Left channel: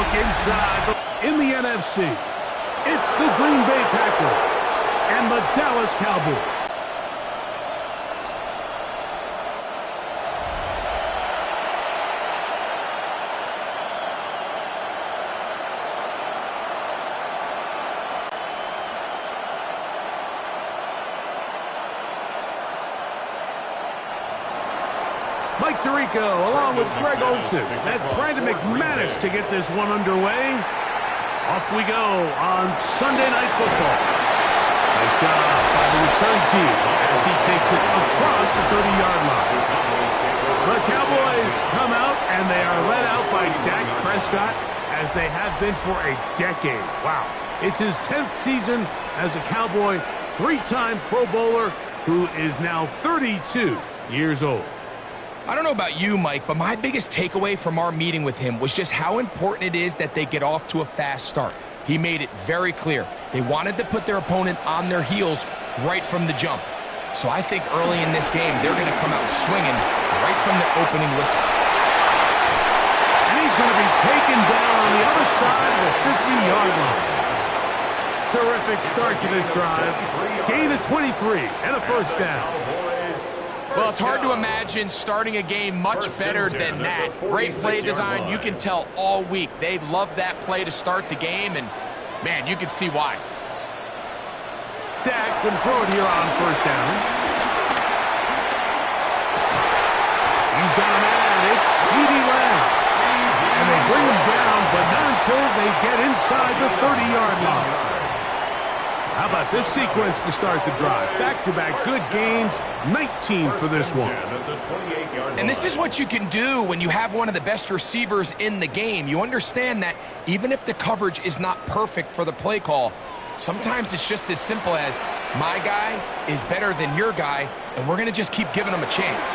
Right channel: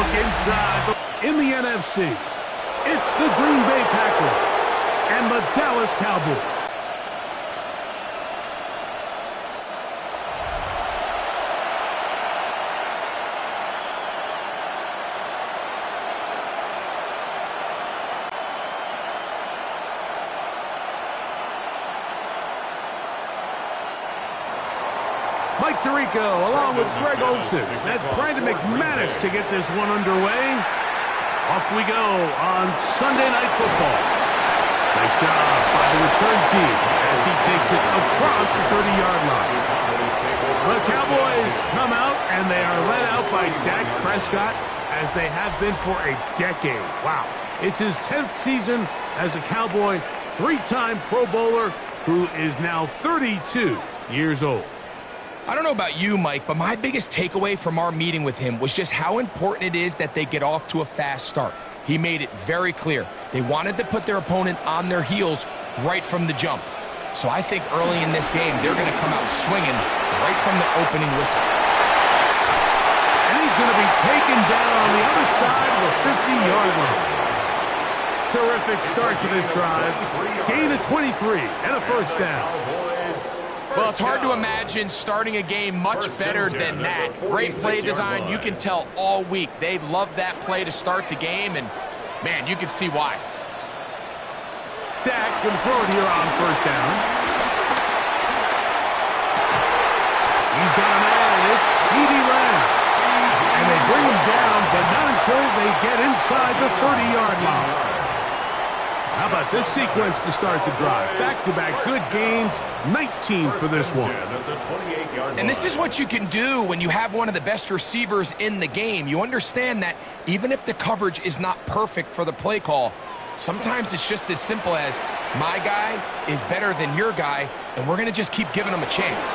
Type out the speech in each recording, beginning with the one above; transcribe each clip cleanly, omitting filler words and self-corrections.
look inside. In the NFC, it's the Green Bay Packers and the Dallas Cowboys. Mike Tirico along with Greg Olsen. That's Brandon McManus to get this one underway. Off we go on Sunday Night Football. Nice job by the return team as he takes it across the 30-yard line. The Cowboys come out and they are led out by Dak Prescott as they have been for a decade. Wow. It's his 10th season as a Cowboy, three-time Pro Bowler who is now 32 years old. I don't know about you, Mike, but my biggest takeaway from our meeting with him was just how important it is that they get off to a fast start. He made it very clear. They wanted to put their opponent on their heels right from the jump. So I think early in this game, they're going to come out swinging right from the opening whistle. And he's going to be taken down on the other side of the 50-yard line. Terrific start to this drive. Gain of 23 and a first down. Well, it's hard to imagine starting a game much better than that. Great play design. You can tell all week. They love that play to start the game, and, man, you can see why. Dak going to throw it here on first down. He's got a man. It's CeeDee Lamb. And they bring him down, but not until they get inside the 30-yard line. How about this sequence to start the drive? Back-to-back good gains, 19 for this one. And this is what you can do when you have one of the best receivers in the game. You understand that even if the coverage is not perfect for the play call, sometimes it's just as simple as my guy is better than your guy, and we're going to just keep giving him a chance.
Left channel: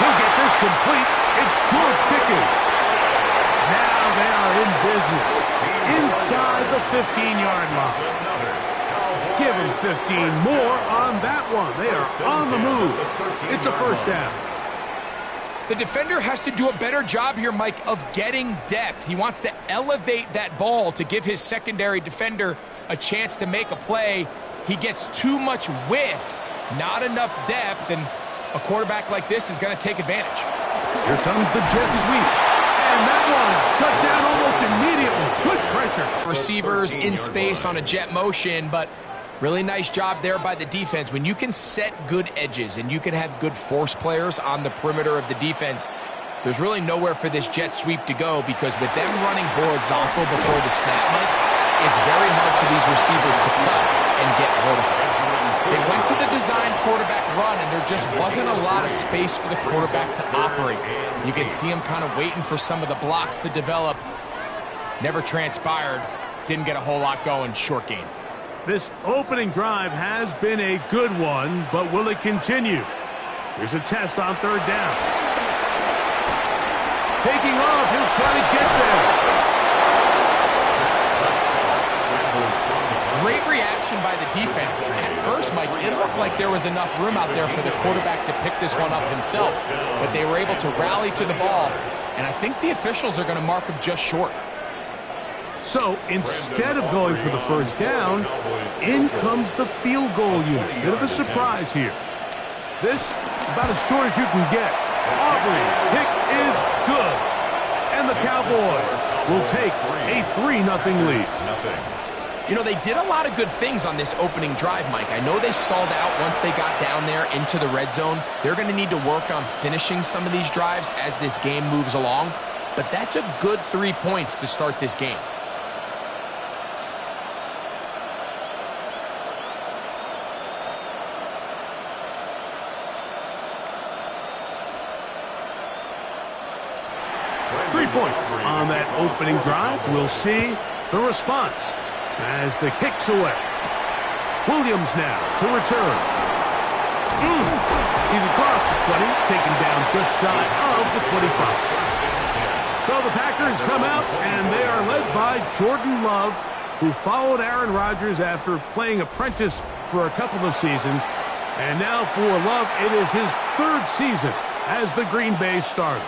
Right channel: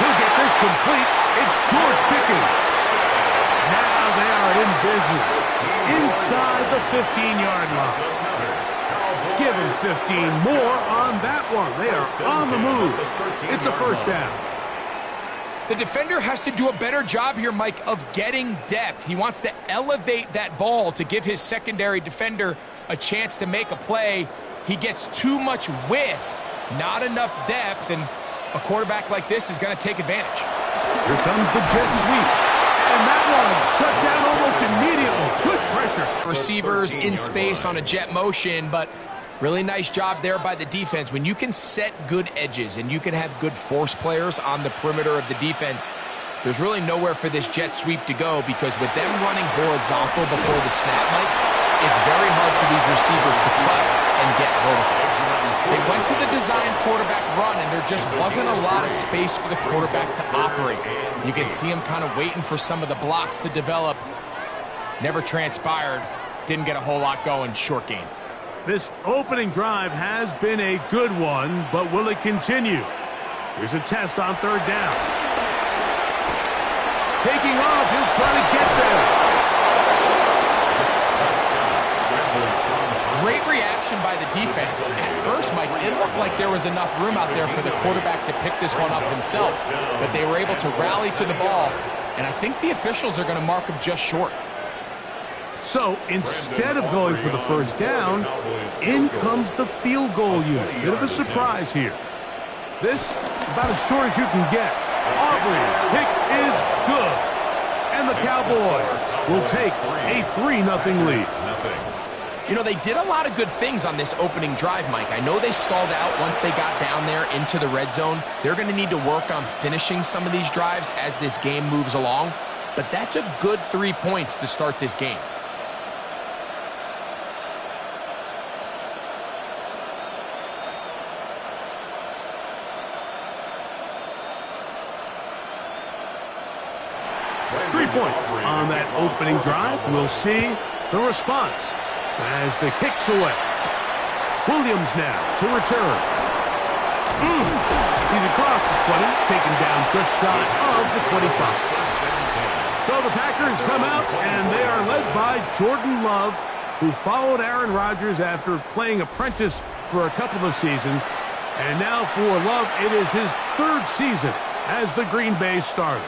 He'll get this complete. It's George Pickens. Now they are in business. Inside the 15-yard line. Give him 15 more on that one. They are on the move. It's a first down. The defender has to do a better job here, Mike, of getting depth. He wants to elevate that ball to give his secondary defender a chance to make a play. He gets too much width, not enough depth, and a quarterback like this is going to take advantage. Here comes the jet sweep. And that one shut down almost immediately. Good pressure. Receivers in space on a jet motion, but really nice job there by the defense. When you can set good edges and you can have good force players on the perimeter of the defense, there's really nowhere for this jet sweep to go because with them running horizontal before the snap, Mike, it's very hard for these receivers to cut and get vertical. They went to the design quarterback run, and there just wasn't a lot of space for the quarterback to operate. You can see him kind of waiting for some of the blocks to develop. Never transpired. Didn't get a whole lot going. Short game. This opening drive has been a good one, but will it continue? Here's a test on third down. Taking off, he'll try to get there. Great reaction by the defense. At first, Mike, it looked like there was enough room out there for the quarterback to pick this one up himself, but they were able to rally to the ball, and I think the officials are going to mark him just short. So instead of going for the first down, in comes the field goal unit. Bit of a surprise here. This about as short as you can get. Auburn's kick is good. And the Cowboys will take a 3-0 lead. You know, they did a lot of good things on this opening drive, Mike. I know they stalled out once they got down there into the red zone. They're going to need to work on finishing some of these drives as this game moves along. But that's a good 3 points to start this game. Three points on that opening drive. We'll see the response as the kick's away. Williams now to return. He's across the 20, taken down just shy of the 25. So the Packers come out, and they are led by Jordan Love, who followed Aaron Rodgers after playing apprentice for a couple of seasons. And now for Love, it is his third season as the Green Bay starter.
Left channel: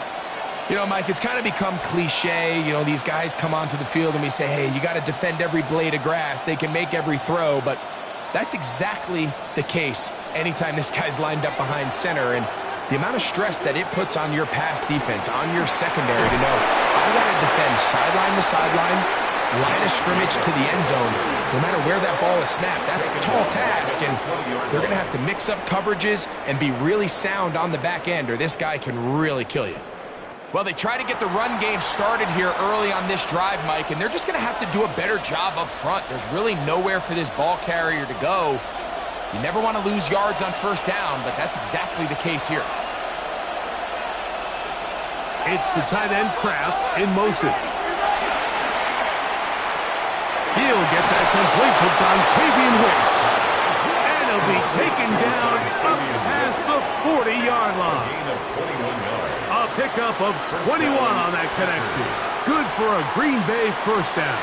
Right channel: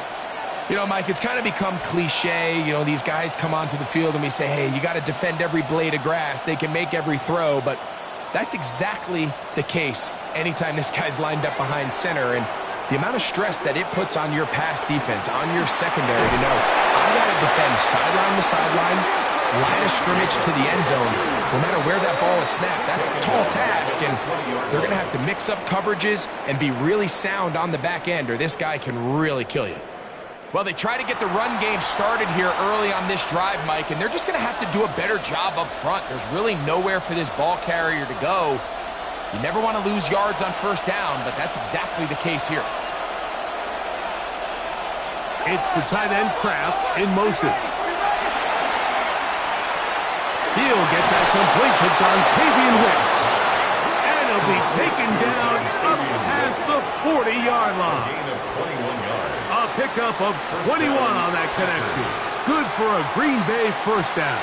You know, Mike, it's kind of become cliche. You know, these guys come onto the field and we say, hey, you got to defend every blade of grass. They can make every throw, but that's exactly the case anytime this guy's lined up behind center. And the amount of stress that it puts on your pass defense, on your secondary to know, I got to defend sideline to sideline, line of scrimmage to the end zone, no matter where that ball is snapped. That's a tall task, and they're going to have to mix up coverages and be really sound on the back end, or this guy can really kill you. Well, they try to get the run game started here early on this drive, Mike, and they're just going to have to do a better job up front. There's really nowhere for this ball carrier to go. You never want to lose yards on first down, but that's exactly the case here. It's the tight end Kraft in motion. He'll get that complete to Dontavian Wicks. And he'll be taken down up past the 40-yard line. Gain of 21 yards. A pickup of 21 on that connection. Good for a Green Bay first down.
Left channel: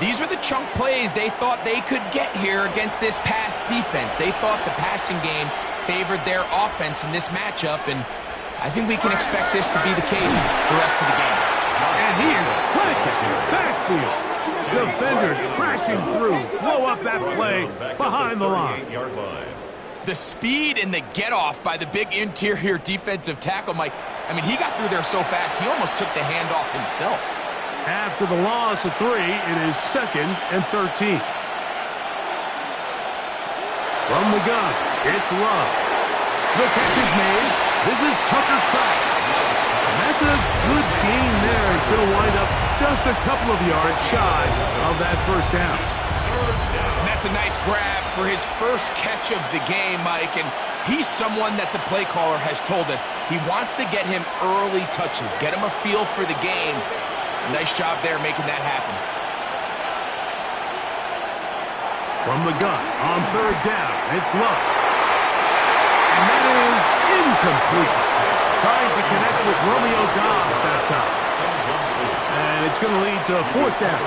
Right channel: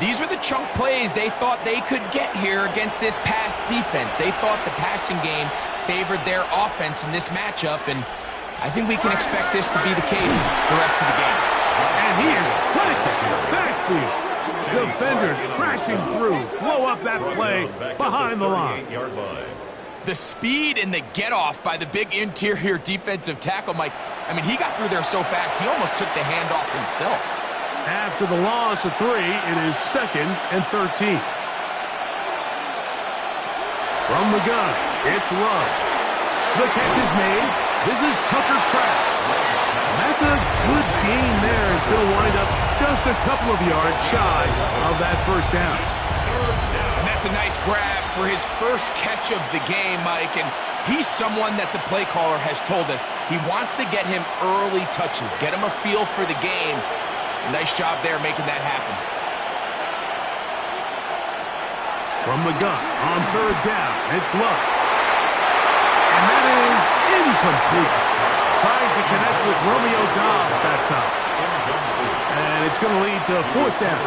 These are the chunk plays they thought they could get here against this pass defense. They thought the passing game favored their offense in this matchup, and I think we can expect this to be the case the rest of the game. And he is planted in the backfield. Defenders crashing through, blow up that play behind the line. The speed and the get-off by the big interior defensive tackle, Mike, I mean, he got through there so fast, he almost took the handoff himself. After the loss of 3, it is 2nd and 13. From the gun, it's Love. The catch is made. This is Tucker Kraft. And that's a good gain there. It's going to wind up just a couple of yards shy of that first down. And that's a nice grab for his first catch of the game, Mike. And he's someone that the play caller has told us he wants to get him early touches, get him a feel for the game. Nice job there making that happen. From the gun on 3rd down, it's Love. And that is incomplete. Trying to connect with Romeo Doubs that time. And it's going to lead to 4th down.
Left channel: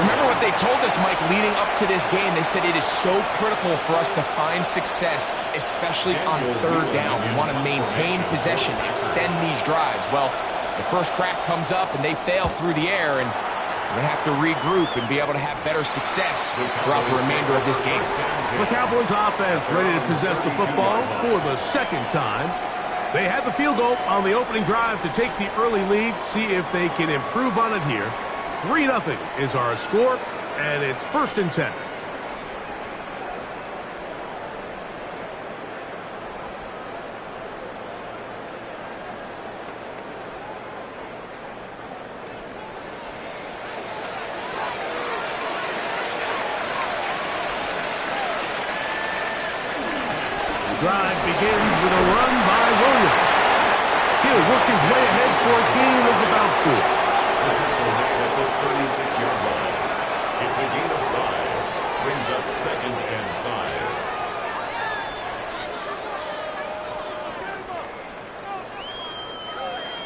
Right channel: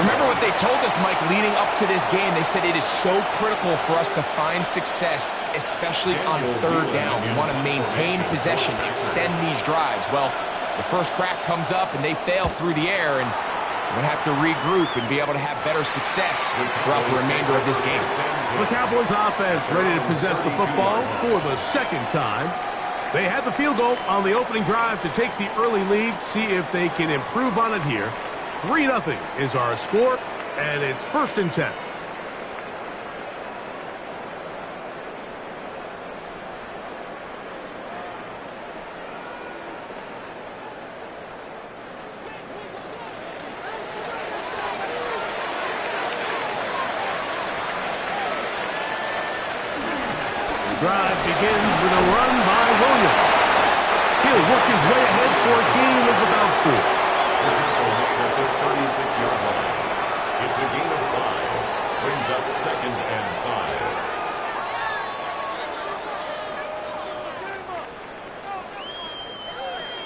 Remember what they told us, Mike, leading up to this game. They said it is so critical for us to find success, especially on 3rd down. We want to maintain possession, extend these drives. Well, the first crack comes up and they fail through the air, and we're going to have to regroup and be able to have better success throughout the remainder of this game. The Cowboys offense ready to possess the football for the 2nd time. They had the field goal on the opening drive to take the early lead, see if they can improve on it here. 3-0 is our score, and it's 1st and 10. Drive begins with a run by Williams. He'll work his way ahead for a gain of about 4. The tackle made at the 36-yard line. It's a gain of 5. Brings up 2nd and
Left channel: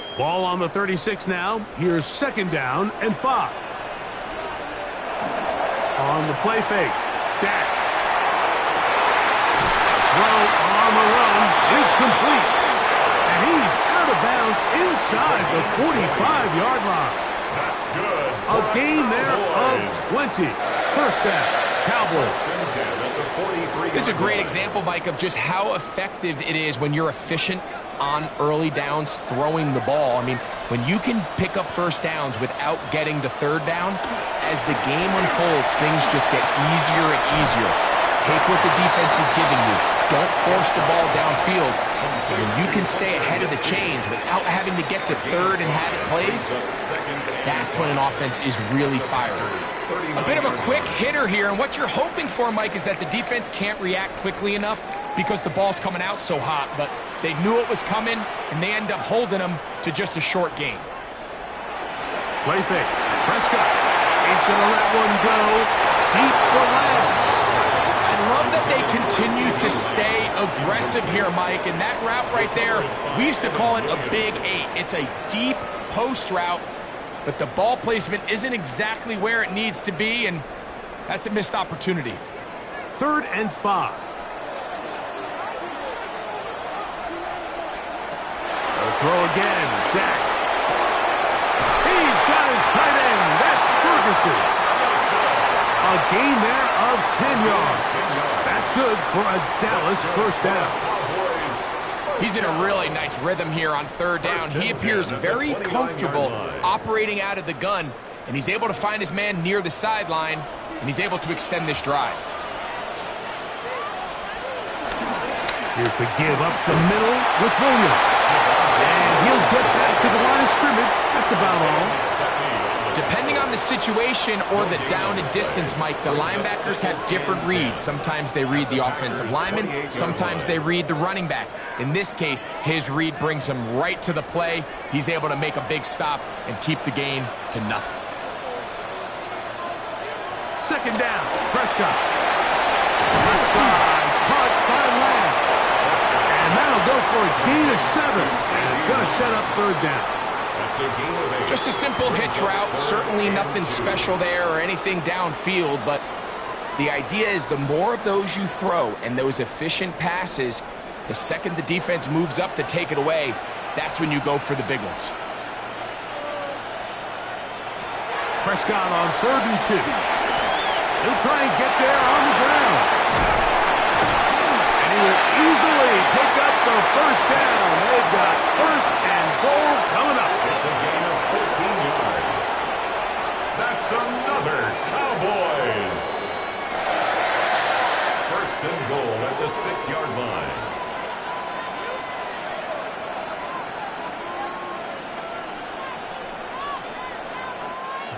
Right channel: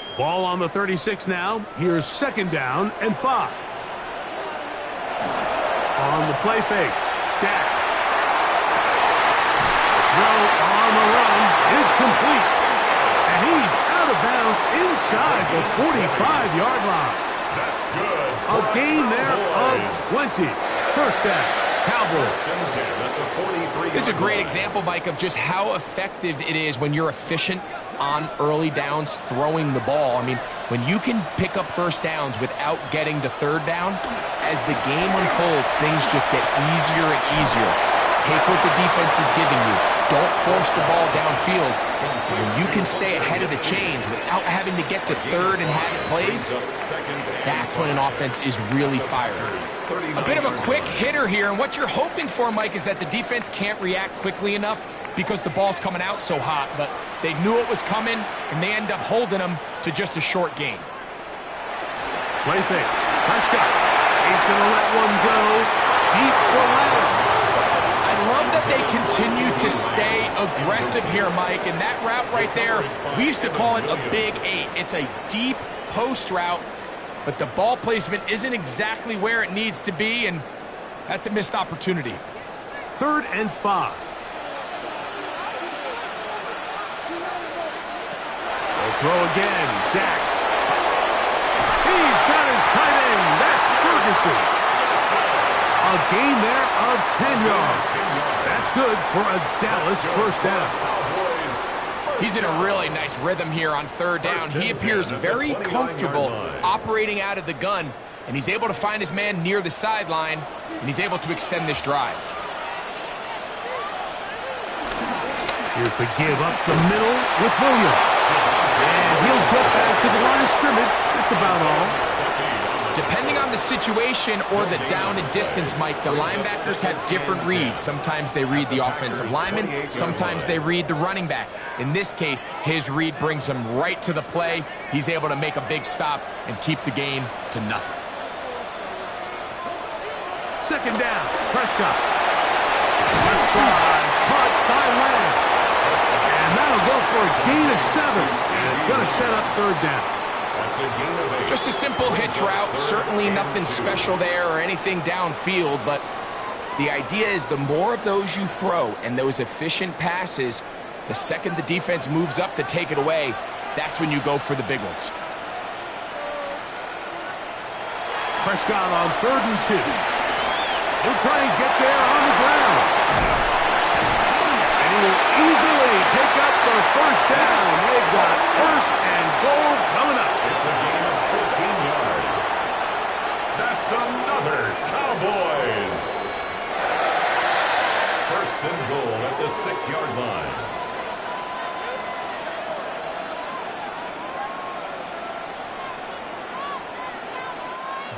5. Ball on the 36 now. Here's 2nd down and 5. On the play fake. Dak. Throw on the run is complete. And he's out of bounds inside the 45-yard line. That's good. A gain there of 20. 1st down, Cowboys. This is a great example, Mike, of just how effective it is when you're efficient on early downs throwing the ball. I mean, when you can pick up first downs without getting to 3rd down, as the game unfolds, things just get easier and easier. Take what the defense is giving you. Don't force the ball downfield. When you can stay ahead of the chains without having to get to 3rd and have it plays, that's when an offense is really firing. A bit of a quick hitter here, and what you're hoping for, Mike, is that the defense can't react quickly enough because the ball's coming out so hot, but they knew it was coming, and they end up holding them to just a short gain. Play fake. Prescott. He's going to let one go deep for Lamb. I love that they continue to stay aggressive here, Mike, and that route right there, we used to call it a big 8. It's a deep post route, but the ball placement isn't exactly where it needs to be, and that's a missed opportunity. 3rd and 5. They'll throw again. Jack. He's got his tight end. That's Ferguson. A gain there of 10 yards. That's good for a Dallas first down. He's in a really nice rhythm here on third down. He appears very comfortable operating out of the gun, and he's able to find his man near the sideline, and he's able to extend this drive. Here's the give up the middle with Williams. And he'll get back to the line of scrimmage. That's about all. Depending on the situation or the down and distance, Mike, the linebackers have different reads. Sometimes they read the offensive lineman. Sometimes they read the running back. In this case, his read brings him right to the play. He's able to make a big stop and keep the gain to nothing. Second down, Prescott. Left side, caught by Lamb. And that'll go for a gain of 7. And it's going to set up third down. That's a gain of 8. Just a simple hitch route. Certainly nothing special there or anything downfield, but the idea is the more of those you throw and those efficient passes, the second the defense moves up to take it away, that's when you go for the big ones. Prescott on 3rd and 2. He'll try and get there on the ground. And he will easily pick up the first down. They've got 1st and goal coming up. It's a gain of 14 yards. That's another Cowboys. 1st and goal at the 6-yard line.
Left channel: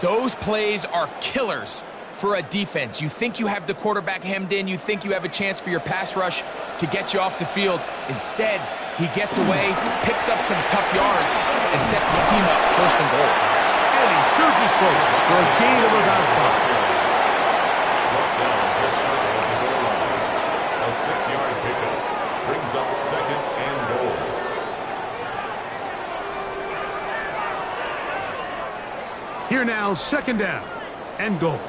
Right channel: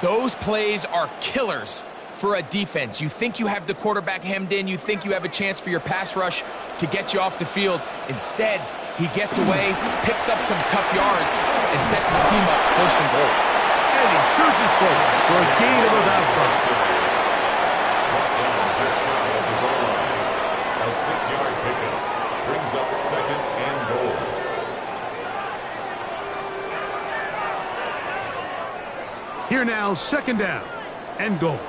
Those plays are killers for a defense. You think you have the quarterback hemmed in. You think you have a chance for your pass rush to get you off the field. Instead, he gets away, picks up some tough yards, and sets his team up 1st and goal. And he surges forward for a gain of about 5. Brought down just shy of the goal line. A 6-yard pickup brings up 2nd and goal. Here now, 2nd down and goal.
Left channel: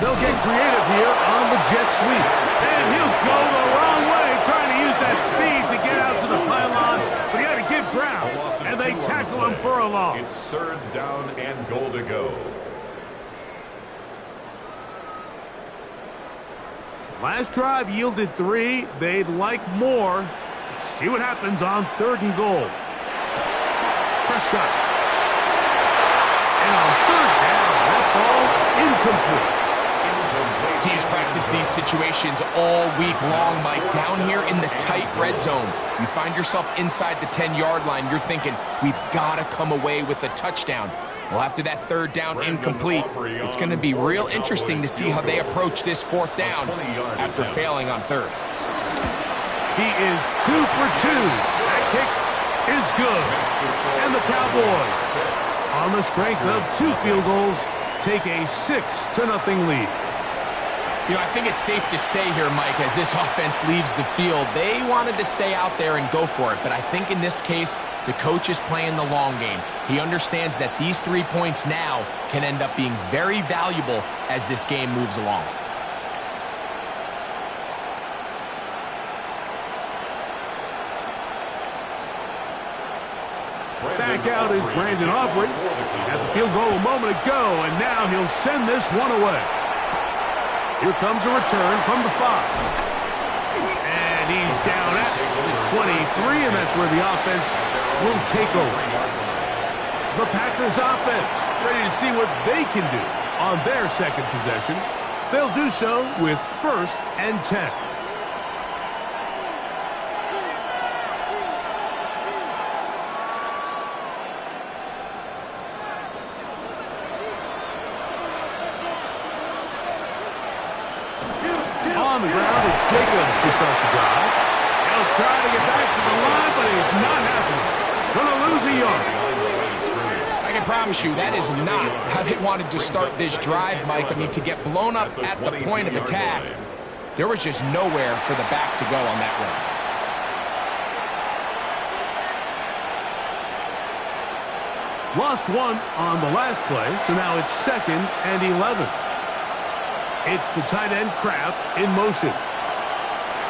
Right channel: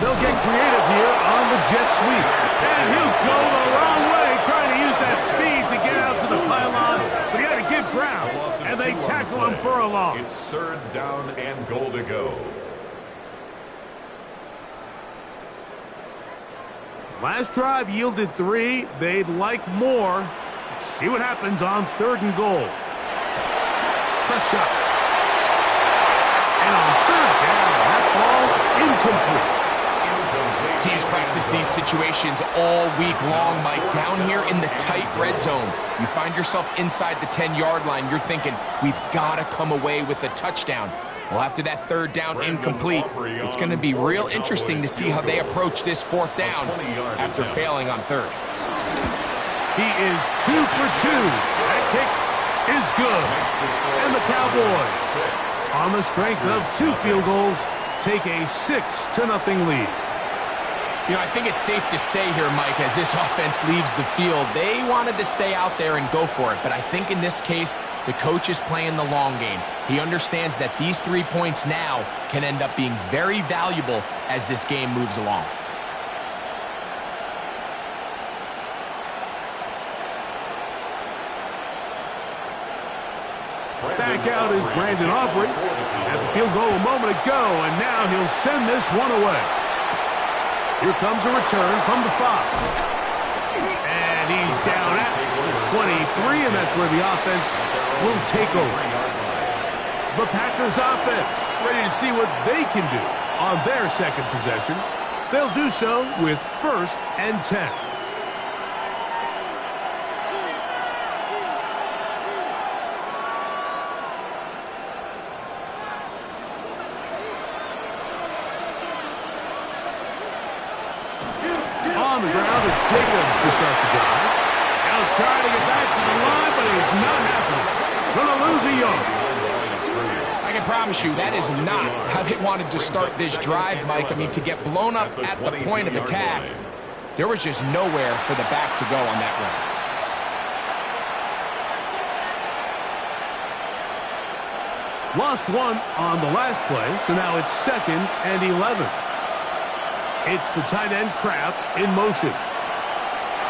They'll get creative here on the jet sweep. And he'll go the wrong way, trying to use that speed to get out to the pylon. But he had to give ground, and they tackle him for a loss. It's 3rd down and goal to go. Last drive yielded 3. They'd like more. Let's see what happens on 3rd and goal. Prescott. And on 3rd down, that ball is incomplete. Teams practice these situations all week long, Mike. Down here in the tight red zone, you find yourself inside the 10-yard line. You're thinking, we've got to come away with a touchdown. Well, after that 3rd down incomplete, it's going to be real interesting to see how they approach this 4th down after failing on 3rd. He is 2 for 2. That kick is good. And the Cowboys, on the strength of 2 field goals, take a 6-0 lead. You know, I think it's safe to say here, Mike, as this offense leaves the field, they wanted to stay out there and go for it. But I think in this case, the coach is playing the long game. He understands that these 3 points now can end up being very valuable as this game moves along. Back out is Brandon Aubrey. At the field goal a moment ago, and now he'll send this one away. Here comes a return from the 5. And he's down at the 23, and that's where the offense will take over. The Packers offense ready to see what they can do on their 2nd possession. They'll do so with 1st and 10. On the ground, it's Jacobs to start the drive. He'll try to get back to the line, but he's not happening. Going to lose a yard. I can promise you that is not how they wanted to start this drive, Mike. I mean, to get blown up at the point of attack, there was just nowhere for the back to go on that run. Lost 1 on the last play, so now it's 2nd and 11. It's the tight end Kraft in motion.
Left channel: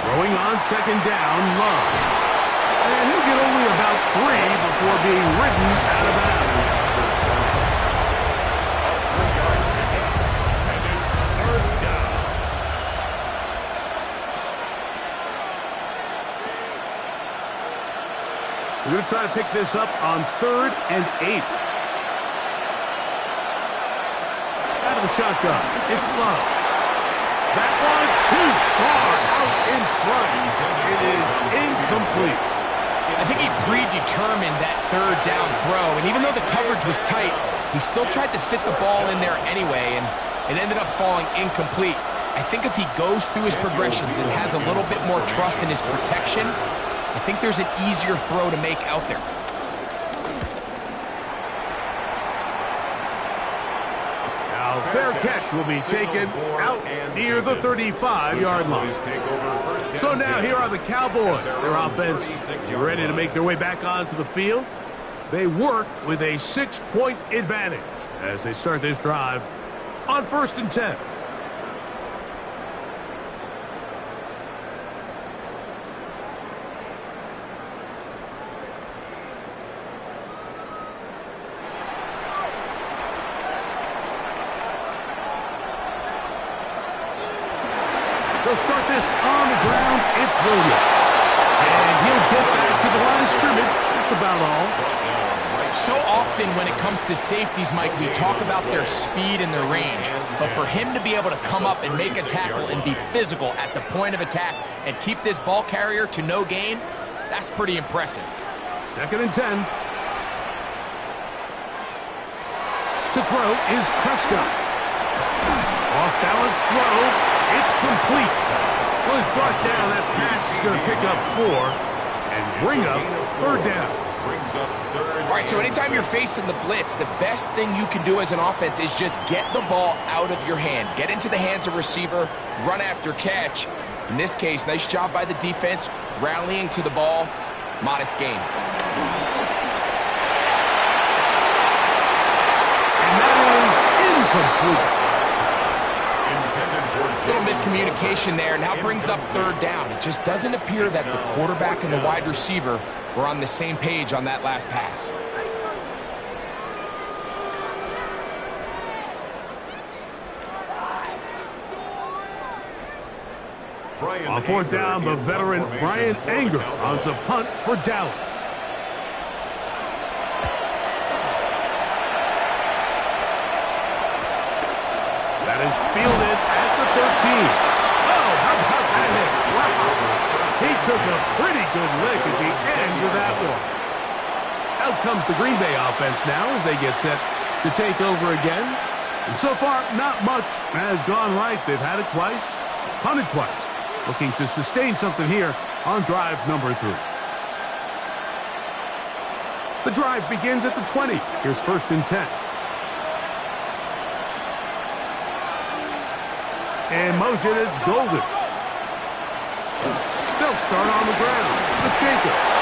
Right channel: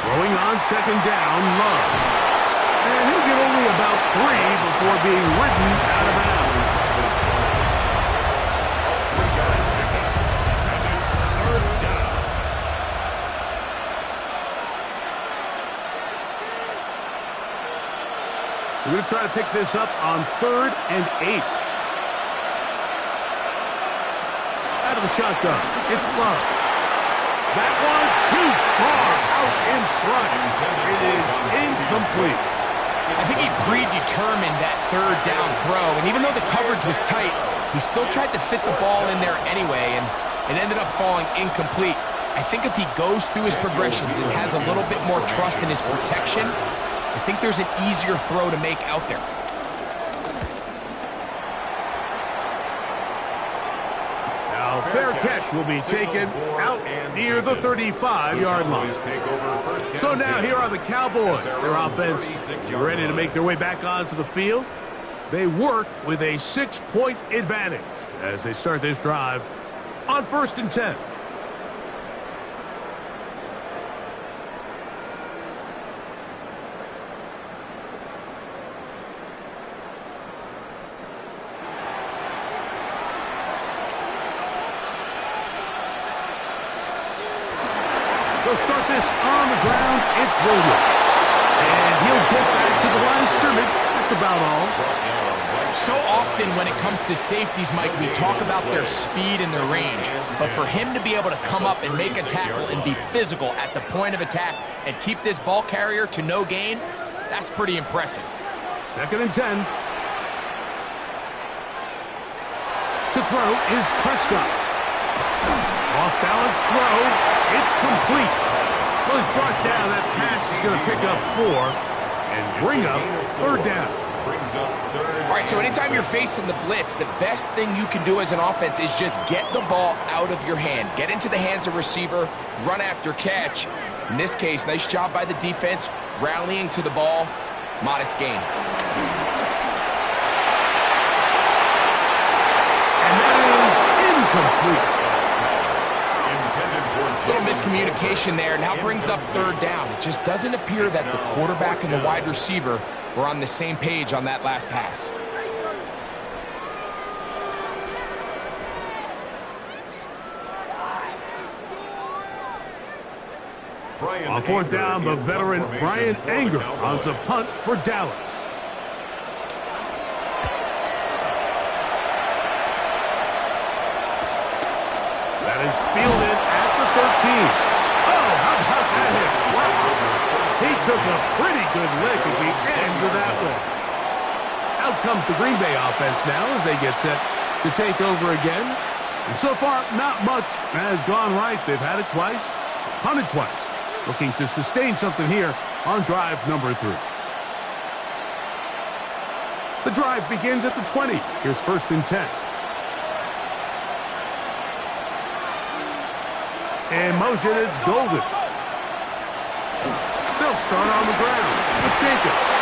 Throwing on second down, Love. And he'll get only about 3 before being ridden out of bounds. A 3-yard pickup. And it's third down. We're going to try to pick this up on 3rd and 8. Out of the shotgun, it's Love. That one too far out in front. It is incomplete. I think he predetermined that third down throw, and even though the coverage was tight, he still tried to fit the ball in there anyway, and it ended up falling incomplete. I think if he goes through his progressions and has a little bit more trust in his protection, I think there's an easier throw to make out there. Now, fair catch will be taken out near the 35-yard line. So now here are the Cowboys. Their offense ready to make their way back onto the field. They work with a 6-point advantage as they start this drive on 1st and 10. They'll start this on the ground. It's Williams. And he'll get back to the line of scrimmage. That's about all. So often when it comes to safeties, Mike, we talk about their speed and their range. But for him to be able to come up and make a tackle and be physical at the point of attack and keep this ball carrier to no gain, that's pretty impressive. 2nd and 10. To throw is Prescott. Off-balance throw. It's complete. Well, he's brought down. That pass is going to pick up 4 and bring up 3rd down. All right, so anytime you're facing the blitz, the best thing you can do as an offense is just get the ball out of your hand. Get into the hands of receiver, run after catch. In this case, nice job by the defense, rallying to the ball. Modest gain. And that is incomplete. A little miscommunication there. Now brings up 3rd down. It just doesn't appear that the quarterback and the wide receiver were on the same page on that last pass. On 4th down, the veteran Brian Anger on to punt for Dallas. That is fielded at the 13. Oh, how about that hit? Wow. He took a pretty good lick at the end of that one. Out comes the Green Bay offense now as they get set to take over again. And so far, not much has gone right. They've had it twice, punted twice. Looking to sustain something here on drive number 3. The drive begins at the 20. Here's 1st and 10. In motion, it's Golden. They'll start on the ground with Jacobs.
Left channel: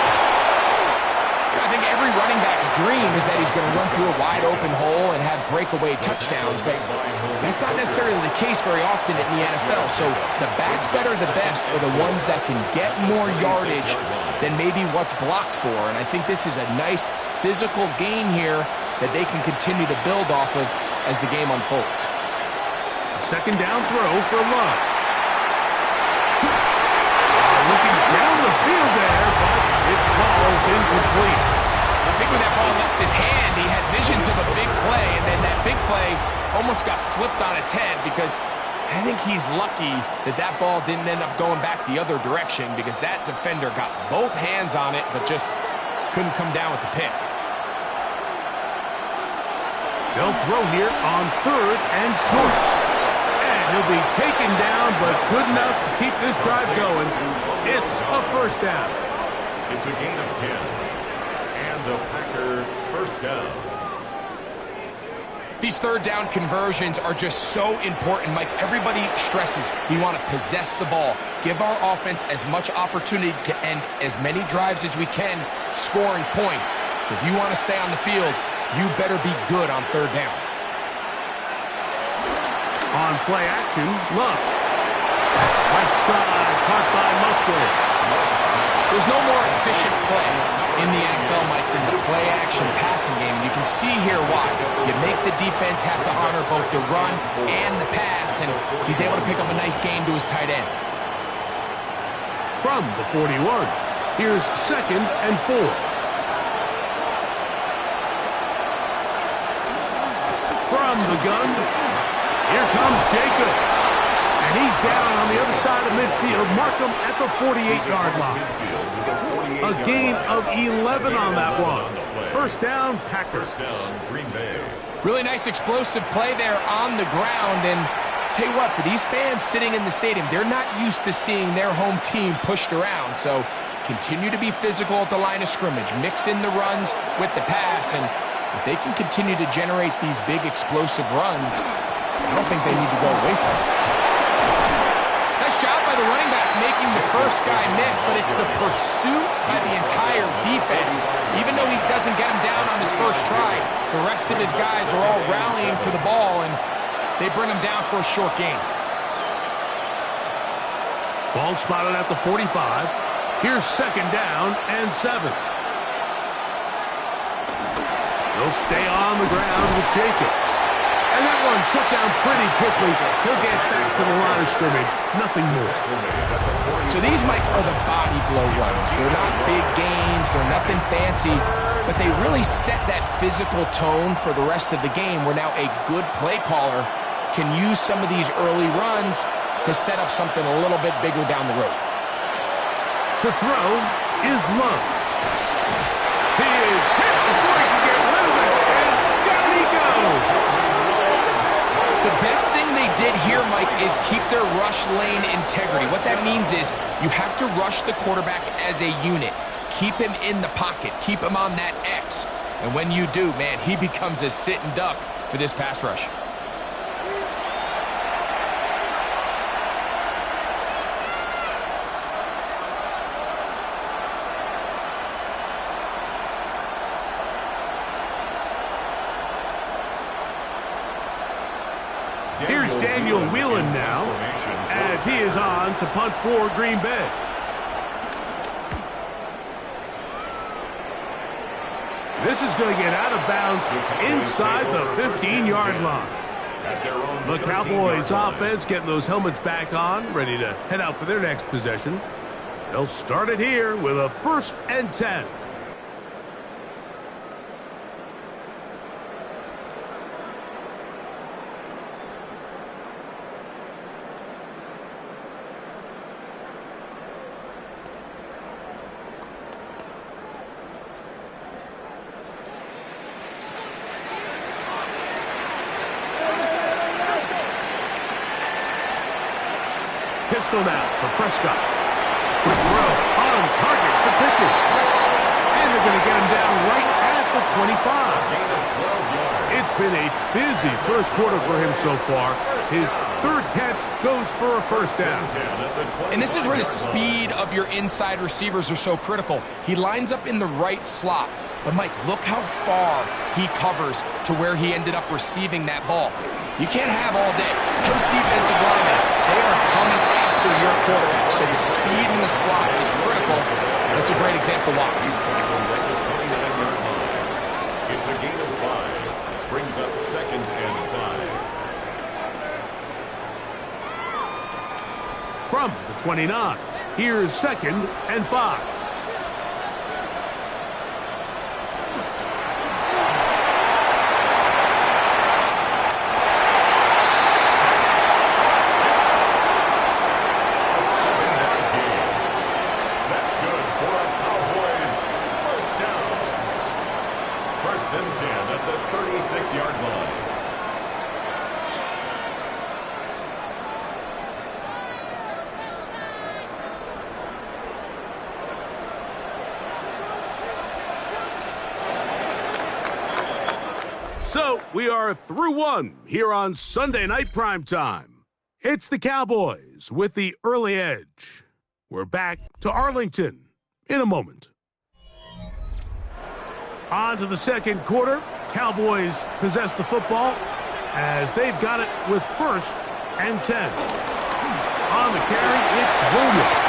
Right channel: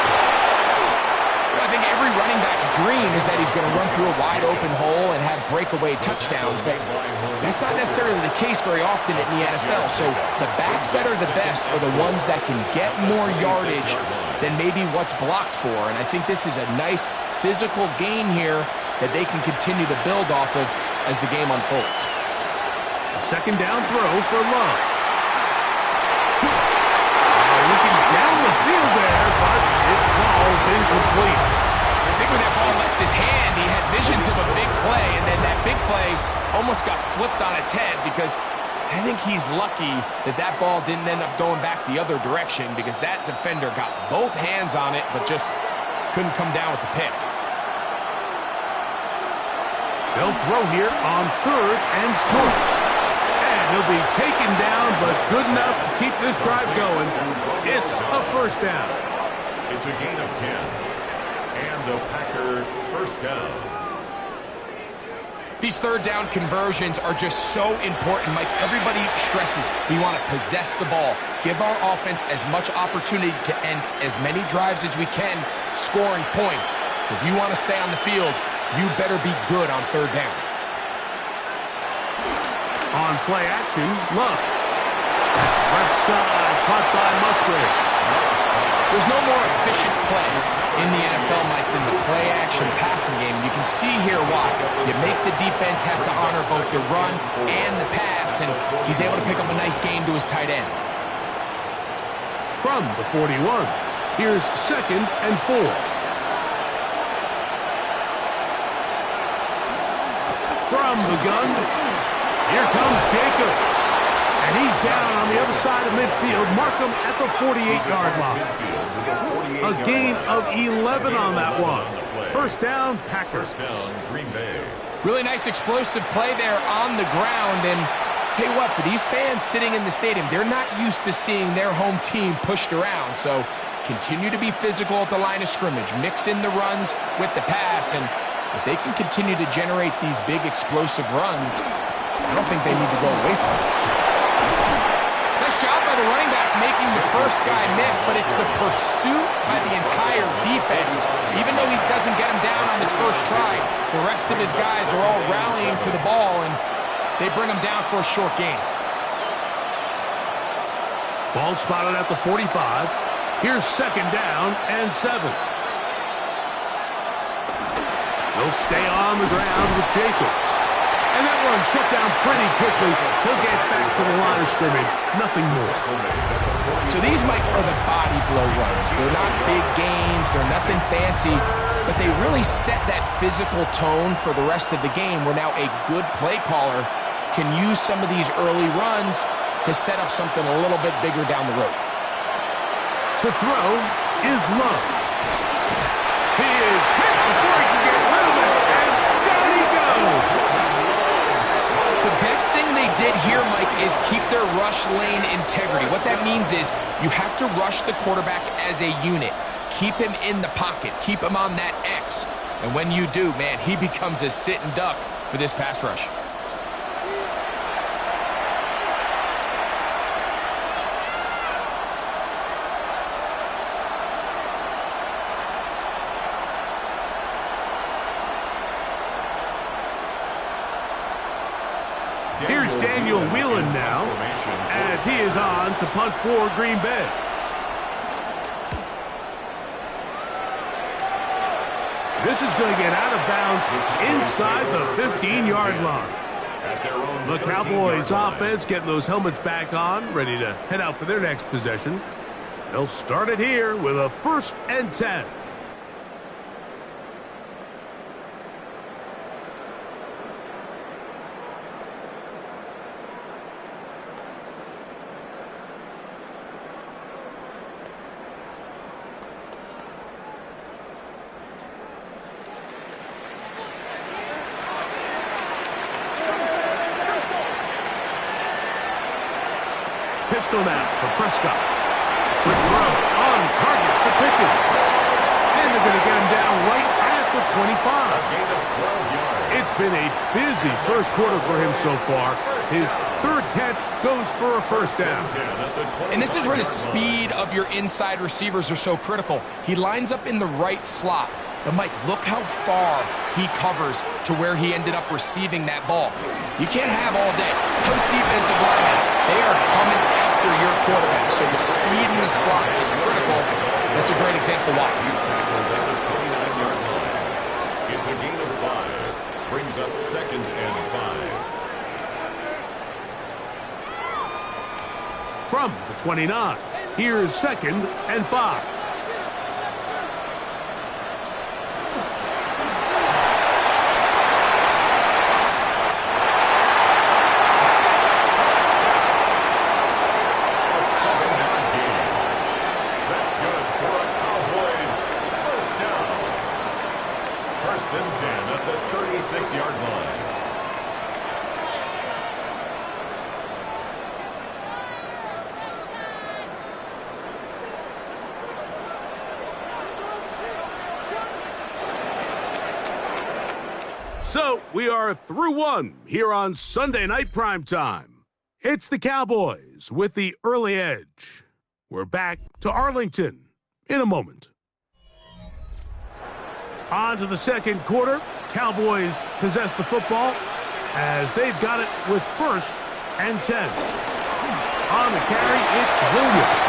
I think every running back's dream is that he's going to run through a wide-open hole and have breakaway touchdowns, but that's not necessarily the case very often in the NFL. So the backs that are the best are the ones that can get more yardage than maybe what's blocked for, and I think this is a nice physical gain here that they can continue to build off of as the game unfolds. A 2nd down throw for Love. Looking down the field there, but it falls incomplete. I think when that ball left his hand, he had visions of a big play, and then that big play almost got flipped on its head because I think he's lucky that that ball didn't end up going back the other direction because that defender got both hands on it but just couldn't come down with the pick. They'll throw here on 3rd and short. And he'll be taken down, but good enough to keep this drive going. It's a 1st down. It's a gain of 10. And the Packer 1st down. These 3rd down conversions are just so important, Mike. Everybody stresses we want to possess the ball, give our offense as much opportunity to end as many drives as we can, scoring points. So if you want to stay on the field, you better be good on 3rd down. On play action, Love. That's left side, caught by Musgrave. There's no more efficient play in the NFL, Mike, than the play-action passing game. You can see here why. You make the defense have to honor both the run and the pass, and he's able to pick up a nice gain to his tight end. From the 41, here's 2nd and 4. From the gun, here comes Jacobs. And he's down on the other side of midfield. Mark him at the 48-yard line. A gain of 11 on that one. First down, Packers. First down, Green Bay. Really nice explosive play there on the ground. And tell you what, for these fans sitting in the stadium, they're not used to seeing their home team pushed around. So continue to be physical at the line of scrimmage. Mix in the runs with the pass. And if they can continue to generate these big explosive runs, I don't think they need to go away from it. Nice job by the running back making the first guy miss, but it's the pursuit by the entire defense. Even though he doesn't get him down on his first try, the rest of his guys are all rallying to the ball, and they bring him down for a short gain. Ball spotted at the 45. Here's 2nd down and 7. They'll stay on the ground with Jacobs. And that one shut down pretty quickly. He'll get back to the line of scrimmage. Nothing more. So these, Mike, are the body blow runs. They're not big gains. They're nothing fancy. But they really set that physical tone for the rest of the game where now a good play caller can use some of these early runs to set up something a little bit bigger down the road. To throw is Love. He is hit before he can get rid of it. And down he goes. The best thing they did here, Mike, is keep their rush lane integrity. What that means is you have to rush the quarterback as a unit. Keep him in the pocket. Keep him on that X. And when you do, man, he becomes a sitting duck for this pass rush. Here's Daniel Whelan now, as he is on to punt for Green Bay. This is going to get out of bounds inside the 15-yard line. The Cowboys offense getting those helmets back on, ready to head out for their next possession. They'll start it here with a 1st and 10. Pistol now for Prescott. Quick throw on target to Pickens. And they're going to get him down right at the 25. Gain of 12 yards. It's been a busy first quarter for him so far. His 3rd catch goes for a 1st down. And this is where the speed of your inside receivers are so critical. He lines up in the right slot. But, Mike, look how far he covers to where he ended up receiving that ball. You can't have all day. Those defensive linemen, they are coming after your quarterback. So the speed in the slot is critical. That's a great example why. He's tackled at the 29-yard line. It's a gain of 5. Brings up 2nd and 5. From the 29, here's 2nd and 5. First and 10 at the 36-yard line. So we are through one here on Sunday Night Primetime. It's the Cowboys with the early edge. We're back to Arlington in a moment. On to the second quarter. Cowboys possess the football as they've got it with 1st and 10. On the carry, it's Williams.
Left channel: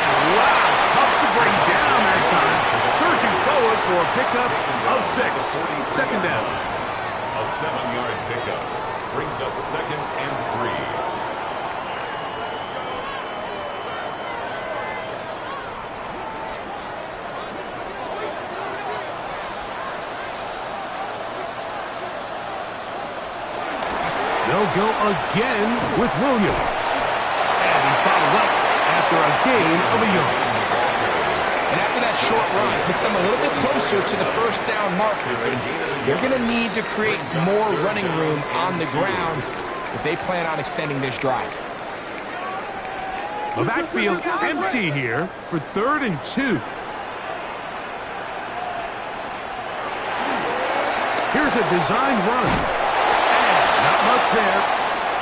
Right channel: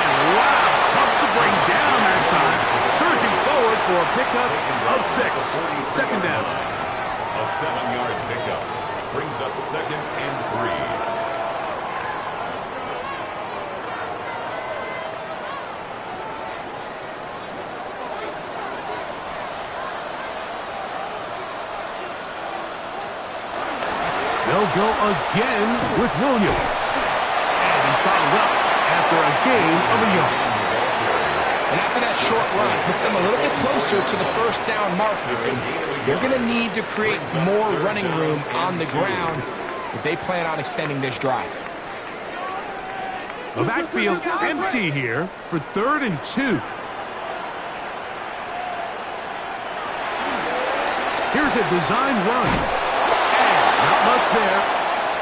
And wow, tough to bring down that time. Surging forward for a pickup of 6. Second down. A 7-yard pickup brings up 2nd and 3. They'll go again with Williams. And he's followed up after a gain of a yard. And after that short run, puts them a little bit closer to the first down marker. And they're going to need to create more running room on the ground if they plan on extending this drive. The backfield empty here for 3rd and 2. Here's a designed run. Not much there.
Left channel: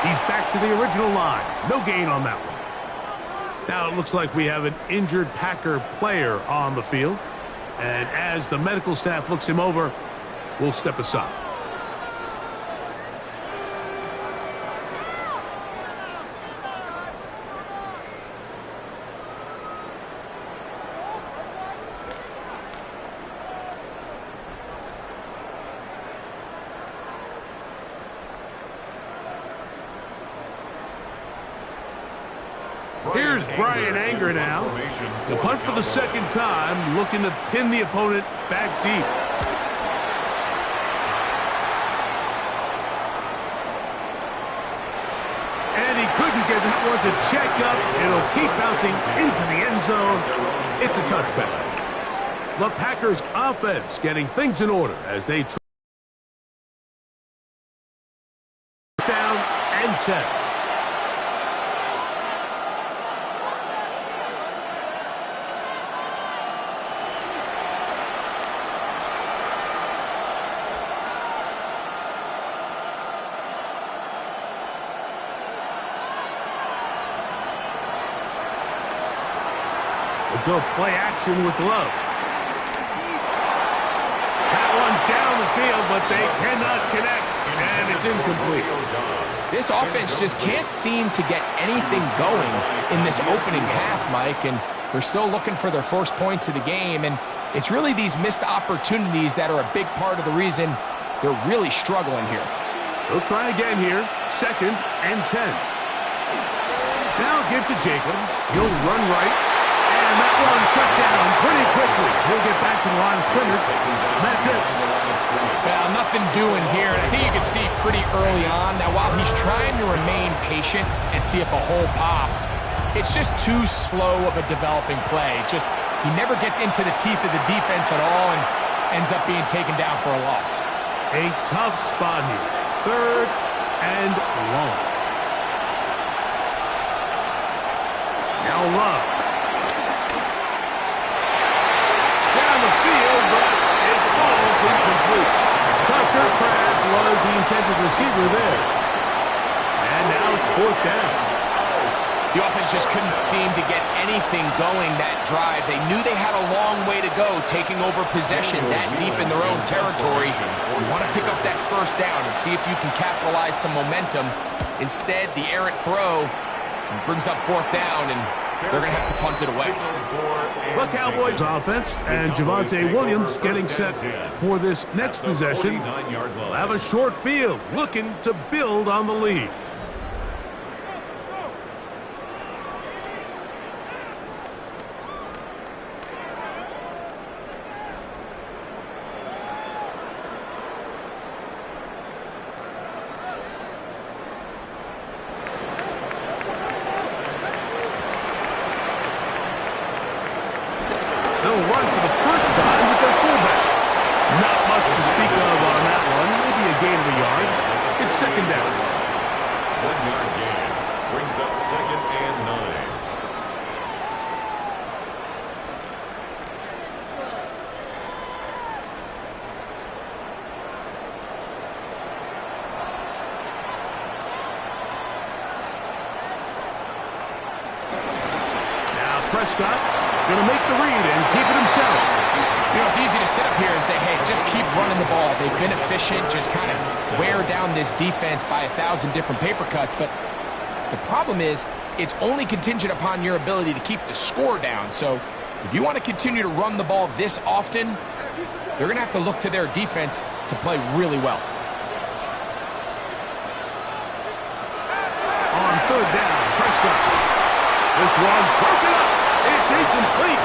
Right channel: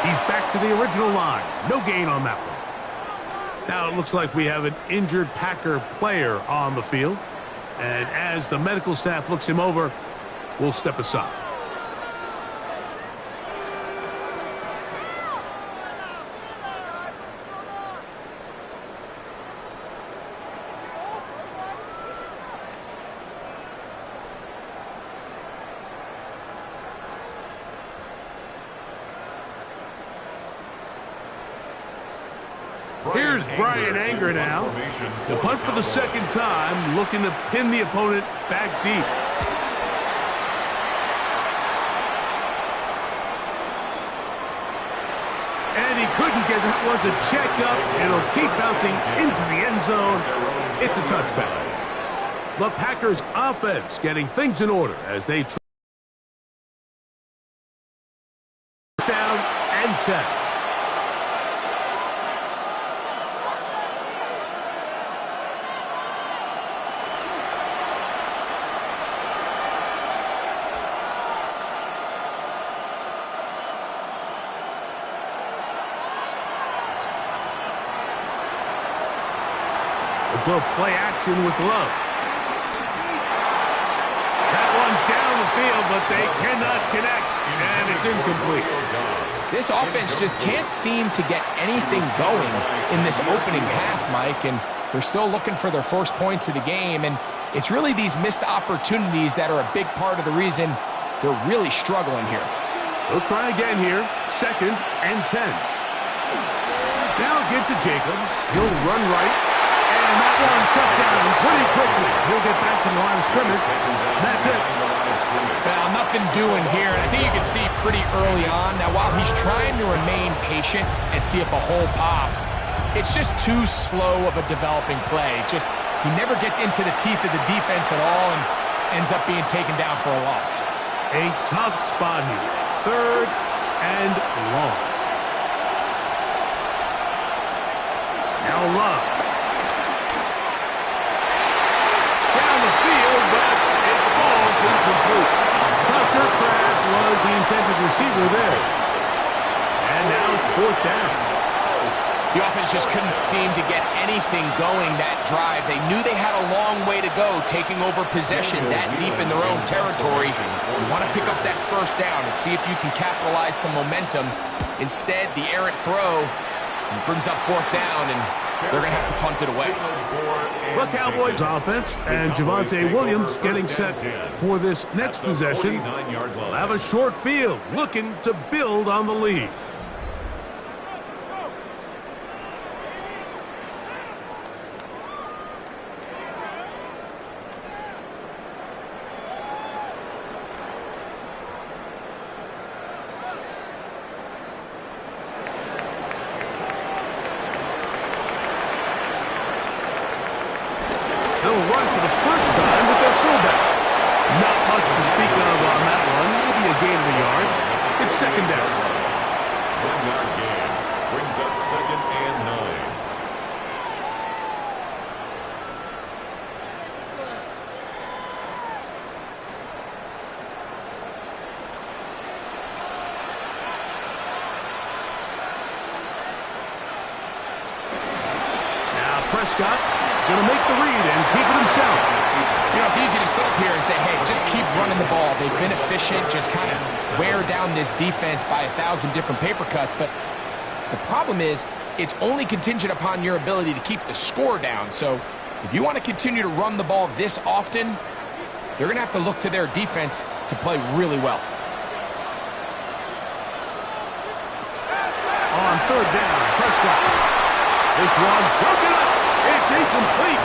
He's back to the original line. No gain on that one. Now it looks like we have an injured Packer player on the field. And as the medical staff looks him over, we'll step aside. Here's Brian Anger now. The punt for the 2nd time, looking to pin the opponent back deep. And he couldn't get that one to check up. It'll keep bouncing into the end zone. It's a touchback. The Packers offense getting things in order as they down and 10. They'll go play action with Love. That one down the field, but they cannot connect, and it's incomplete. This offense just can't seem to get anything going in this opening half, Mike, and they're still looking for their first points of the game, and it's really these missed opportunities that are a big part of the reason they're really struggling here. They'll try again here, 2nd and 10. Now give to Jacobs. He'll run right. And that one shut down pretty quickly. He'll get back to the line of scrimmage. That's it. Well, nothing doing here. And I think you can see pretty early on. Now, while he's trying to remain patient and see if a hole pops, it's just too slow of a developing play. He never gets into the teeth of the defense at all and ends up being taken down for a loss. A tough spot here. 3rd and long. Now Love. Down the field, but it falls incomplete. Tucker Kraft was the intended receiver there. And now it's 4th down. The offense just couldn't seem to get anything going that drive. They knew they had a long way to go taking over possession that deep in their own territory. You want to pick up that first down and see if you can capitalize some momentum. Instead, the errant throw brings up 4th down, and they're going to have to punt it away. The Cowboys offense and Javonte Williams getting set for this next possession. They'll have a short field looking to build on the lead. They'll run for the first time with their fullback. Not much to speak of on that one. Maybe a gain of a yard. It's 2nd down. 1-yard gain brings up 2nd and 9. Now Prescott going to make the read and keep it himself. You know, it's easy to sit up here and say, hey, just keep running the ball. They've been efficient, just kind of wear down this defense by 1,000 different paper cuts. But The problem is, it's only contingent upon your ability to keep the score down. So if you want to continue to run the ball this often, they're going to have to look to their defense to play really well. On third down, Prescott. This one broken up. It's incomplete.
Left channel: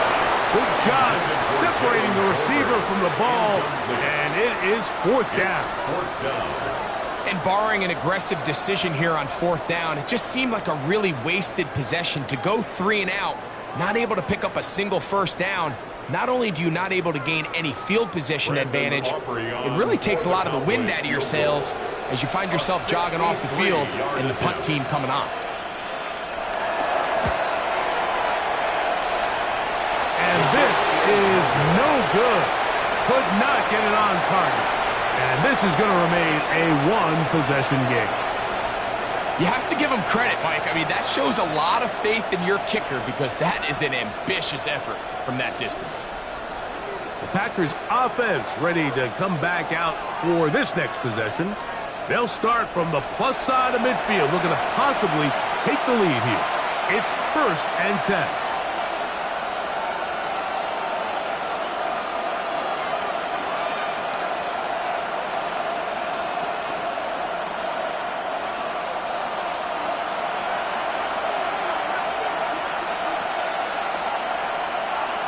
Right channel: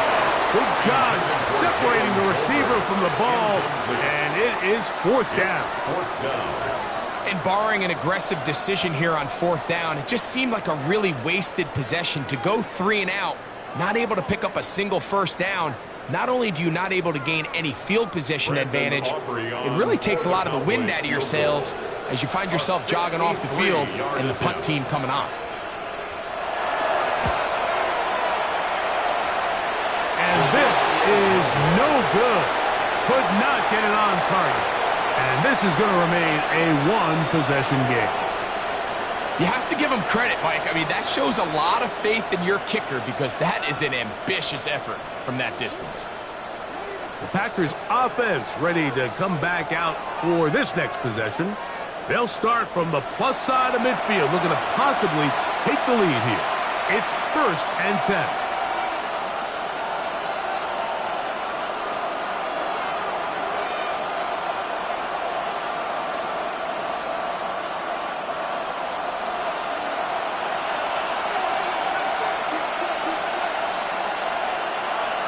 Good job separating the receiver from the ball, and it is fourth down. And barring an aggressive decision here on fourth down, it just seemed like a really wasted possession to go 3 and out, not able to pick up a single first down. Not only do you not able to gain any field position advantage, it really takes a lot of the wind out of your sails as you find yourself jogging off the field and the punt team coming on. And this is no good. Could not get it on target. And this is going to remain a one-possession game. You have to give him credit, Mike. I mean, that shows a lot of faith in your kicker because that is an ambitious effort from that distance. The Packers offense ready to come back out for this next possession. They'll start from the plus side of midfield, looking to possibly take the lead here. It's 1st and 10.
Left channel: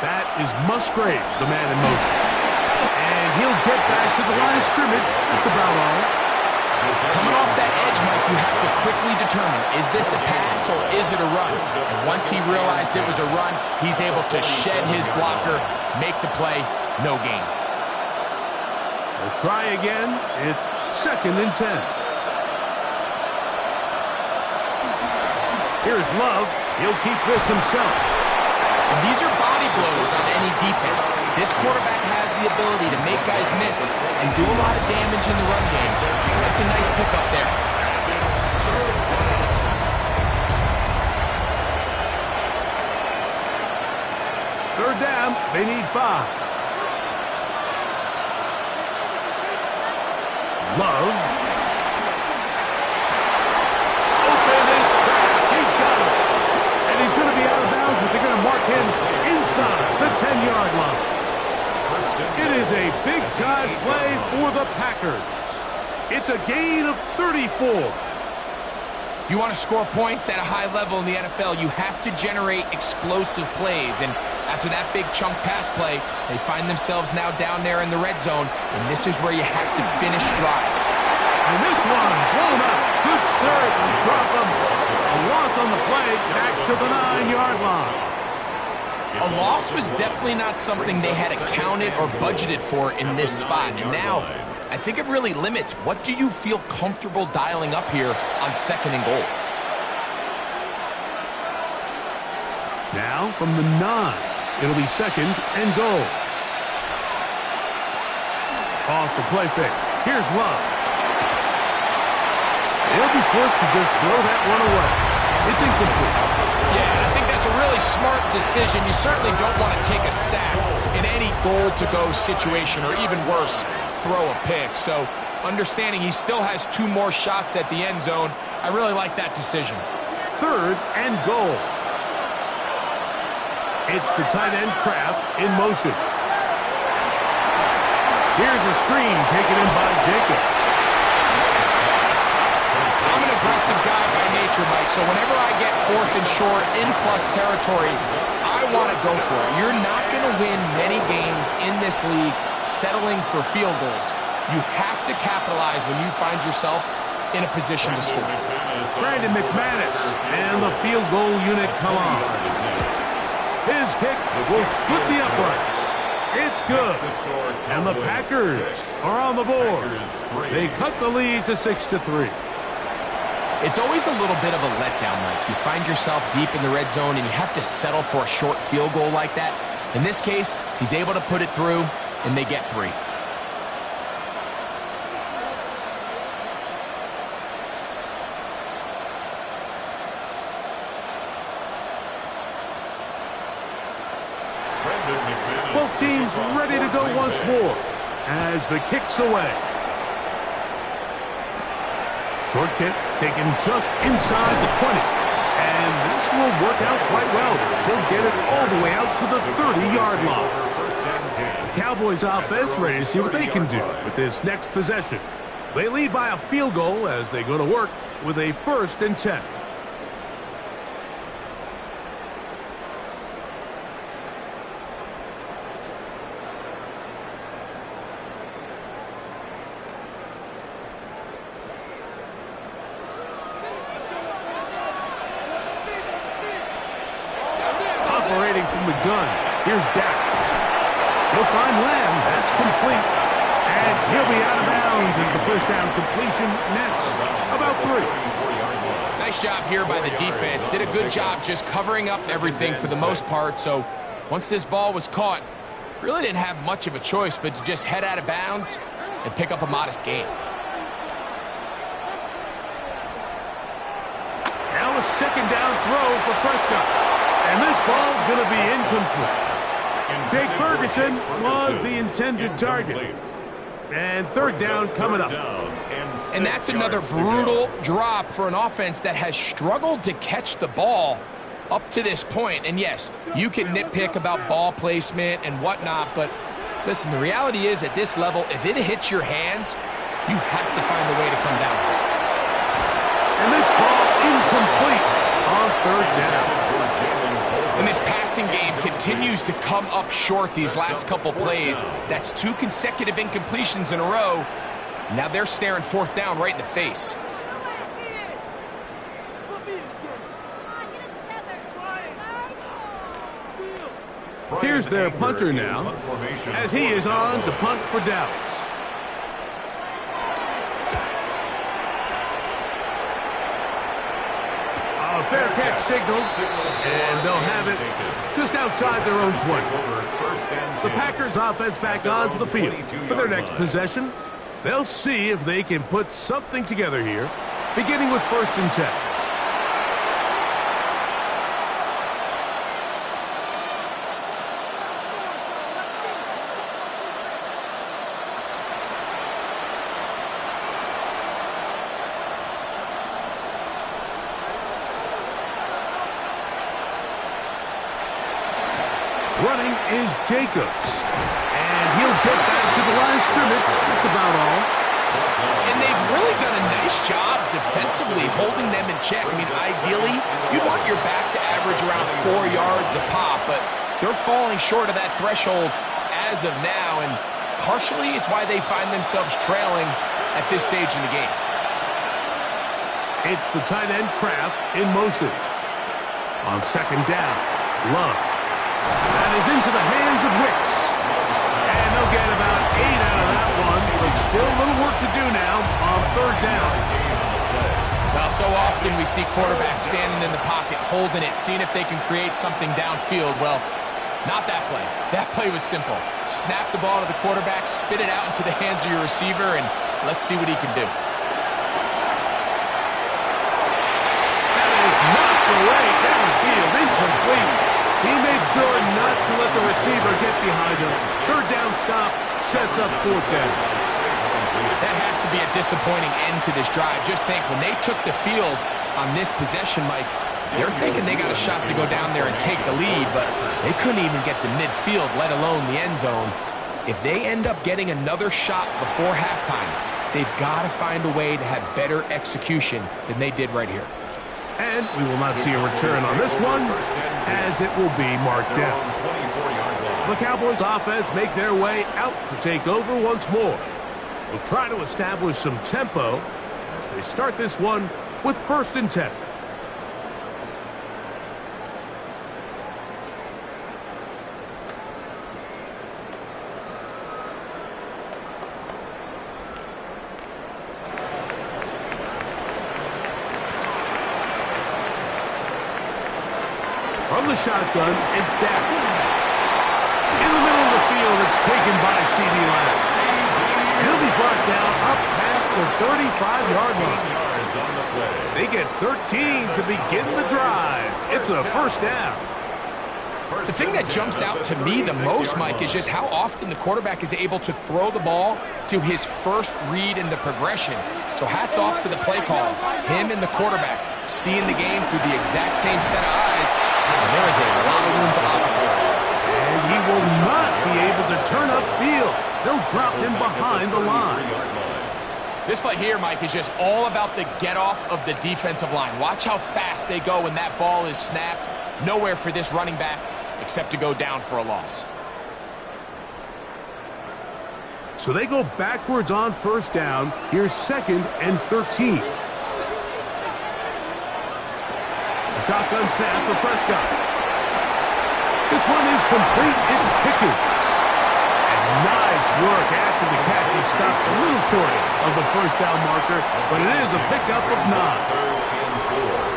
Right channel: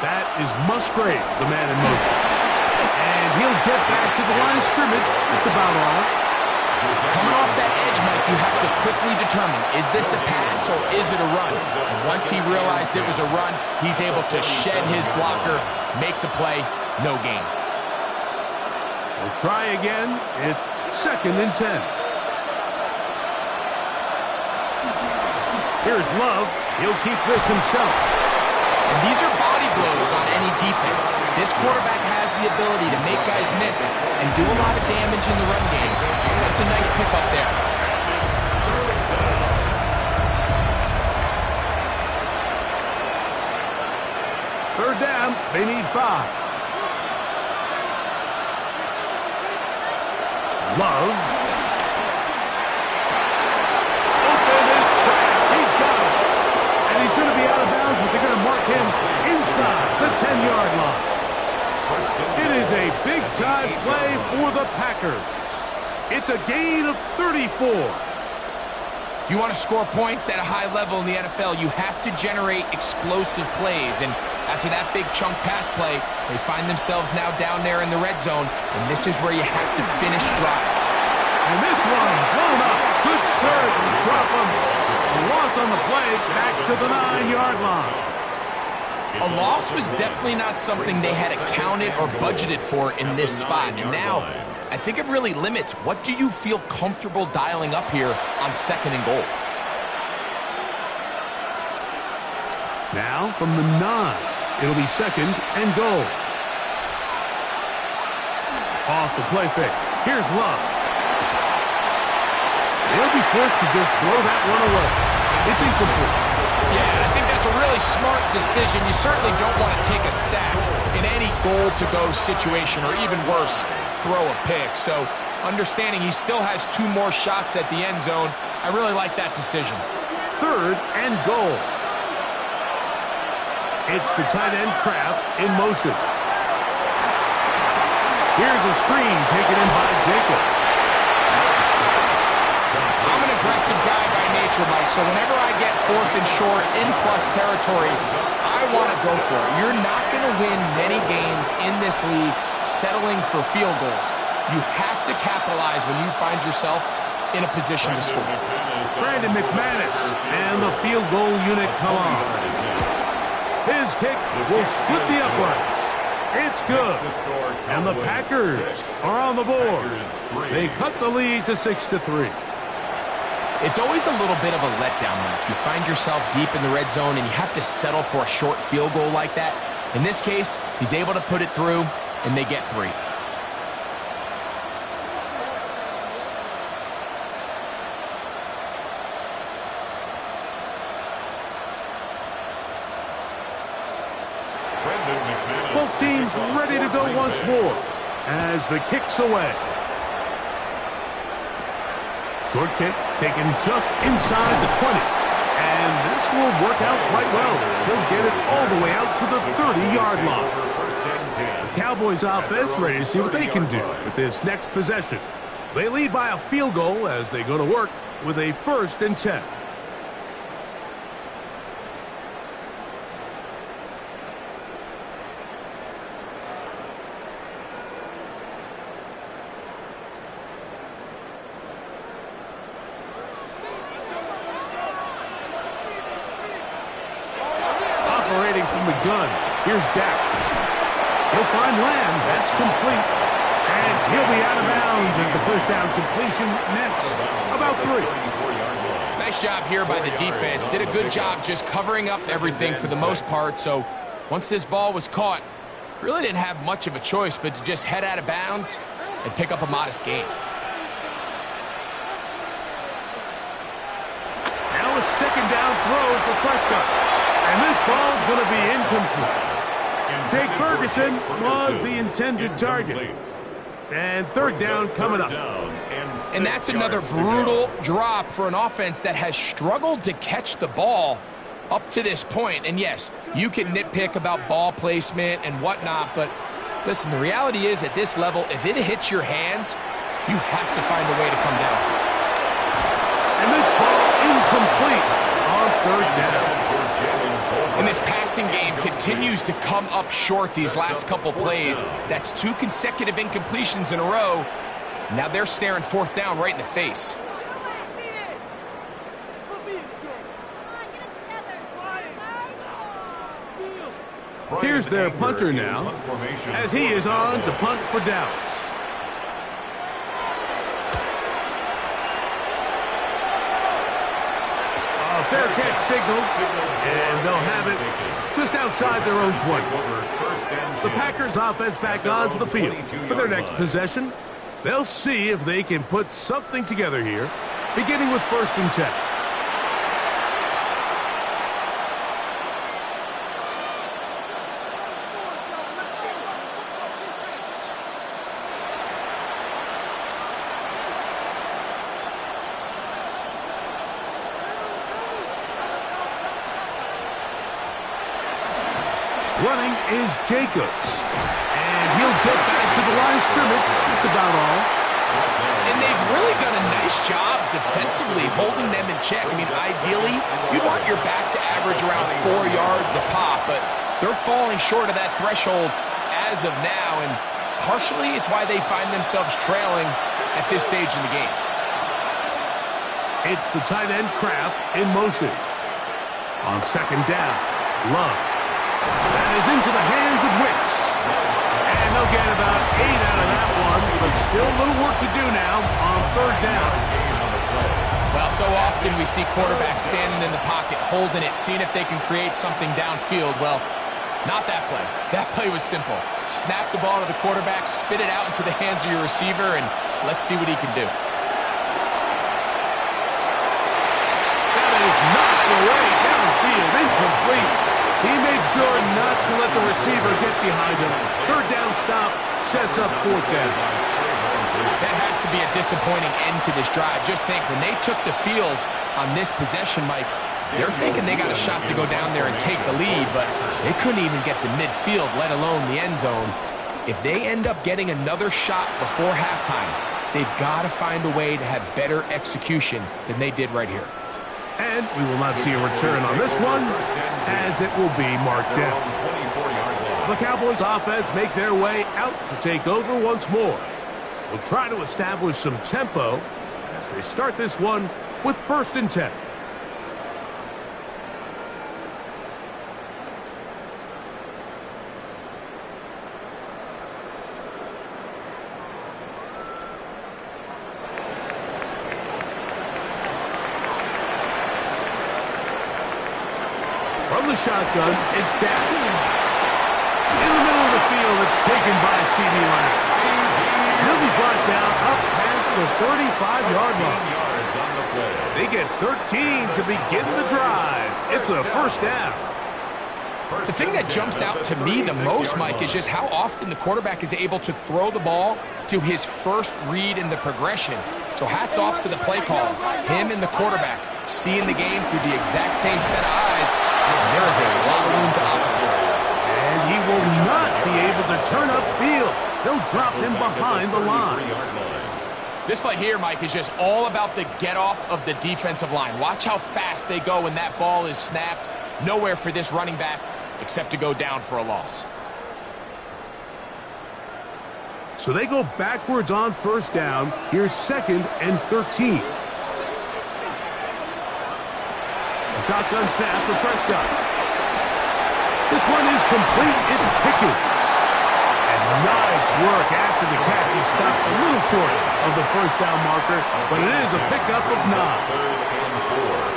That is Musgrave, the man in motion. And he'll get back to the line of scrimmage. That's about all. Coming off that edge, Mike, you have to quickly determine, is this a pass or is it a run? And once he realized it was a run, he's able to shed his blocker, make the play, no gain. We'll try again. It's 2nd and 10. Here's Love. He'll keep this himself. And these are body blows on any defense. This quarterback has the ability to make guys miss and do a lot of damage in the run game. That's a nice pickup there. Third down, they need 5. Love. Open is Kraft. He's got it. And he's going to be out of bounds, but they're going to mark him inside the 10-yard line. It is a big-time play for the Packers. It's a gain of 34. If you want to score points at a high level in the NFL, you have to generate explosive plays. And after that big chunk pass play, they find themselves now down there in the red zone, and this is where you have to finish drives. And this one blown up. Good serve and drop him. A loss on the play, back to the 9-yard line. A loss was definitely not something they had accounted or budgeted for in this spot. And now, I think it really limits. What do you feel comfortable dialing up here on 2nd and goal? Now from the 9, it'll be 2nd and goal. Off the play fake. Here's Love. He'll be forced to just throw that one away. It's incomplete. Yeah, I think that's a really smart decision. You certainly don't want to take a sack in any goal-to-go situation, or even worse, throw a pick. So understanding he still has 2 more shots at the end zone, I really like that decision. 3rd and goal. It's the tight end Kraft in motion. Here's a screen taken in by Jacobs. I'm an aggressive guy by nature, Mike, so whenever I get 4th and short in plus territory, I want to go for it. You're not going to win many games in this league settling for field goals. You have to capitalize when you find yourself in a position to score. Brandon McManus and the field goal unit come on. His kick will split the uprights. It's good. And the Packers are on the board. They cut the lead to 6-3. It's always a little bit of a letdown, Mike. You find yourself deep in the red zone and you have to settle for a short field goal like that. In this case, he's able to put it through and they get 3. Both teams ready to go once more as the kick's away. Short kick. taken just inside the 20. And this will work out quite well. They'll get it all the way out to the 30-yard line. The Cowboys offense ready to see what they can do with this next possession. They lead by a field goal as they go to work with a 1st and 10. Operating from the gun, here's Dak. He'll find Lamb, that's complete. And he'll be out of bounds as the first down completion nets about 3. Nice job here by the defense. Did a good job just covering up everything for the most part. So once this ball was caught, really didn't have much of a choice but to just head out of bounds and pick up a modest gain. Now a 2nd down throw for Prescott. And this ball's going to be incomplete. Jake Ferguson was the intended target. And 3rd down coming up. And that's another brutal drop for an offense that has struggled to catch the ball up to this point. And yes, you can nitpick about ball placement and whatnot, but listen, the reality is at this level, if it hits your hands, you have to find a way to come down. And this ball incomplete on 3rd down. And this passing game continues to come up short these last couple plays. That's 2 consecutive incompletions in a row. Now they're staring 4th down right in the face. Here's their punter now, as he is on to punt for Dallas. A fair catch signals, and they'll have it just outside their own 20. The Packers offense back onto the field for their next possession. They'll see if they can put something together here, beginning with 1st and 10. Running is Jacobs. And he'll get back to the line of scrimmage. That's about all. And they've really done a nice job defensively holding them in check. I mean, ideally, you'd want your back to average around 4 yards a pop, but they're falling short of that threshold as of now, and partially it's why they find themselves trailing at this stage in the game. It's the tight end Kraft in motion. On 2nd down, Love. That is into the hands of Wicks. And they'll get about 8 out of that one, but still a little work to do now on 3rd down. Well, so often we see quarterbacks standing in the pocket, holding it, seeing if they can create something downfield. Well, not that play. That play was simple. Snap the ball to the quarterback, spit it out into the hands of your receiver, and let's see what he can do. That is knocked away downfield, incomplete. He made sure not to let the receiver get behind him. 3rd down stop sets up 4th down. That has to be a disappointing end to this drive. Just think, when they took the field on this possession, Mike, they're thinking they got a shot to go down there and take the lead, but they couldn't even get to midfield, let alone the end zone. If they end up getting another shot before halftime, they've got to find a way to have better execution than they did right here. And we will not see a return on this one, as it will be marked down. The Cowboys offense make their way out to take over once more. We'll try to establish some tempo as they start this one with 1st and 10. From the shotgun, it's Dak. In the middle of the field, it's taken by C.D. Lamb. He'll be brought down up past the 35-yard line. They get 13 to begin the drive. It's a 1st down. The thing that jumps out to me the most, Mike, is just how often the quarterback is able to throw the ball to his first read in the progression. So hats off to the play caller. Him and the quarterback seeing the game through the exact same set of eyes, and there is a lot of room to operate. And he will not be able to turn upfield. They'll drop him behind the line. This play here, Mike, is just all about the get-off of the defensive line. Watch how fast they go when that ball is snapped. Nowhere for this running back except to go down for a loss. So they go backwards on first down. Here's 2nd and 13. A shotgun snap for Prescott. This one is complete. It's Pickens. And nice work after the catch. He stops a little short of the first down marker, but it is a pickup of 9.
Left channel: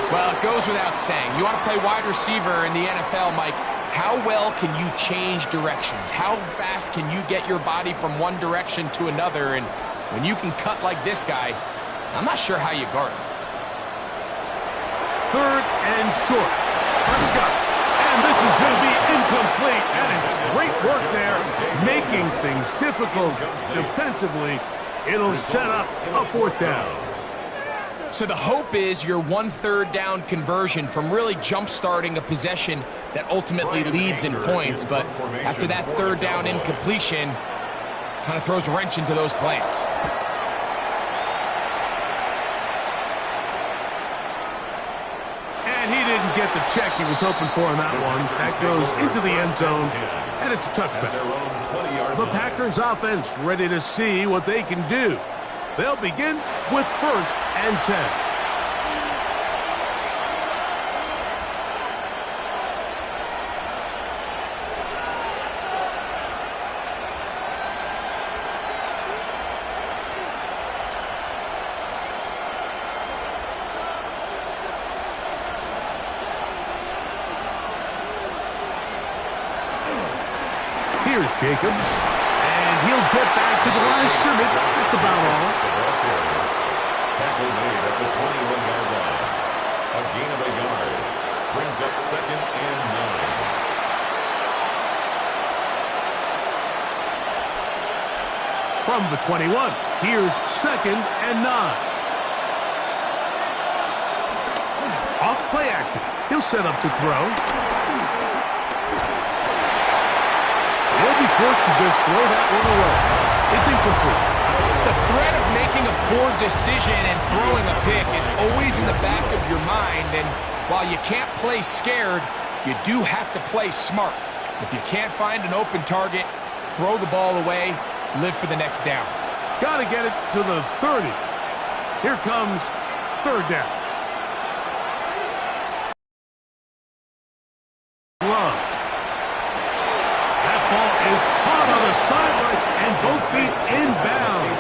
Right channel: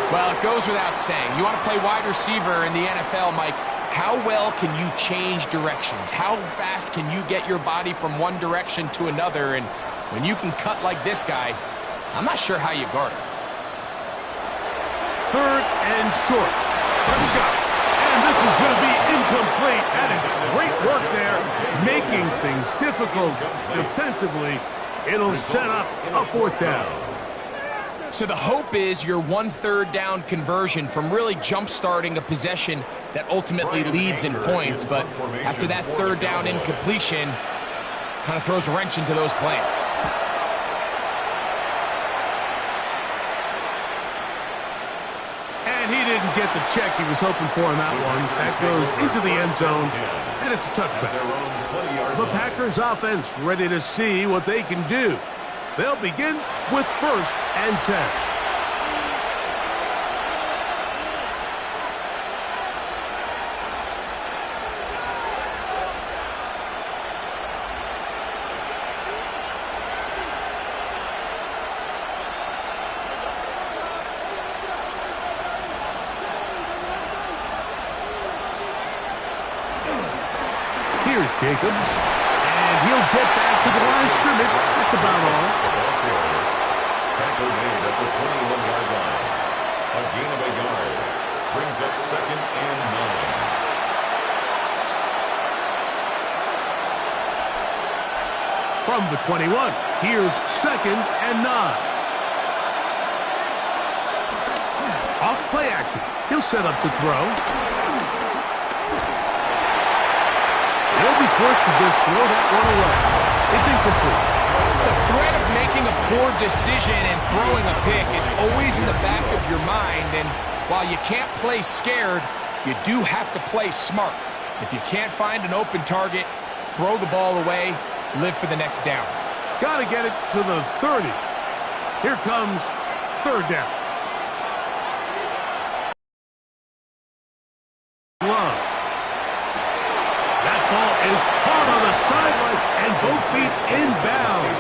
Well, it goes without saying. You want to play wide receiver in the NFL, Mike. How well can you change directions? How fast can you get your body from one direction to another? And when you can cut like this guy, I'm not sure how you guard him. 3rd and short. Prescott. And this is going to be incomplete. That is great work there, making things difficult defensively. It'll set up a 4th down. So the hope is your 1/3 down conversion from really jump-starting a possession that ultimately leads in points. But after that 3rd down incompletion, kind of throws a wrench into those plans. And he didn't get the check he was hoping for on that one. That goes into the end zone, and it's a touchback. The Packers offense ready to see what they can do. They'll begin with 1st and 10. Here's Jacobs, and he'll get back to the line of scrimmage. That's about all. Tackle made at the 21-yard line. A gain of a yard. Brings up 2nd and 9. From the 21, here's 2nd and 9. Off play action. He'll set up to throw. He'll be forced to just throw that one away. It's incomplete. The threat of making a poor decision and throwing a pick is always in the back of your mind, and while you can't play scared, you do have to play smart. If you can't find an open target, throw the ball away, live for the next down. Got to get it to the 30. Here comes 3rd down. Love. That ball is caught on the sideline and both feet inbounds.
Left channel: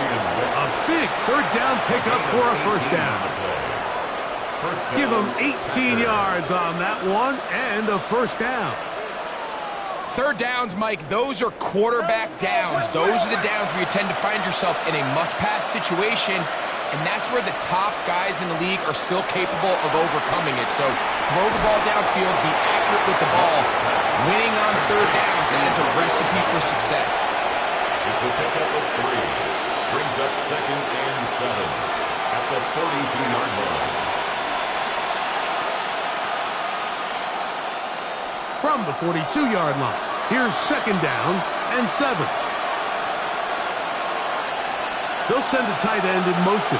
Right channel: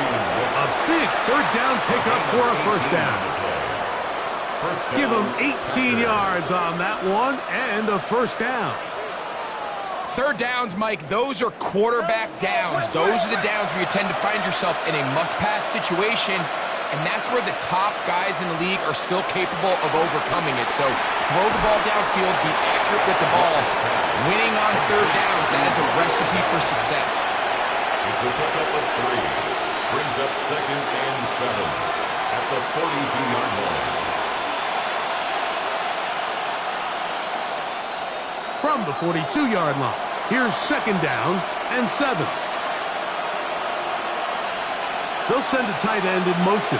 A big 3rd down pickup for a 1st down. Give him 18 yards on that one and a 1st down. 3rd downs, Mike, those are quarterback downs. Those are the downs where you tend to find yourself in a must-pass situation, and that's where the top guys in the league are still capable of overcoming it. So throw the ball downfield, be accurate with the ball. Winning on 3rd downs, that is a recipe for success. It's a pickup of 3. Brings up 2nd and 7 at the 42-yard line. From the 42-yard line, here's 2nd down and 7. They'll send a tight end in motion.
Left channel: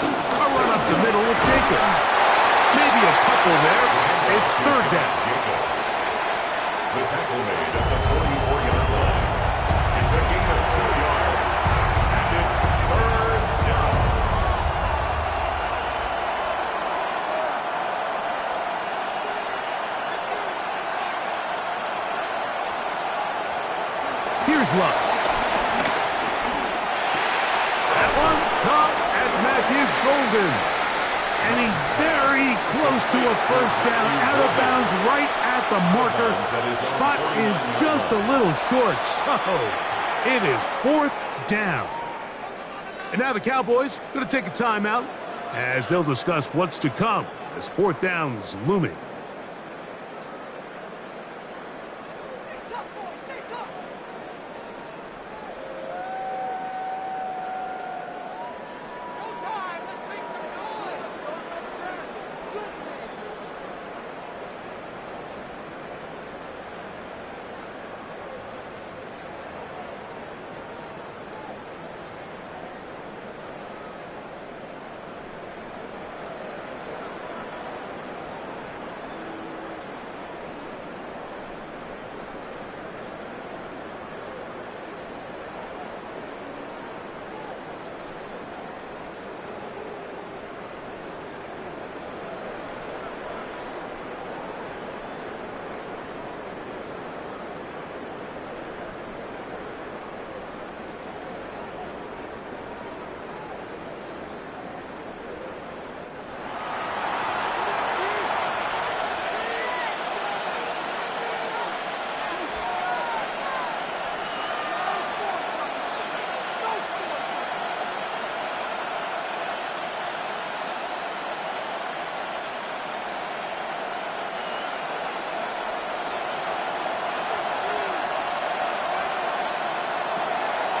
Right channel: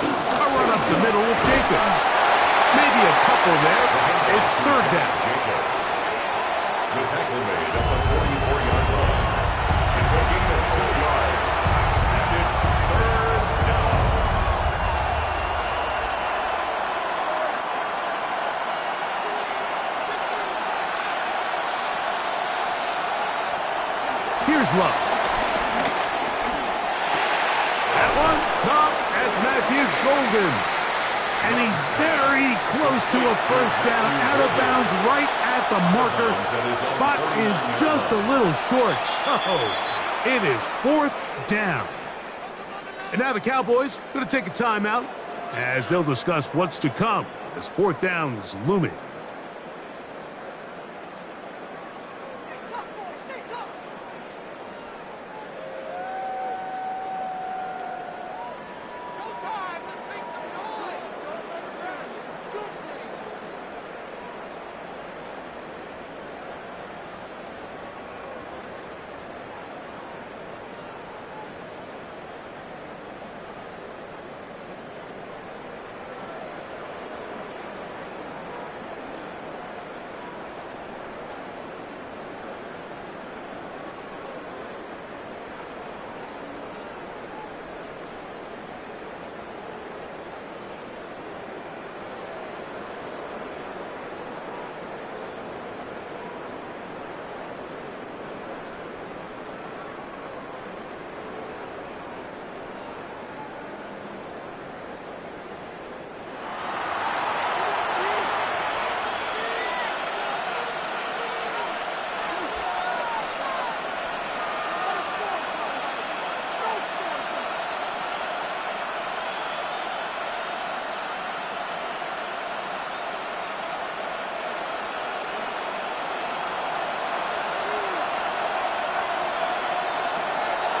A run up the middle with Jacobs. Maybe a couple there. It's 3rd down. Jacobs. The tackle made at the 44-yard line. It's a gain of 2 yards. And it's 3rd down. Here's Love. That one caught. That's Matthew Golden. And he's very close to a 1st down, out of bounds, right at the marker. Spot is just a little short, so it is 4th down. And now the Cowboys going to take a timeout as they'll discuss what's to come as 4th down is looming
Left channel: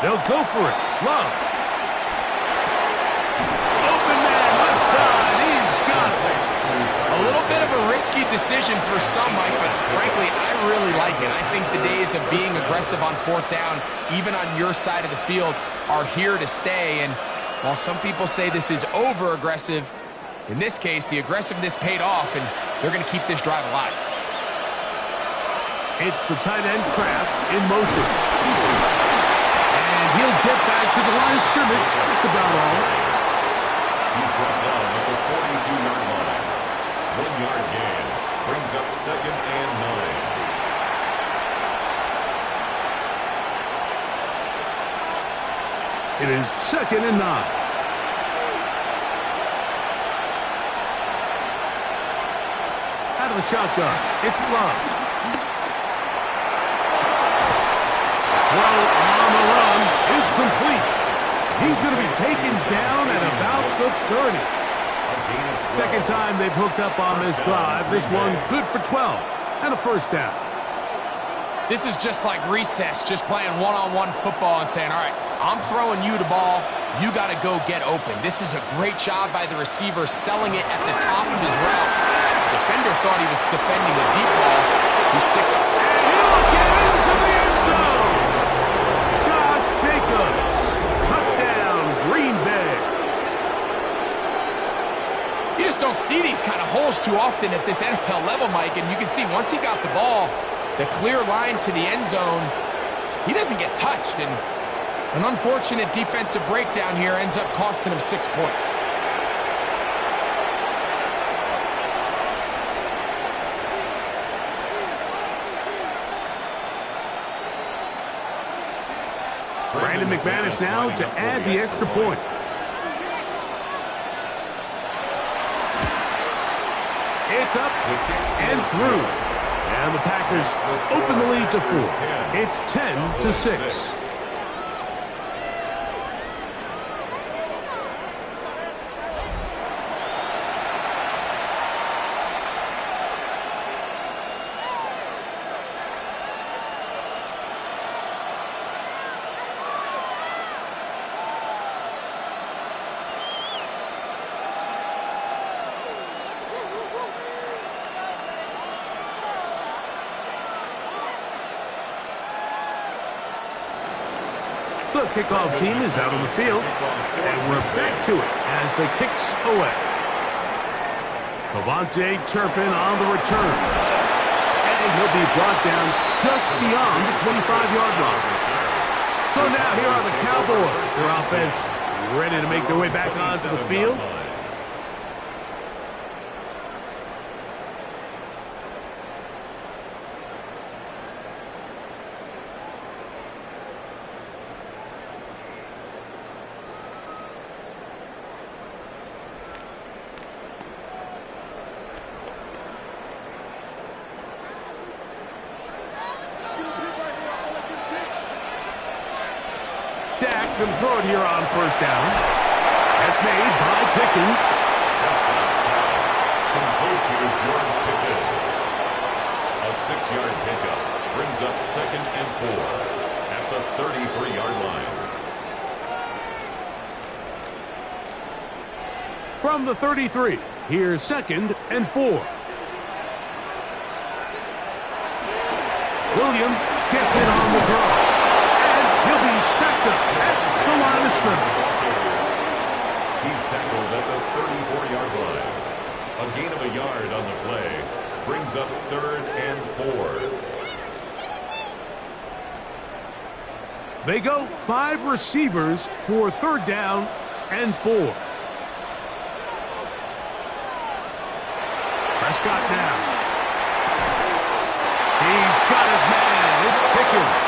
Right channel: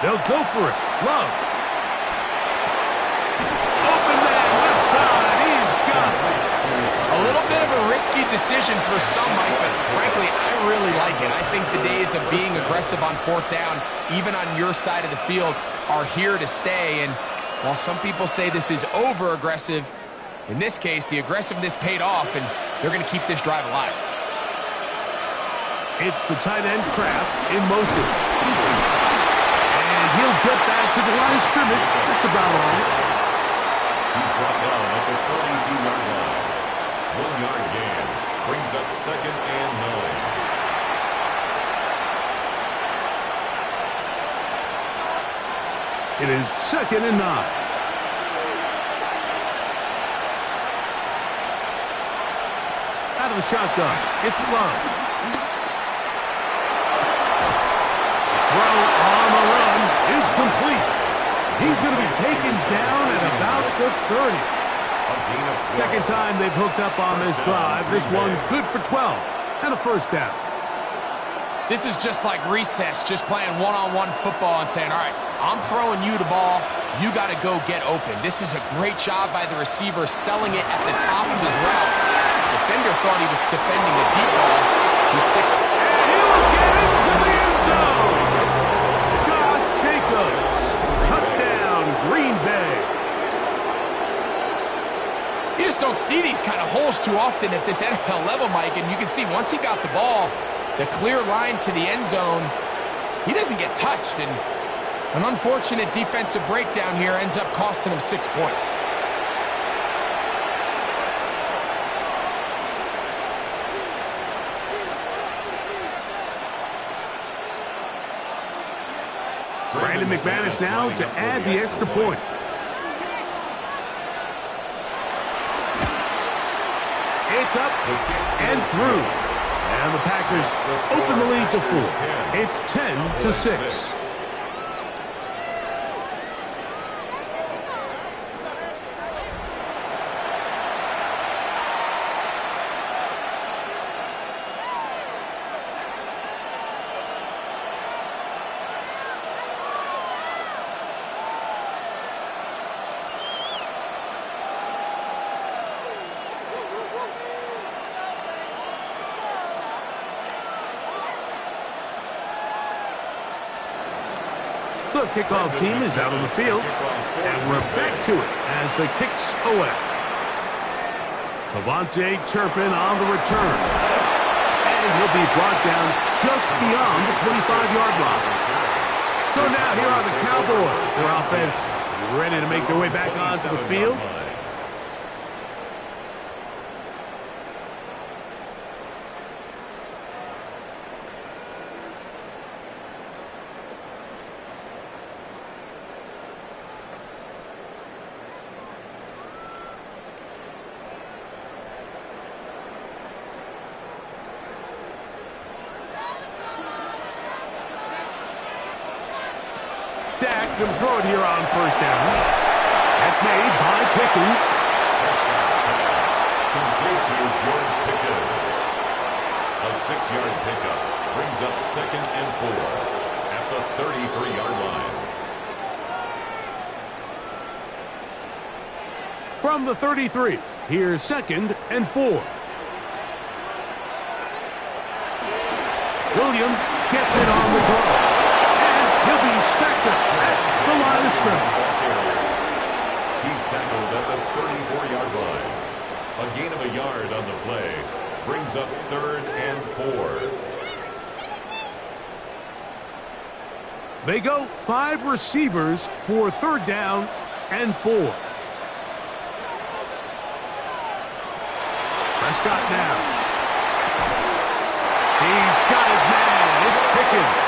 They'll go for it. Love. Open man, left side. He's got it. A little bit of a risky decision for some, Mike, but frankly, I really like it. I think the days of being aggressive on fourth down, even on your side of the field, are here to stay. And while some people say this is over-aggressive, in this case, the aggressiveness paid off, and they're going to keep this drive alive. It's the tight end Kraft in motion. And he'll get back to the line of scrimmage. That's about all. He's brought down at the 42-yard line. 1-yard gain. Brings up 2nd and 9. It is 2nd and 9. Out of the shotgun. It's Love. Throw on the run is complete. He's going to be taken down at about the 30. Second time they've hooked up on this drive. This one good for 12 and a first down. This is just like recess, just playing one-on-one football and saying, all right, I'm throwing you the ball. You got to go get open. This is a great job by the receiver selling it at the top of his route. The defender thought he was defending a deep ball. He stick. And he'll get into the end zone. Josh Jacobs. Touchdown, Green Bay. You just don't see these kind of holes too often at this NFL level, Mike. And you can see once he got the ball, the clear line to the end zone, he doesn't get touched. And an unfortunate defensive breakdown here ends up costing him 6 points. Brandon McManus now to add the extra point. It's up and through. And the Packers open the lead to 4. It's 10-6. The kickoff team is out on the field, and we're back to it as the kicks away. Cavante Turpin on the return, and he'll be brought down just beyond the 25-yard line. So now here are the Cowboys, their offense ready to make their way back onto the field. Dak can throw it here on first down. That's made by Pickens. Prescott's pass complete to George Pickens. A 6-yard pickup brings up 2nd and 4 at the 33-yard line. From the 33, here's 2nd and 4. Williams gets it on the draw. He'll be stacked up at the line of scrimmage. He's tackled at the 34-yard line. A gain of a yard on the play brings up 3rd and 4. They go 5 receivers for 3rd down and 4. Prescott now. He's got his man. It's Pickens.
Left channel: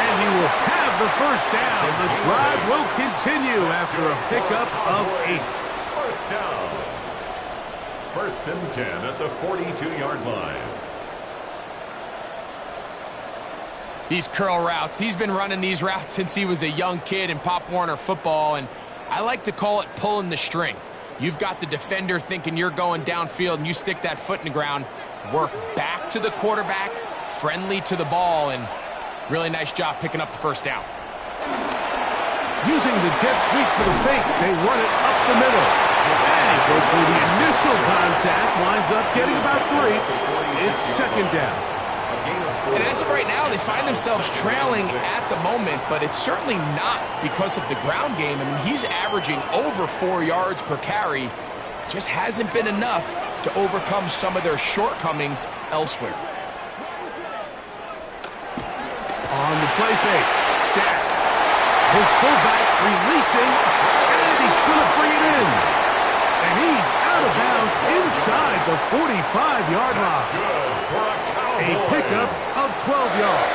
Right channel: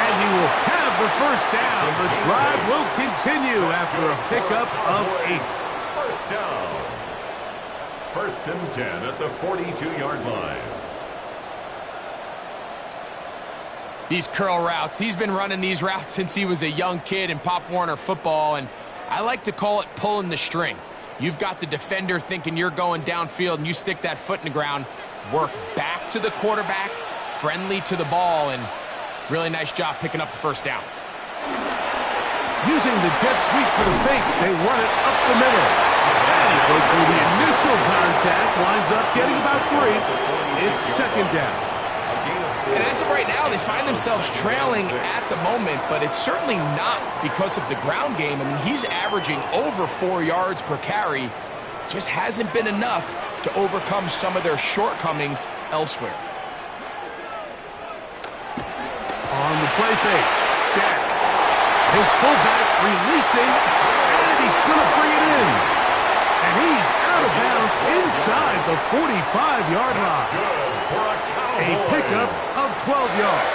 And he will have the first down. The drive will continue after a pickup of 8. First down. 1st and 10 at the 42-yard line. These curl routes, he's been running these routes since he was a young kid in Pop Warner football, and I like to call it pulling the string. You've got the defender thinking you're going downfield, and you stick that foot in the ground, work back to the quarterback, friendly to the ball, and really nice job picking up the first down. Using the jet sweep for the fake, they run it up the middle. And he broke through the initial contact, winds up getting about 3. It's second down. And as of right now, they find themselves trailing at the moment, but it's certainly not because of the ground game. I mean, he's averaging over 4 yards per carry. Just hasn't been enough to overcome some of their shortcomings elsewhere. On the play fake, Dak. His fullback releasing, and he's going to bring it in. And he's out of bounds inside the 45-yard line. A pickup of 12 yards.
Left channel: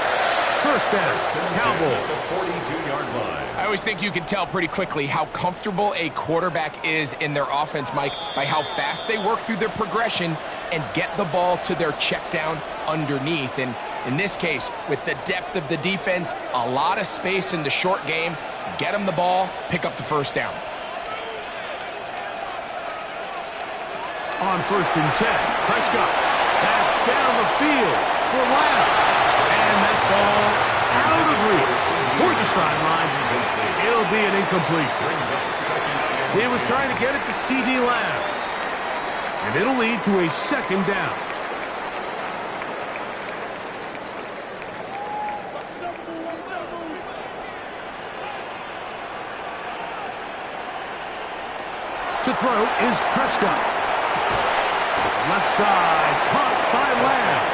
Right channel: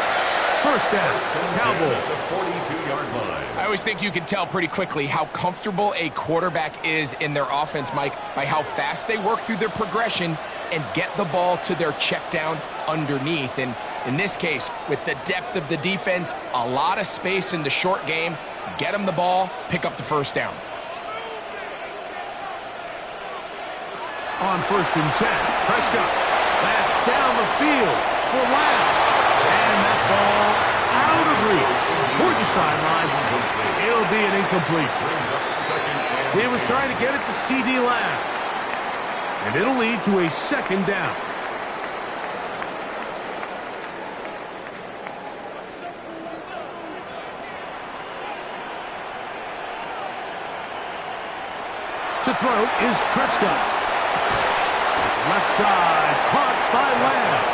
First down, Cowboys. At the 42-yard line. I always think you can tell pretty quickly how comfortable a quarterback is in their offense, Mike, by how fast they work through their progression and get the ball to their check down underneath. And in this case, with the depth of the defense, a lot of space in the short game, get them the ball, pick up the first down. On 1st and 10, Prescott. That's down the field for Lamb. And that ball out of reach toward the sideline. It'll be an incompletion. He was trying to get it to C.D. Lamb. And it'll lead to a second down. To throw is Prescott. Left side, caught by Lamb.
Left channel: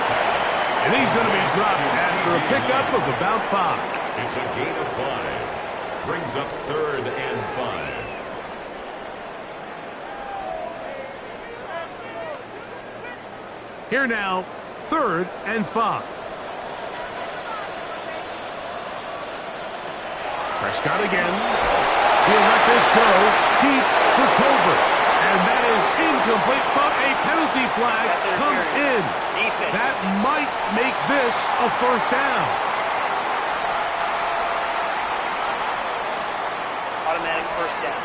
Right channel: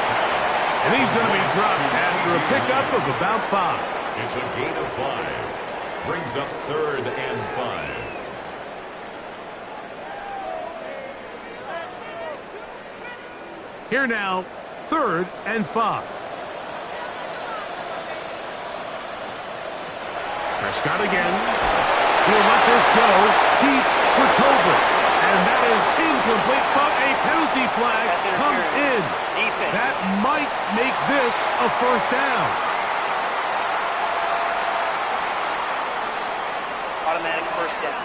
And he's going to be dropped after a pickup of about 5. It's a gain of 5. Brings up 3rd and 5. Here now, 3rd and 5. Prescott again. He'll let this go deep for Tolbert. And that is incomplete, but a penalty flag comes in. Defense. That might make this a first down. Automatic first down.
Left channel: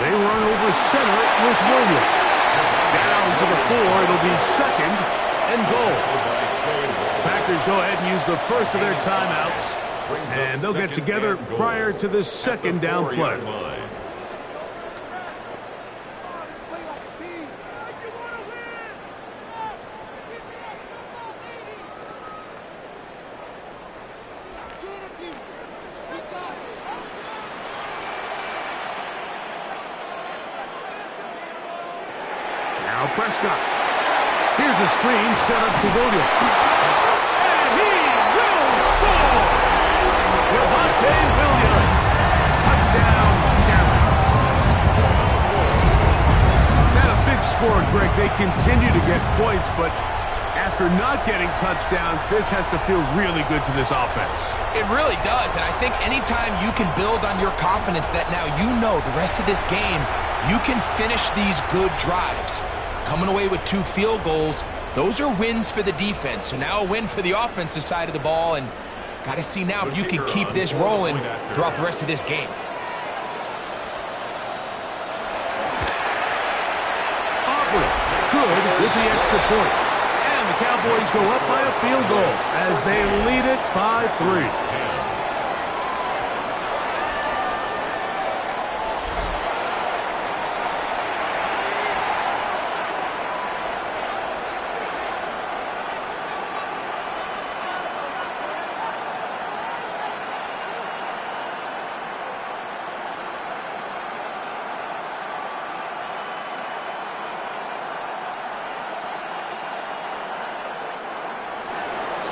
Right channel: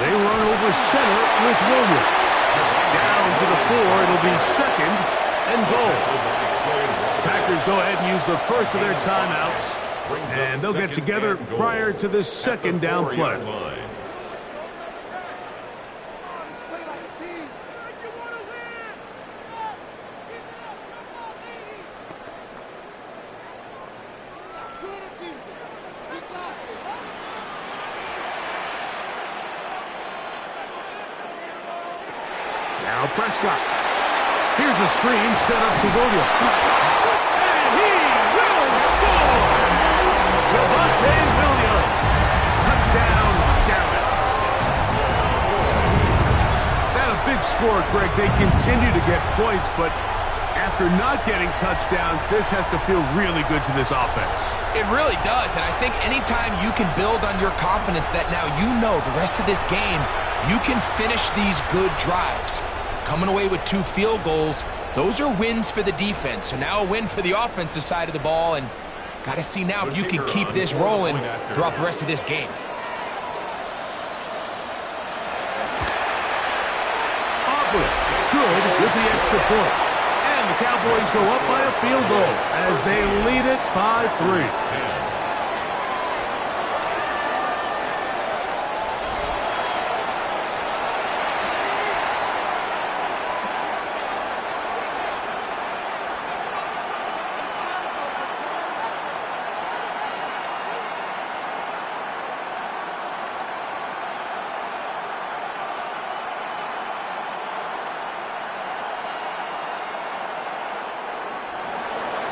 They run over center with Williams. Down to the 4, it'll be 2nd and goal. Packers go ahead and use the first of their timeouts, and they'll get together prior to this second down play. Now Prescott. Here's a screen set up to Williams. And he will score! Javonte Williams. Touchdown, Dallas. That a big score, Greg. They continue to get points, but after not getting touchdowns, this has to feel really good to this offense. It really does, and I think anytime you can build on your confidence that now you know the rest of this game, you can finish these good drives. Coming away with 2 field goals, those are wins for the defense. So now a win for the offensive side of the ball, and got to see now if you can keep this rolling throughout the rest of this game. Aubrey, good with the extra point. And the Cowboys go up by a field goal as they lead it by 3.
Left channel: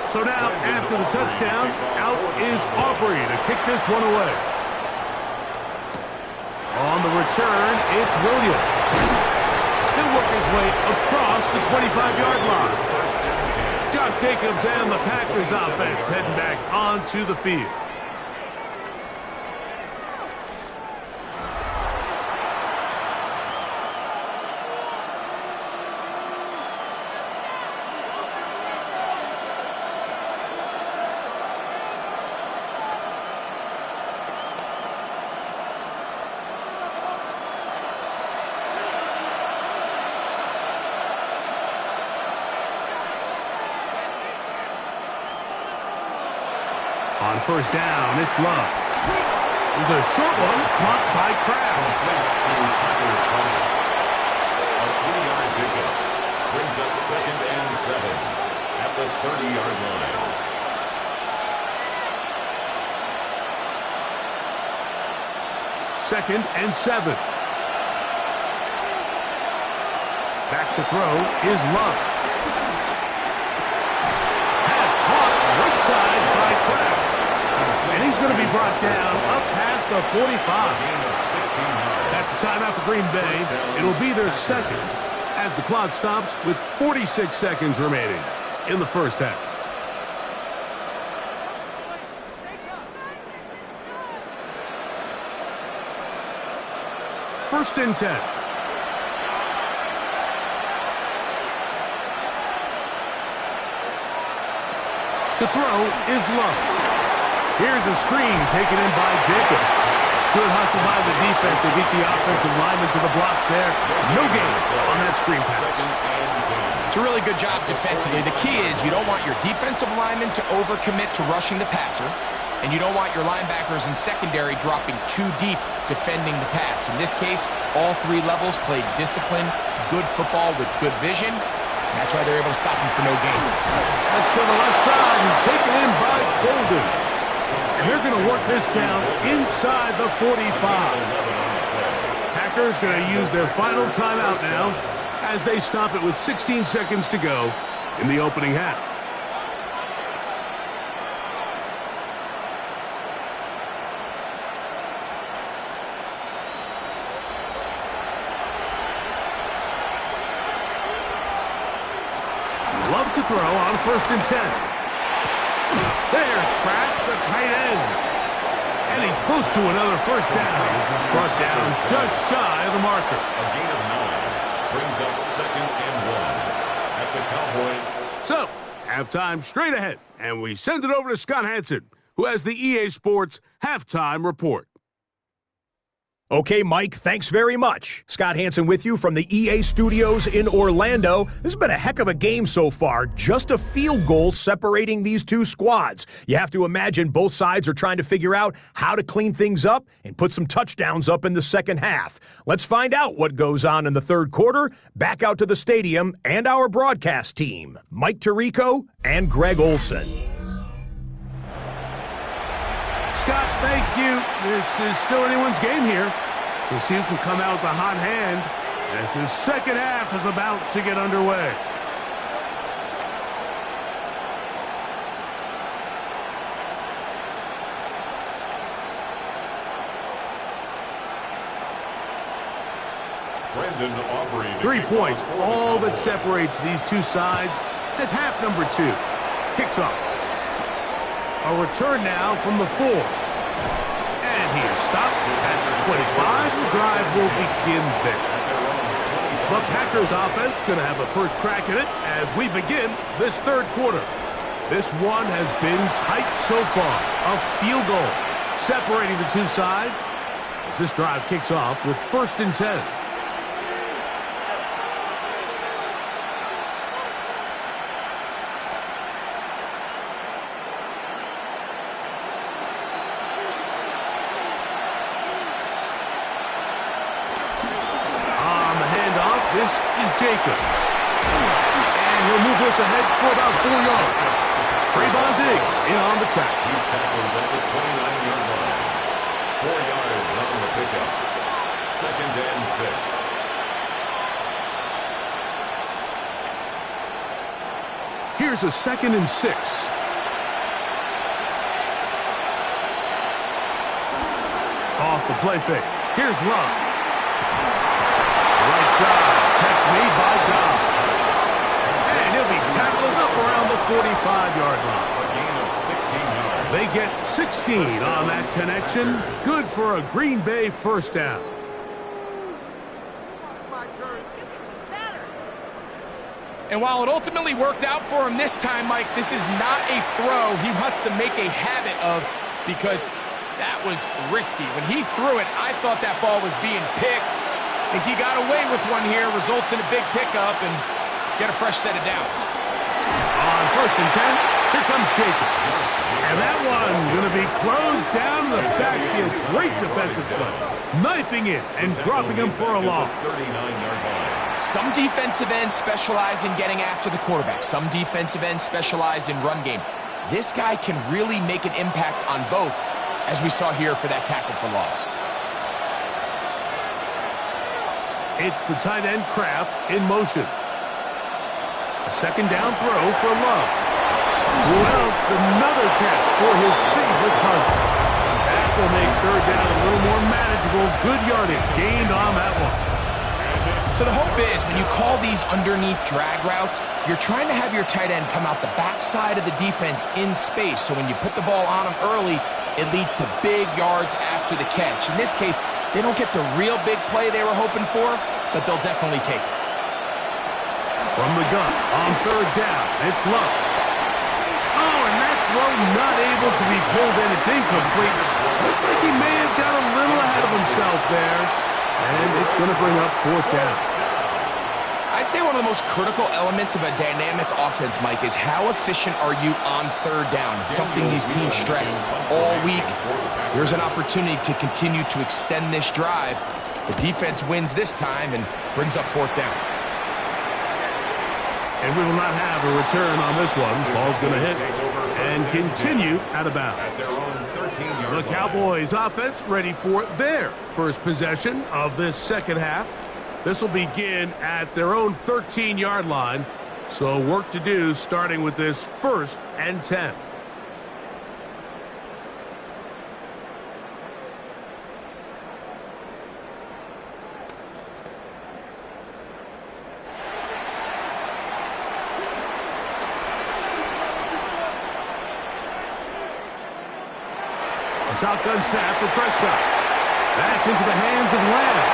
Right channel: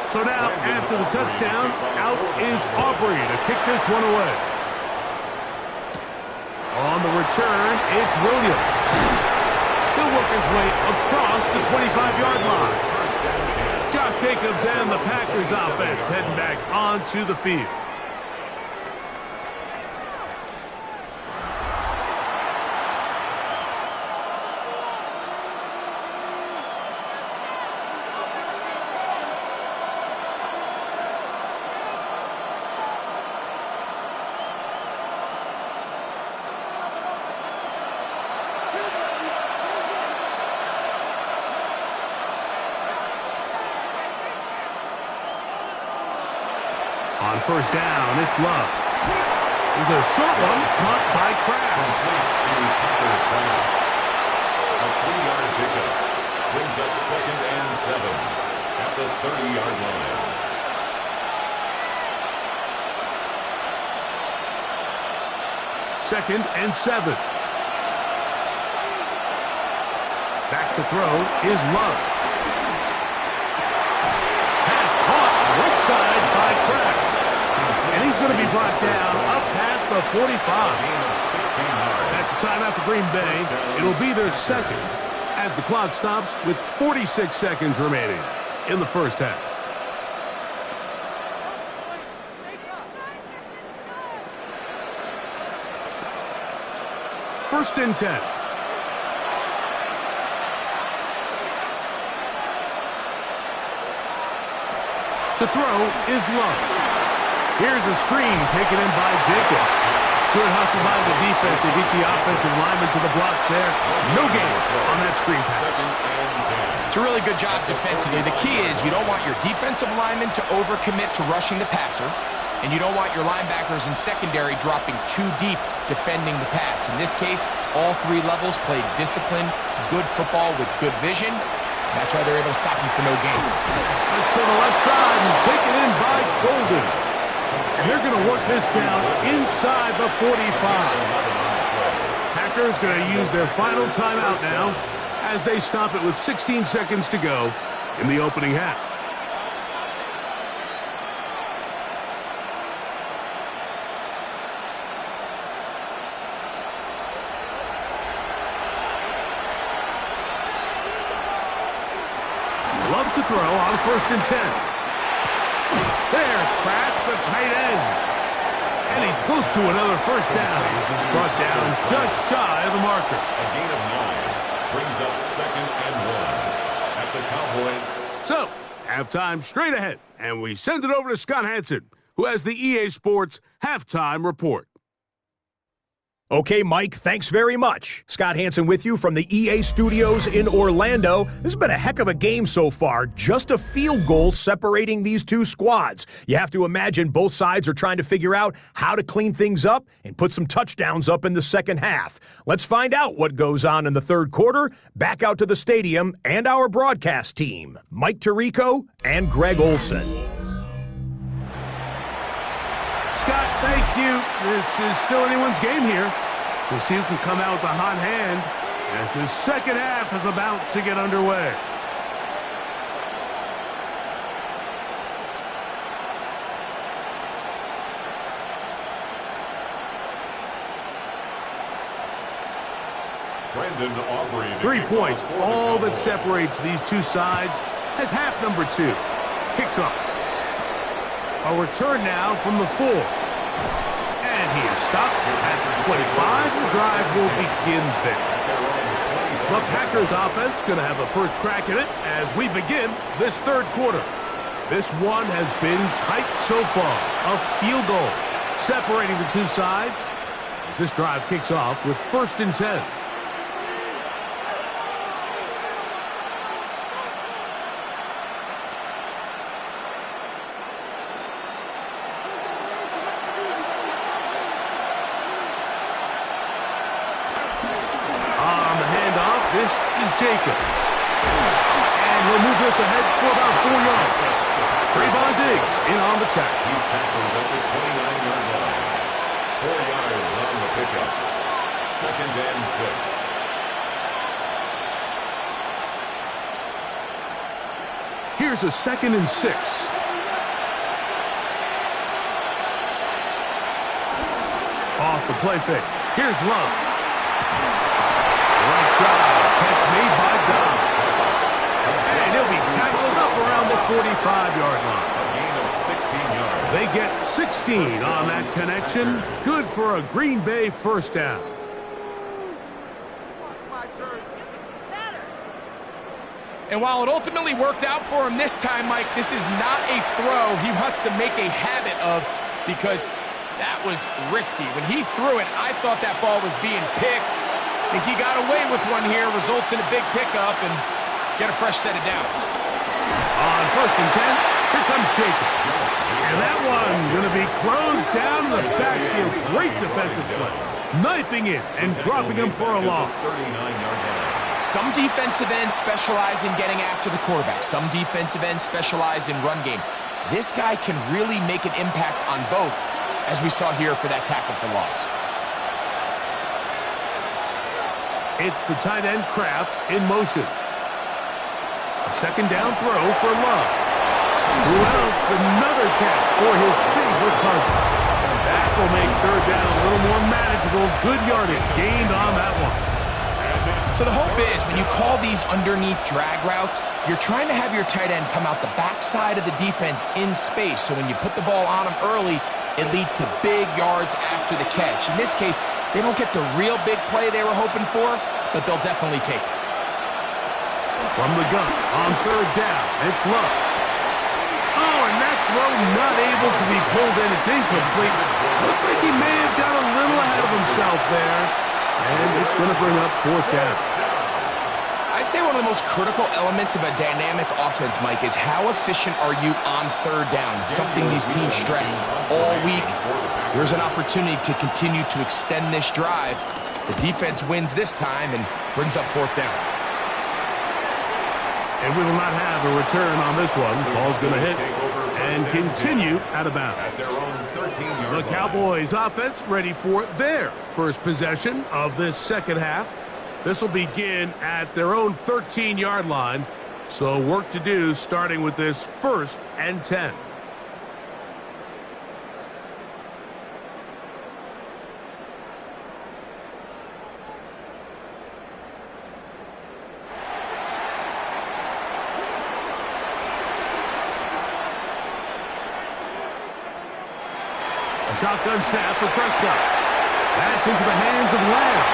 So now, after the touchdown, out is Aubrey to kick this one away. On the return, it's Williams. He'll work his way across the 25-yard line. Josh Jacobs and the Packers offense heading back onto the field. On first down, it's Love. There's a short one caught by Kraft. Complete to Tucker Kraft. A 3-yard pickup brings up 2nd and 7 at the 30-yard line. Second and 7. Back to throw is Love. Pass caught right side by Kraft. And he's going to be brought down up past the 45. Gain of 16 yards. That's a timeout for Green Bay. It'll be their second as the clock stops with 46 seconds remaining in the first half. First and 10. To throw is Love. Here's a screen taken in by Jacobs. Good hustle by the defense. They beat the offensive lineman to the blocks there. No gain on that screen pass. It's a really good job defensively. The key is you don't want your defensive lineman to overcommit to rushing the passer, and you don't want your linebackers in secondary dropping too deep defending the pass. In this case, all three levels played disciplined, good football with good vision. That's why they're able to stop him for no gain. That's to the left side and taken in by Golden. And they're going to work this down inside the 45. Packers going to use their final timeout now as they stop it with 16 seconds to go in the opening half. Love to throw on first and 10. There's Kraft, the tight end. And he's close to another first down. This is brought down just shy of the marker. A gain of 9 brings up 2nd and 1 at the Cowboys. So, halftime straight ahead. And we send it over to Scott Hansen, who has the EA Sports halftime report. Okay, Mike, thanks very much. Scott Hansen with you from the EA Studios in Orlando. This has been a heck of a game so far. Just a field goal separating these two squads. You have to imagine both sides are trying to figure out how to clean things up and put some touchdowns up in the second half. Let's find out what goes on in the third quarter. Back out to the stadium and our broadcast team, Mike Tirico and Greg Olson. Scott, thank you. This is still anyone's game here. We'll see who can come out with a hot hand as the second half is about to get underway. Brandon Aubrey. 3 points, all that separates these two sides as half number 2 kicks off. A return now from the 4. And he is stopped at the 25. The drive will begin there. The Packers offense going to have a first crack at it as we begin this third quarter. This one has been tight so far. A field goal separating the two sides as this drive kicks off with first and 10. This is Jacobs. And he'll move this ahead for about 4 yards. Trayvon Diggs in on the tackle. He's tackled at the 29-yard line. 4 yards on the pickup. 2nd and 6. Here's a 2nd and 6. Off the play fake. Here's Love. Right side, catch made by Dobbs. And he'll be tackled up around the 45-yard line. A gain of 16 yards. They get 16 on that connection. Good for a Green Bay first down. And while it ultimately worked out for him this time, Mike, this is not a throw he wants to make a habit of because that was risky. When he threw it, I thought that ball was being picked. I think he got away with one here, results in a big pickup, and get a fresh set of downs. On first and 10, Here comes Jacobs. And that one going to be closed down in the backfield. Great defensive play. Knifing in and dropping him for a loss. 39-yard line. Some defensive ends specialize in getting after the quarterback. Some defensive ends specialize in run game. This guy can really make an impact on both, as we saw here for that tackle for loss. It's the tight end Kraft in motion. A second down throw for Love. Who else? Another catch for his favorite target. That will make third down a little more manageable. Good yardage gained on that one. So the hope is when you call these underneath drag routes, you're trying to have your tight end come out the backside of the defense in space. So when you put the ball on him early, it leads to big yards after the catch. In this case, they don't get the real big play they were hoping for, but they'll definitely take it. From the gun on third down, it's Love. Oh, and that throw not able to be pulled in. It's incomplete. Looked like he may have got a little ahead of himself there. And it's going to bring up fourth down. I'd say one of the most critical elements of a dynamic offense, Mike, is how efficient are you on third down? It's something these teams stress all week. Here's an opportunity to continue to extend this drive. The defense wins this time and brings up fourth down. And we will not have a return on this one. Ball's going to hit and continue out of bounds. The Cowboys offense ready for their first possession of this second half. This will begin at their own 13-yard line. So work to do starting with this 1st and 10. A shotgun snap for Prescott. That's into the hands of Lamb.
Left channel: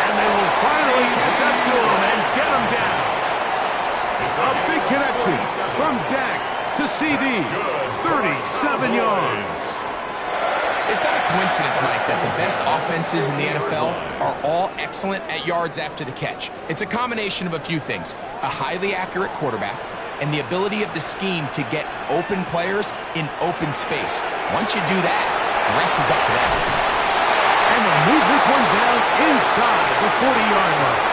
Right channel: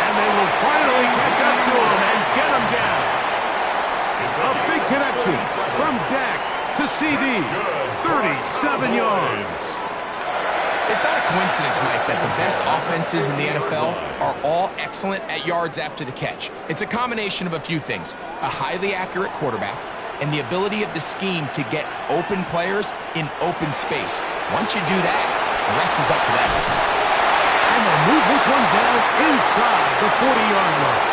And they will finally catch up to him and get him down. A big connection from Dak to CD. 37 yards. It's not a coincidence, Mike, that the best offenses in the NFL are all excellent at yards after the catch. It's a combination of a few things. A highly accurate quarterback and the ability of the scheme to get open players in open space. Once you do that, the rest is up to them. And they'll move this one down inside the 40-yard line.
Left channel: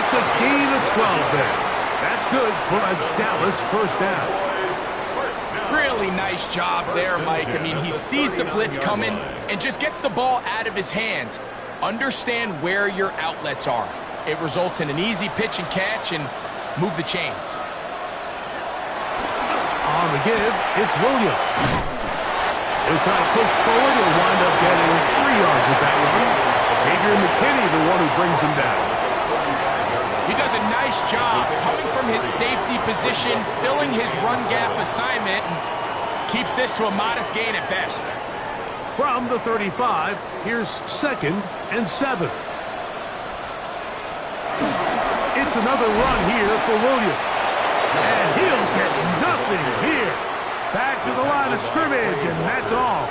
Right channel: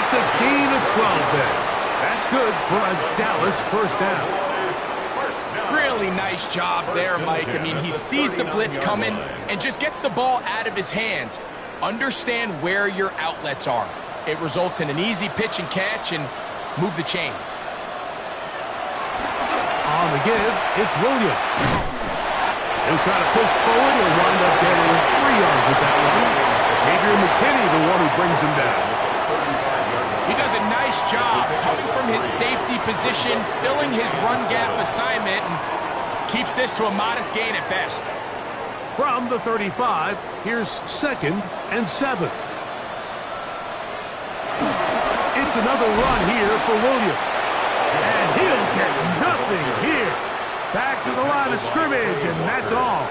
It's a gain of 12 there. That's good for a Dallas first down. Really nice job there, Mike. I mean, he sees the blitz coming and just gets the ball out of his hands. Understand where your outlets are. It results in an easy pitch and catch and move the chains. On the give, it's Williams. He'll try to push forward. He'll wind up getting 3 yards with that one. Xavier McKinney, the one who brings him down. He does a nice job coming from his safety position, filling his run gap assignment, and keeps this to a modest gain at best. From the 35, here's 2nd and 7. It's another run here for Williams. And he'll get nothing here. Back to the line of scrimmage, and that's all.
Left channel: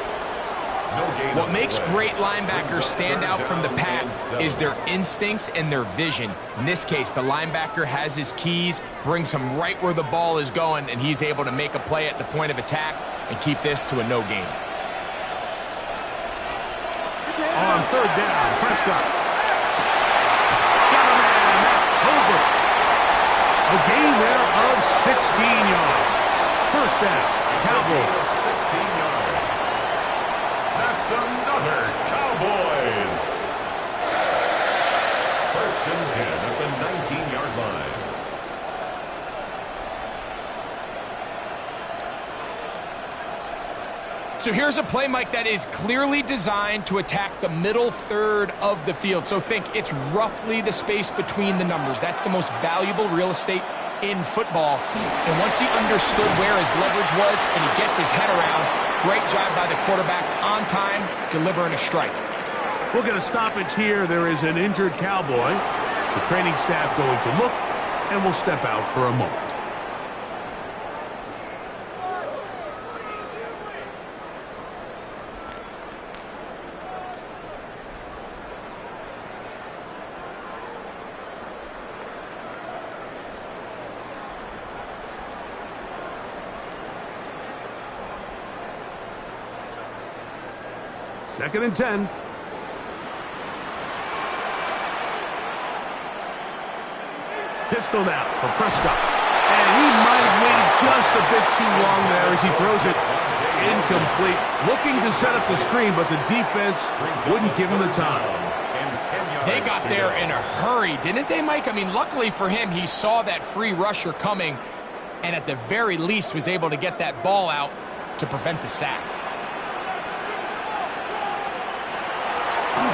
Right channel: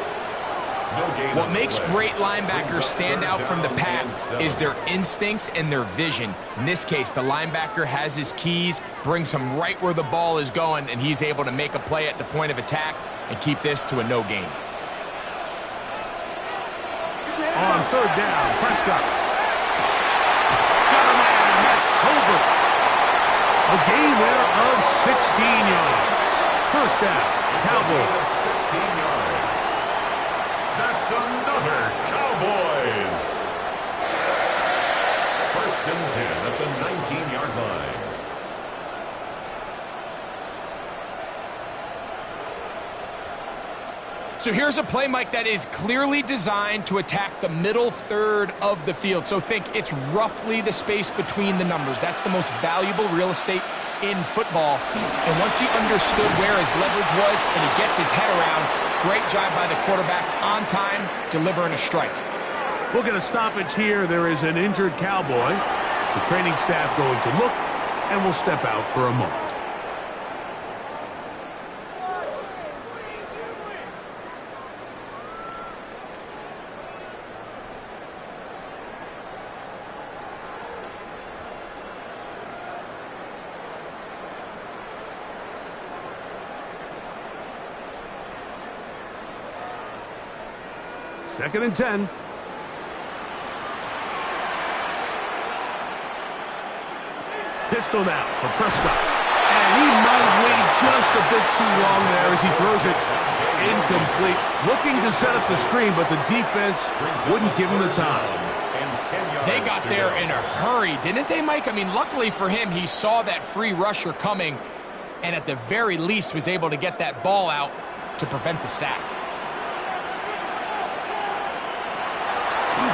What makes great linebackers stand out from the pack is their instincts and their vision. In this case, the linebacker has his keys, brings him right where the ball is going, and he's able to make a play at the point of attack and keep this to a no gain. On third down, Prescott. Got a man, that's Tolbert. A gain there of 16 yards. First down, Cowboys. 16 yards. That's another Cowboys. 1st and 10 at the 19-yard line. So here's a play, Mike, that is clearly designed to attack the middle third of the field. So think it's roughly the space between the numbers. That's the most valuable real estate in football. And once he understood where his leverage was and he gets his head around, great job by the quarterback on time, delivering a strike. We'll get a stoppage here. There is an injured Cowboy. The training staff going to look, and will step out for a moment. 2nd and 10. Pistol now for Prescott. And he might have waited just a bit too long there as he throws it incomplete. Looking to set up the screen, but the defense wouldn't give him the time. They got there in a hurry, didn't they, Mike? I mean, luckily for him, he saw that free rusher coming and at the very least was able to get that ball out to prevent the sack.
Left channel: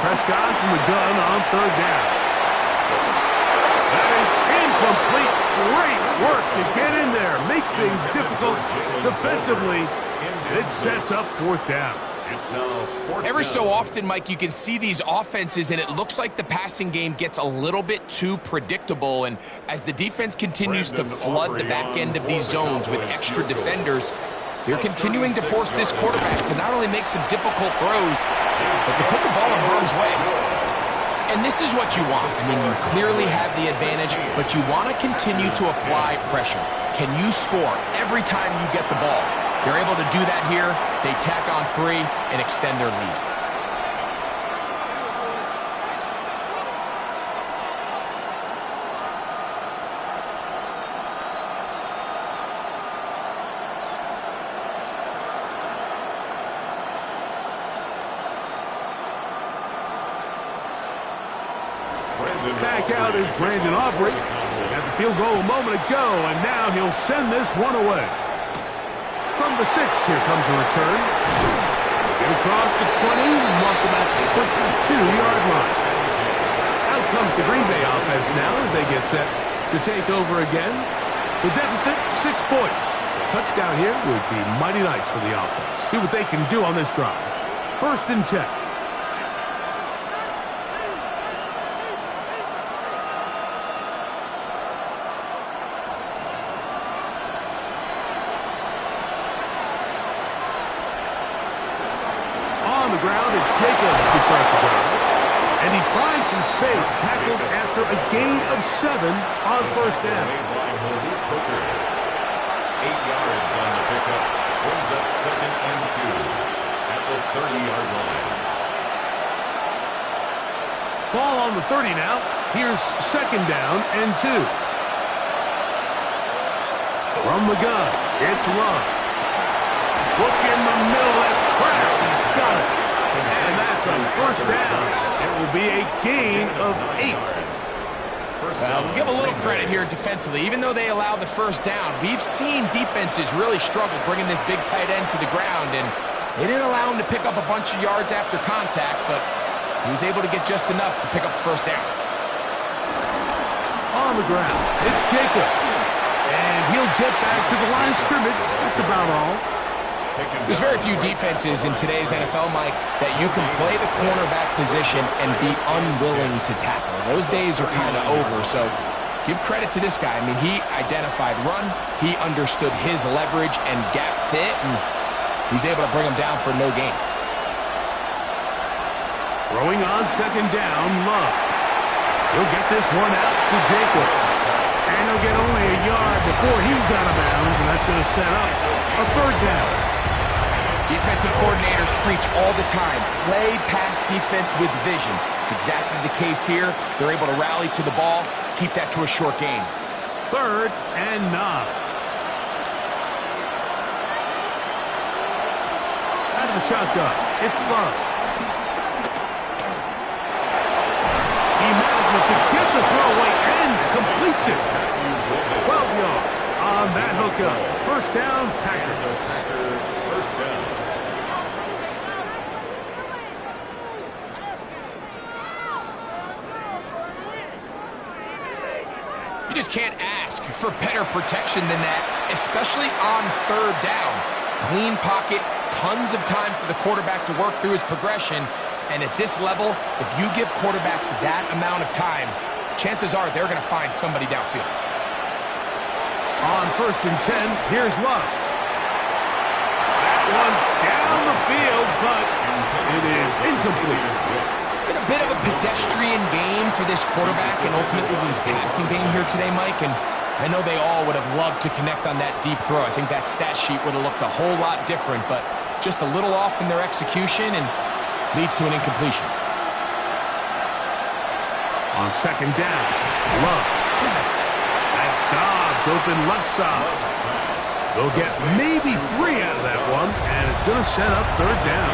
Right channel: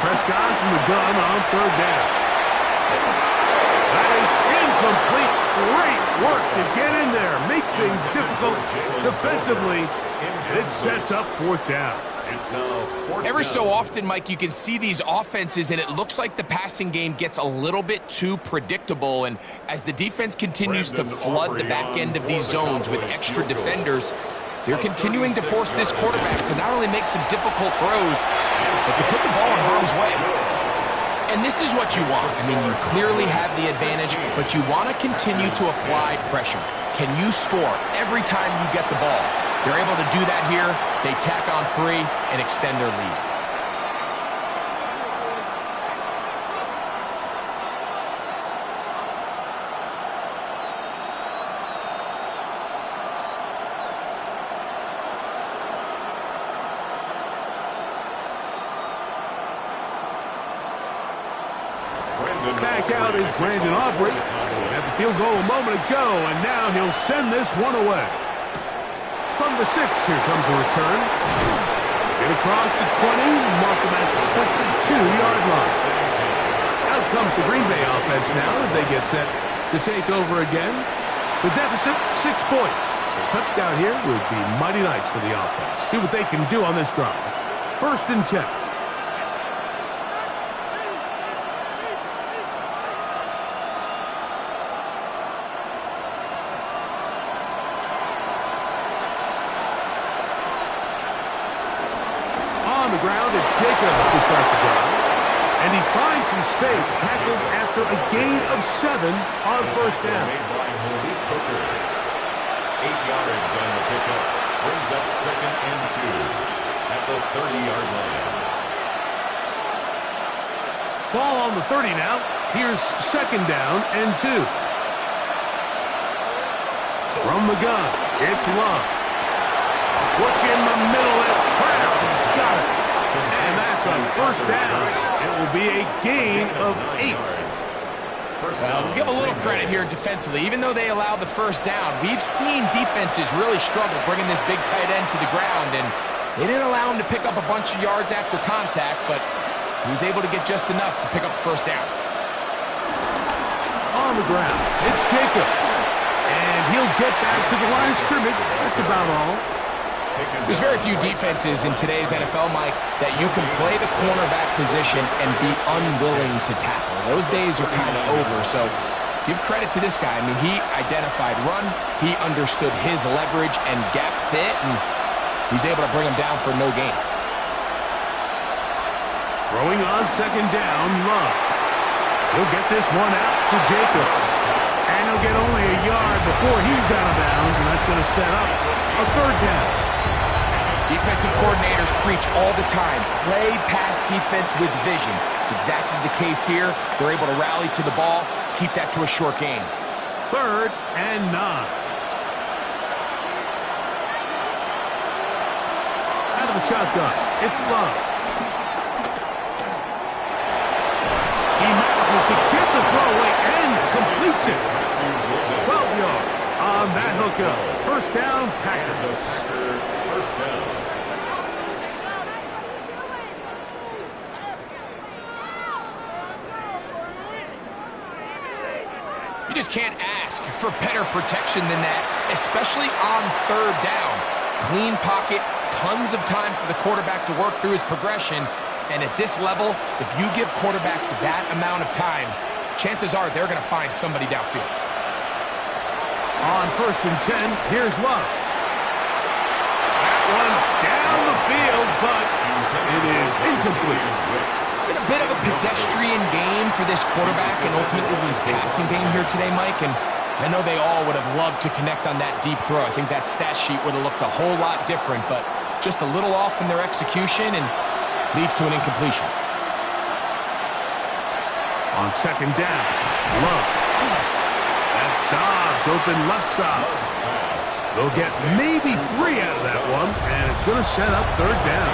Prescott from the gun on 3rd down. That is incomplete. Great work to get in there, make things difficult defensively, and it sets up 4th down. It's now 4th Every down. so often, Mike, you can see these offenses, and it looks like the passing game gets a little bit too predictable. And as the defense continues to flood the back end of these zones with extra defenders, they're continuing to force this quarterback to not only make some difficult throws, but to put the ball in harm's way. And this is what you want. I mean, you clearly have the advantage, but you want to continue to apply pressure. Can you score every time you get the ball? They're able to do that here. They tack on 3 and extend their lead. Back out is Brandon Aubrey. Had the field goal a moment ago, and now he'll send this one away. From the 6, here comes a return. Get across the 20, mark them at the 22-yard line. Out comes the Green Bay offense now as they get set to take over again. The deficit, 6 points. A touchdown here would be mighty nice for the offense. See what they can do on this drive. 1st and 10. On the ground, it's Jacobs to start the drive. And he finds some space, tackled after a gain of 7 on 1st down. Made by Malik Hooker. 8 yards on the pickup. Brings up 2nd and 2 at the 30-yard line. Ball on the 30 now. Here's 2nd down and 2. From the gun, it's Love. Look in the middle, that's Kraft. He's got it. And that's a 1st down. It will be a gain of 8. We'll give a little credit here defensively. Even though they allow the 1st down, we've seen defenses really struggle bringing this big tight end to the ground, and they didn't allow him to pick up a bunch of yards after contact, but he was able to get just enough to pick up the 1st down. On the ground, it's Jacobs. And he'll get back to the line of scrimmage. That's about all. There's very few defenses in today's NFL, Mike, that you can play the cornerback position and be unwilling to tackle. Those days are kind of over, so give credit to this guy. I mean, he identified run, he understood his leverage and gap fit, and he's able to bring him down for no gain. Throwing on 2nd down, Love. He'll get this one out to Jacobs. And he'll get only a yard before he's out of bounds, and that's going to set up a 3rd down. Defensive coordinators preach all the time, play pass defense with vision. It's exactly the case here. They're able to rally to the ball, keep that to a short gain. 3rd and 9. Out of the shotgun, it's Love. He manages to get the throw away and completes it. 12 yards on that hookup. 1st down, Packers. Packer 1st down. You just can't ask for better protection than that, especially on 3rd down. Clean pocket, tons of time for the quarterback to work through his progression. And at this level, if you give quarterbacks that amount of time, chances are they're going to find somebody downfield. On 1st and 10, here's Love. That one down the field, but it is incomplete. It's been a bit of a pedestrian game for this quarterback and ultimately his passing game here today, Mike. And I know they all would have loved to connect on that deep throw. I think that stat sheet would have looked a whole lot different, but just a little off in their execution, and Leads to an incompletion. On second down, Love. That's Dobbs open left side. They'll get maybe 3 out of that one, and it's going to set up third down.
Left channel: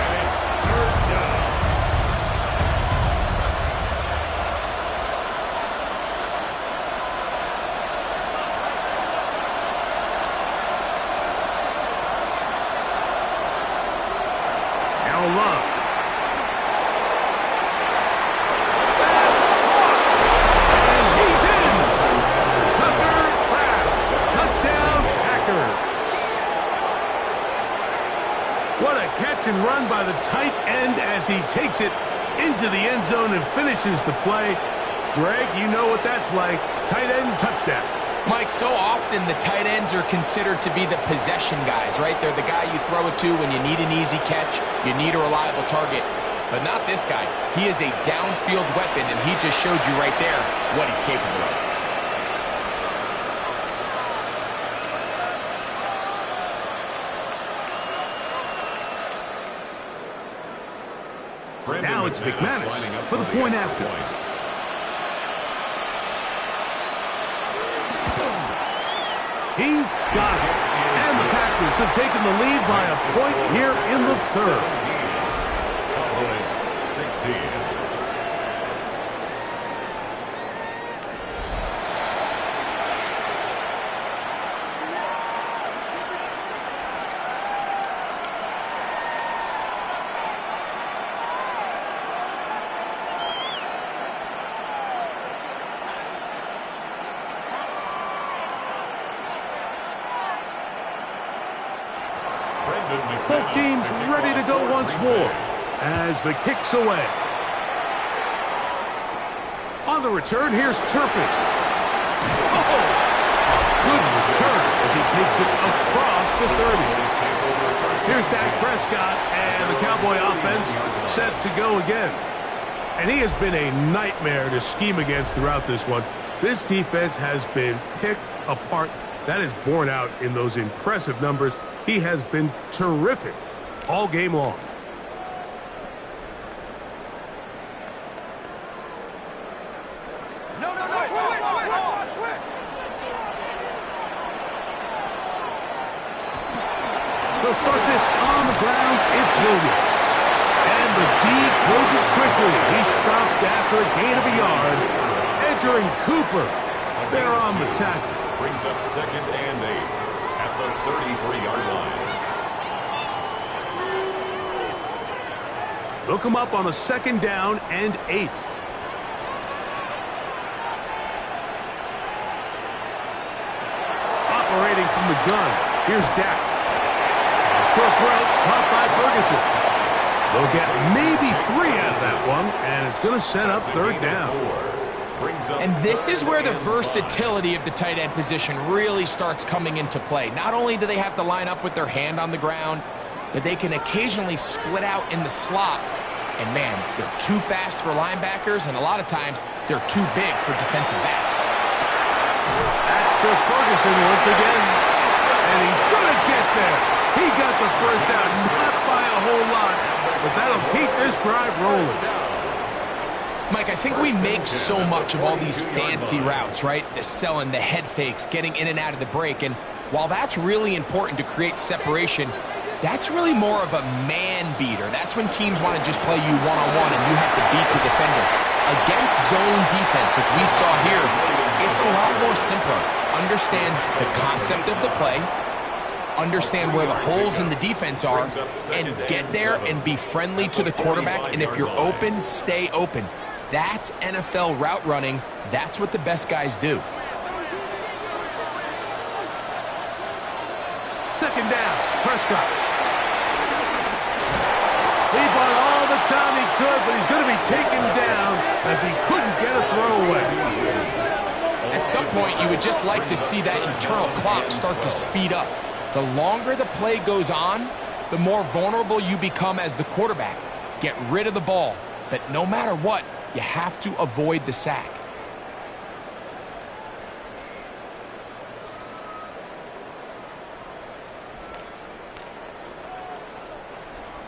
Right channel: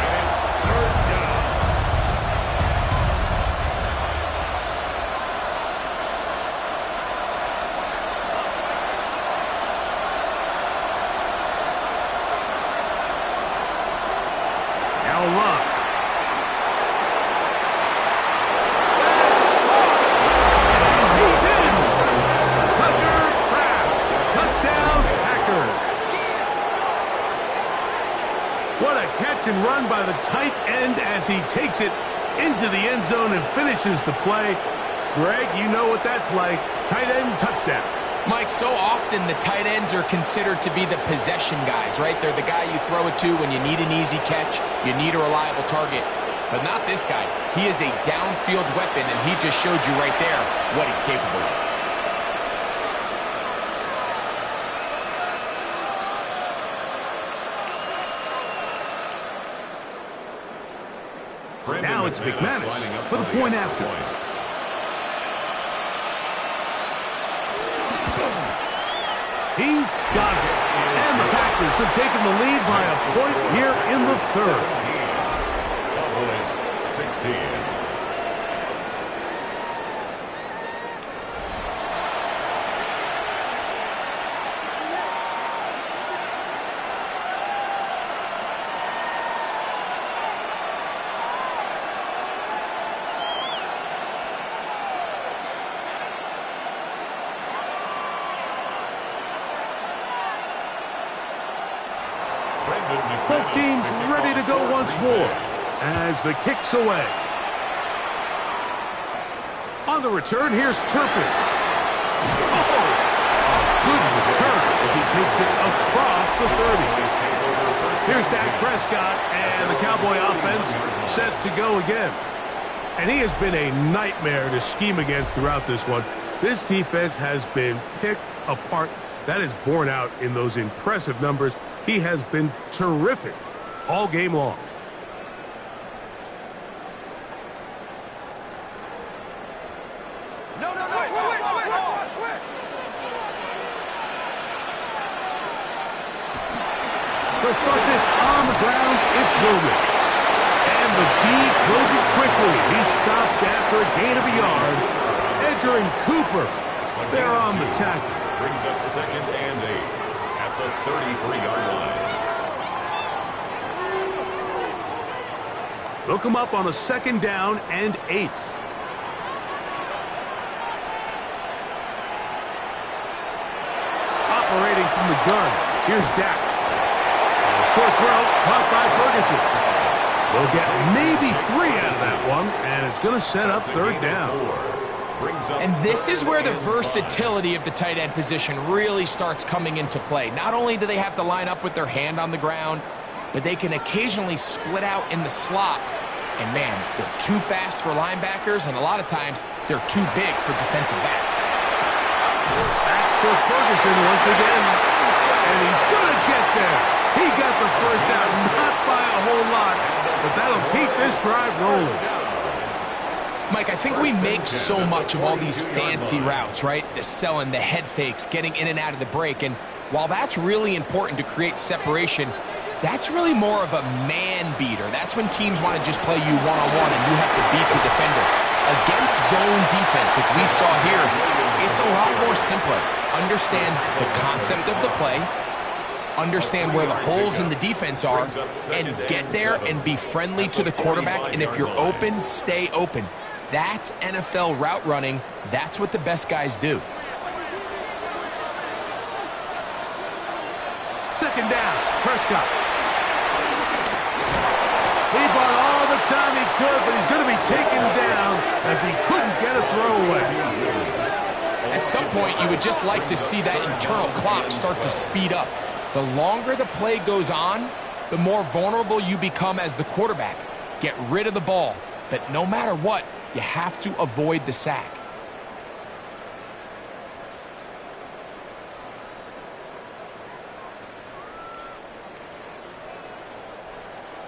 And it's third down. Now Love. What a catch and run by the tight end as he takes it into the end zone and finishes the play. Greg, you know what that's like. Tight end touchdown. Mike, so often the tight ends are considered to be the possession guys, right? They're the guy you throw it to when you need an easy catch, you need a reliable target. But not this guy. He is a downfield weapon, and he just showed you right there what he's capable of. Now it's McManus for the point after. He's got it. And the Packers have taken the lead by a point here in the third. Cowboys 16. Both teams ready to go once more as the kick's away. On the return, here's Turpin. Oh, a good return as he takes it across the 30. Here's Dak Prescott and the Cowboy offense set to go again. And he has been a nightmare to scheme against throughout this one. This defense has been picked apart. That is borne out in those impressive numbers. He has been terrific all game long. They'll start this on the ground. It's Williams. And the D closes quickly. He's stopped after a gain of a yard. Edger and Cooper, they're on the tackle. Brings up 2nd and 8 at the 33-yard line. They'll come up on a 2nd down and 8. Operating from the gun, here's Dak. A short throw, caught by Ferguson. They'll get maybe 3 out of that one, and it's going to set up 3rd down. And this is where the versatility of the tight end position really starts coming into play. Not only do they have to line up with their hand on the ground, but they can occasionally split out in the slot. And man, they're too fast for linebackers, and a lot of times they're too big for defensive backs. That's to Ferguson once again. And he's going to get there. He got the first down, not by a whole lot, but that'll keep this drive rolling. Mike, I think we make so much of all these fancy routes, right? The selling, the head fakes, getting in and out of the break. And while that's really important to create separation, that's really more of a man beater. That's when teams want to just play you one-on-one and you have to beat the defender. Against zone defense, like we saw here, it's a lot more simpler. Understand the concept of the play, understand where the holes in the defense are, and get there and be friendly to the quarterback. And if you're open, stay open. That's NFL route running. That's what the best guys do. 2nd down, Prescott. He bought all the time he could, but he's going to be taken down as he couldn't get a throwaway. At some point, you would just like to see that internal clock start to speed up. The longer the play goes on, the more vulnerable you become as the quarterback. Get rid of the ball, but no matter what, you have to avoid the sack.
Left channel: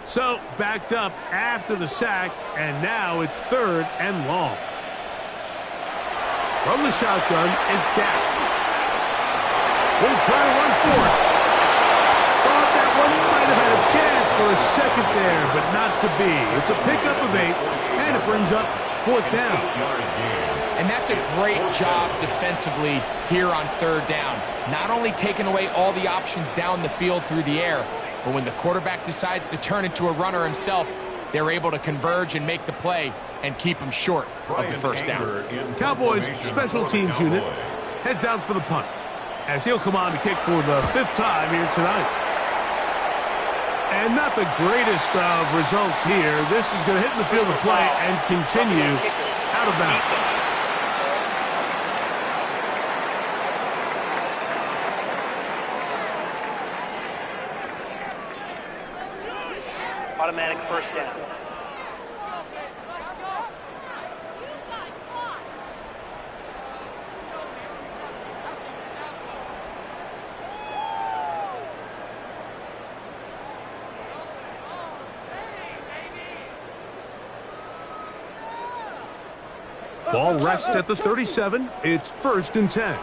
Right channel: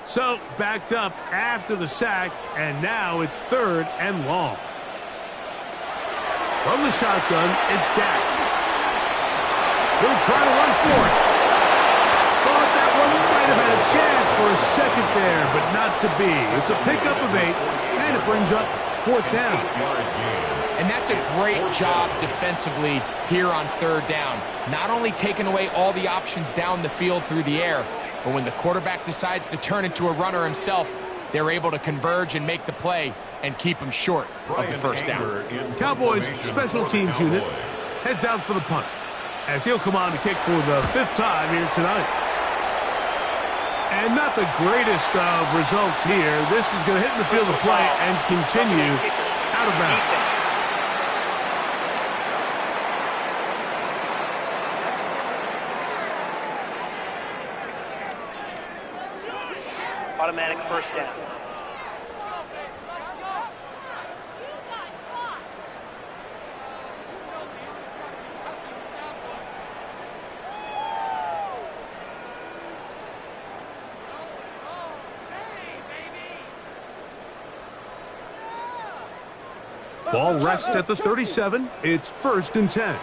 So, backed up after the sack, and now it's 3rd and long. From the shotgun, it's Dak. He'll try to run for it. Thought that one might have had a chance for a second there, but not to be. It's a pickup of 8, and it brings up 4th down. And that's a great job defensively here on 3rd down. Not only taking away all the options down the field through the air, but when the quarterback decides to turn into a runner himself, they're able to converge and make the play and keep him short of the 1st down. Cowboys special teams unit heads out for the punt, as he'll come on to kick for the 5th time here tonight. And not the greatest of results here. This is going to hit in the field of play and continue out of bounds. Automatic 1st down. Ball rests at the 37. It's 1st and 10.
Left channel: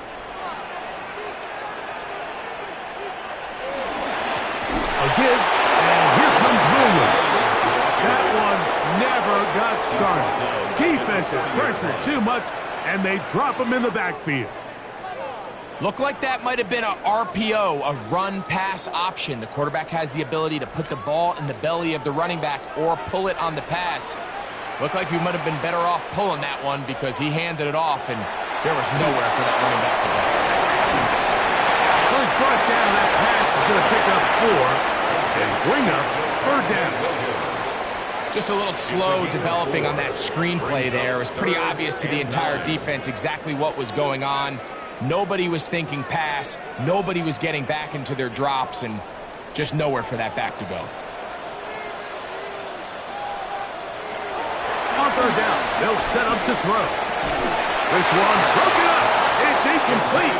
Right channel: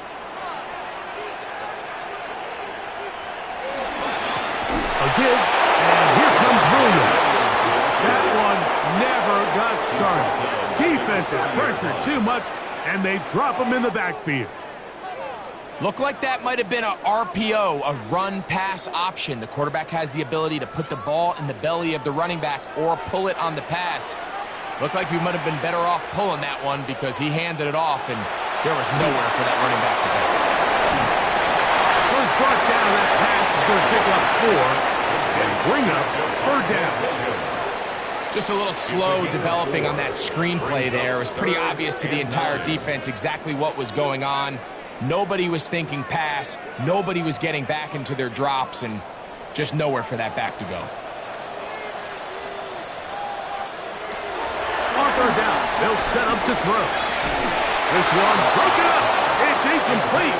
A give, and here comes Williams. That one never got started. Defensive pressure too much, and they drop him in the backfield. Looked like that might have been a RPO, a run-pass option. The quarterback has the ability to put the ball in the belly of the running back or pull it on the pass. Looked like he might have been better off pulling that one because he handed it off, and there was nowhere for that running back to go. So he's brought down. That pass is going to pick up 4 and bring up 3rd down. Just a little slow developing on that screenplay there. It was pretty obvious to the entire defense exactly what was going on. Nobody was thinking pass. Nobody was getting back into their drops, and just nowhere for that back to go. On 3rd down, they'll set up to throw. This one broken up. It's incomplete.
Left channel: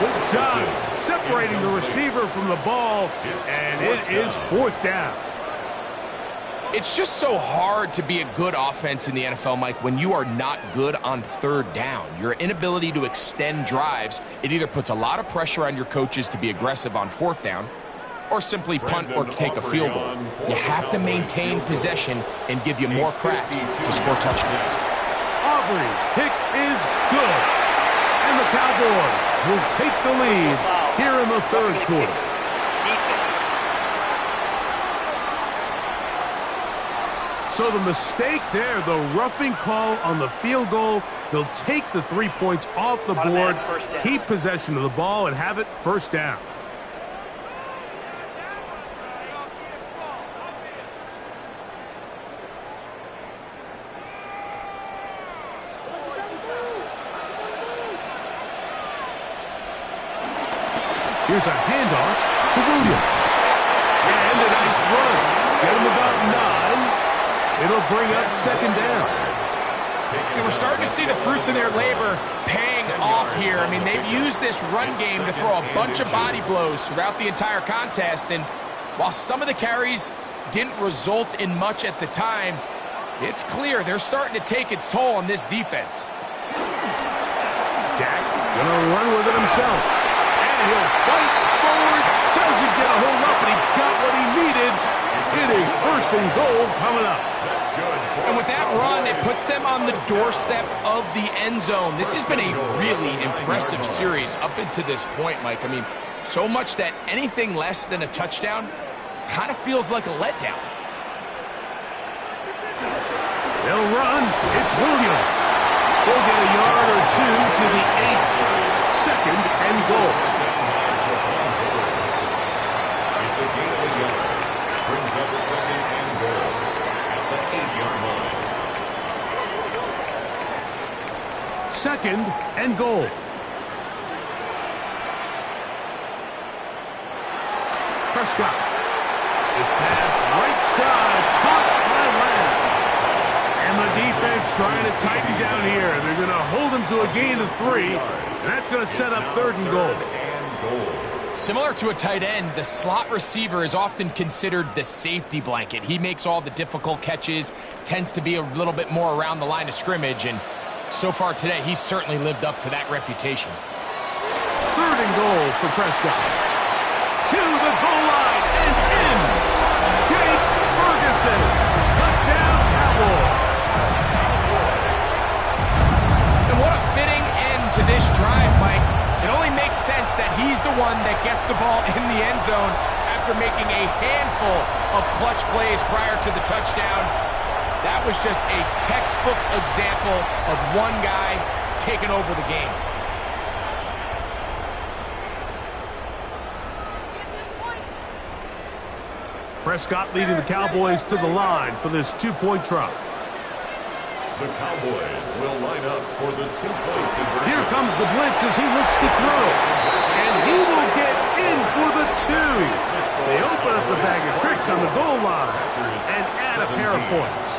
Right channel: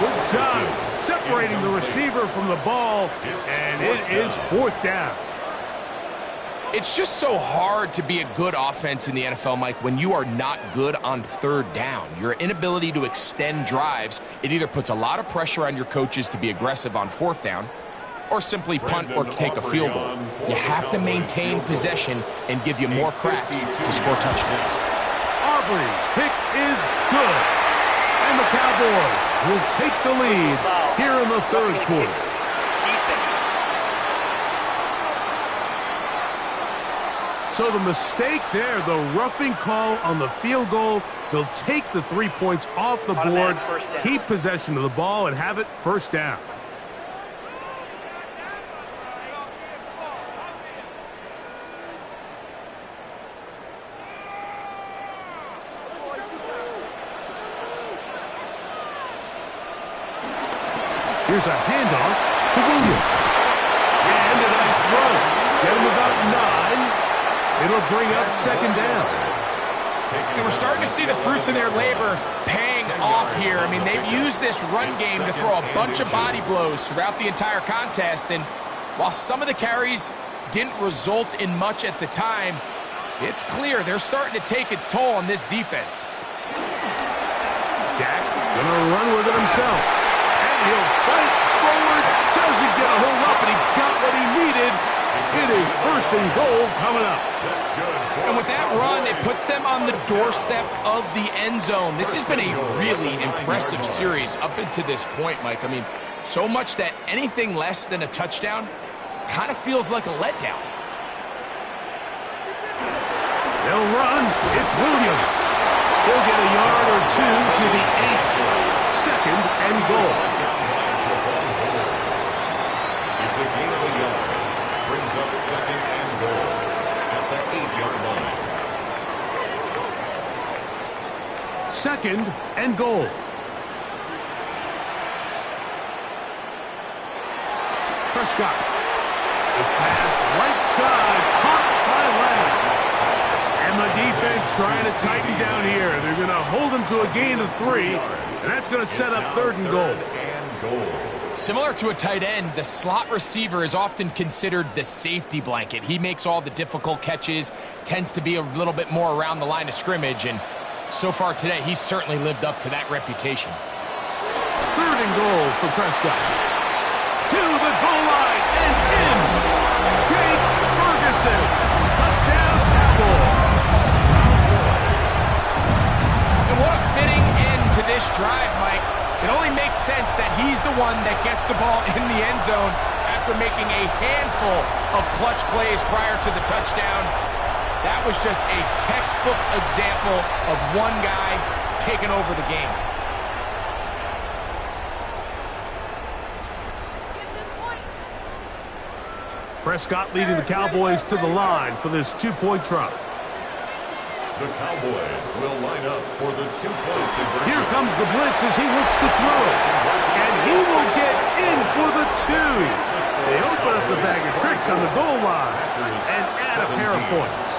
Good job separating the receiver from the ball, and it is 4th down. It's just so hard to be a good offense in the NFL, Mike, when you are not good on 3rd down. Your inability to extend drives, it either puts a lot of pressure on your coaches to be aggressive on 4th down, or simply punt or take a field goal. You have to maintain possession and give you more cracks to score touchdowns. Aubrey's kick is good. And the Cowboys will take the lead here in the 3rd quarter. So the mistake there, the roughing call on the field goal, they'll take the 3 points off the board, keep possession of the ball, and have it 1st down. Here's a handoff to Williams. And a nice run. Get him about 9. It'll bring up 2nd down. And we're starting to see the fruits of their labor paying off here. I mean, they've used this run game to throw a bunch of body blows throughout the entire contest. And while some of the carries didn't result in much at the time, it's clear they're starting to take its toll on this defense. Dak gonna run with it himself. He'll fight forward, doesn't get a hold up, and he got what he needed. It is 1st and goal coming up. That's good. And with that run, it puts them on the doorstep of the end zone. This has been a really impressive series up until this point, Mike. I mean, so much that anything less than a touchdown kind of feels like a letdown. They'll run. It's Williams. He'll get a yard or 2 to the 8. 2nd and goal. It's a gain of a yard. Brings up 2nd and goal at the 8-yard line. 2nd and goal. Prescott. This pass right side, caught by Lamb. And the defense trying to tighten down here. They're going to hold him to a gain of 3, and that's going to set up 3rd and goal. Similar to a tight end, the slot receiver is often considered the safety blanket. He makes all the difficult catches, tends to be a little bit more around the line of scrimmage, and so far today, he's certainly lived up to that reputation. 3rd and goal for Prescott. To the goal line and in. Jake Ferguson. Touchdown, Cowboys. And what a fitting end to this drive, Mike. It only makes sense that he's the one that gets the ball in the end zone after making a handful of clutch plays prior to the touchdown. That was just a textbook example of one guy taking over the game. Prescott leading the Cowboys to the line for this 2-point try. The Cowboys will line up for the 2-point conversion. Here comes the blitz as he looks to throw. And he will get in for the 2. They open up the bag of tricks on the goal line and add a pair of points.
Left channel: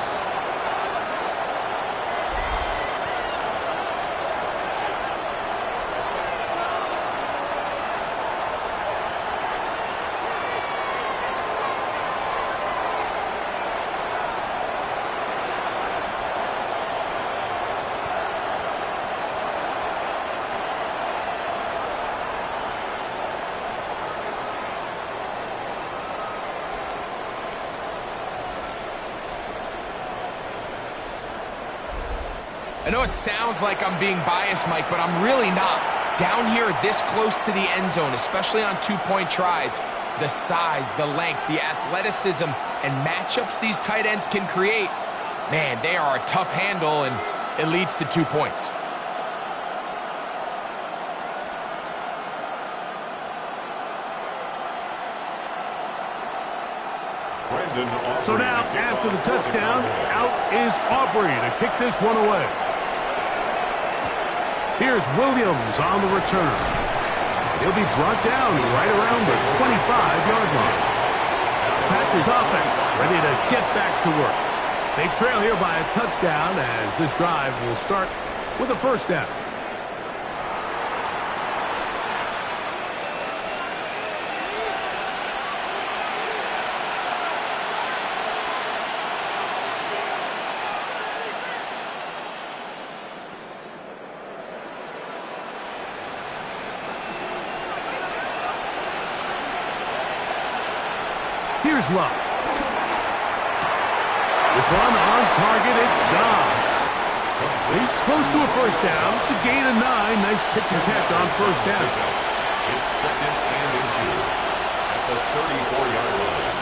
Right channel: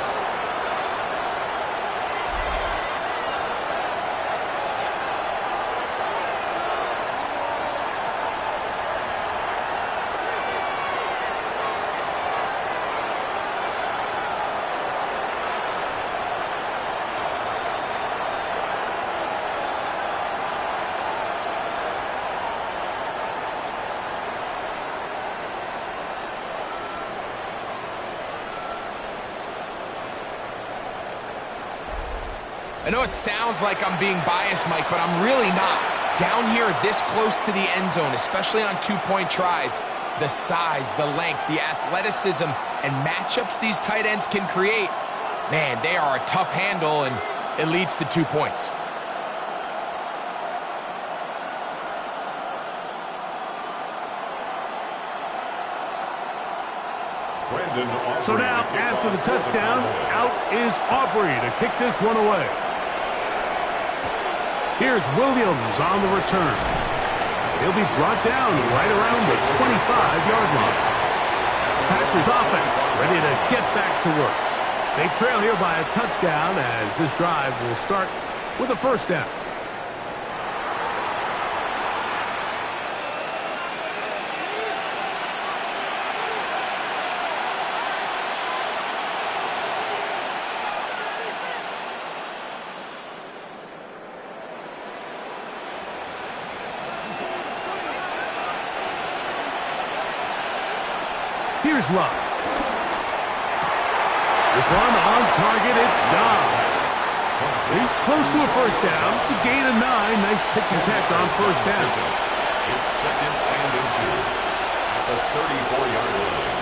I know it sounds like I'm being biased, Mike, but I'm really not. Down here this close to the end zone, especially on 2-point tries, the size, the length, the athleticism, and matchups these tight ends can create, man, they are a tough handle, and it leads to 2 points. So now, after the touchdown, out is Aubrey to kick this one away. Here's Williams on the return. He'll be brought down right around the 25-yard line. Packers offense ready to get back to work. They trail here by a touchdown as this drive will start with a 1st down. Here's Luck. This one on target, it's Dobbs. He's close to a 1st down to gain a 9. Nice pitch and catch on 1st down. It's 2nd and inches at the 34-yard line.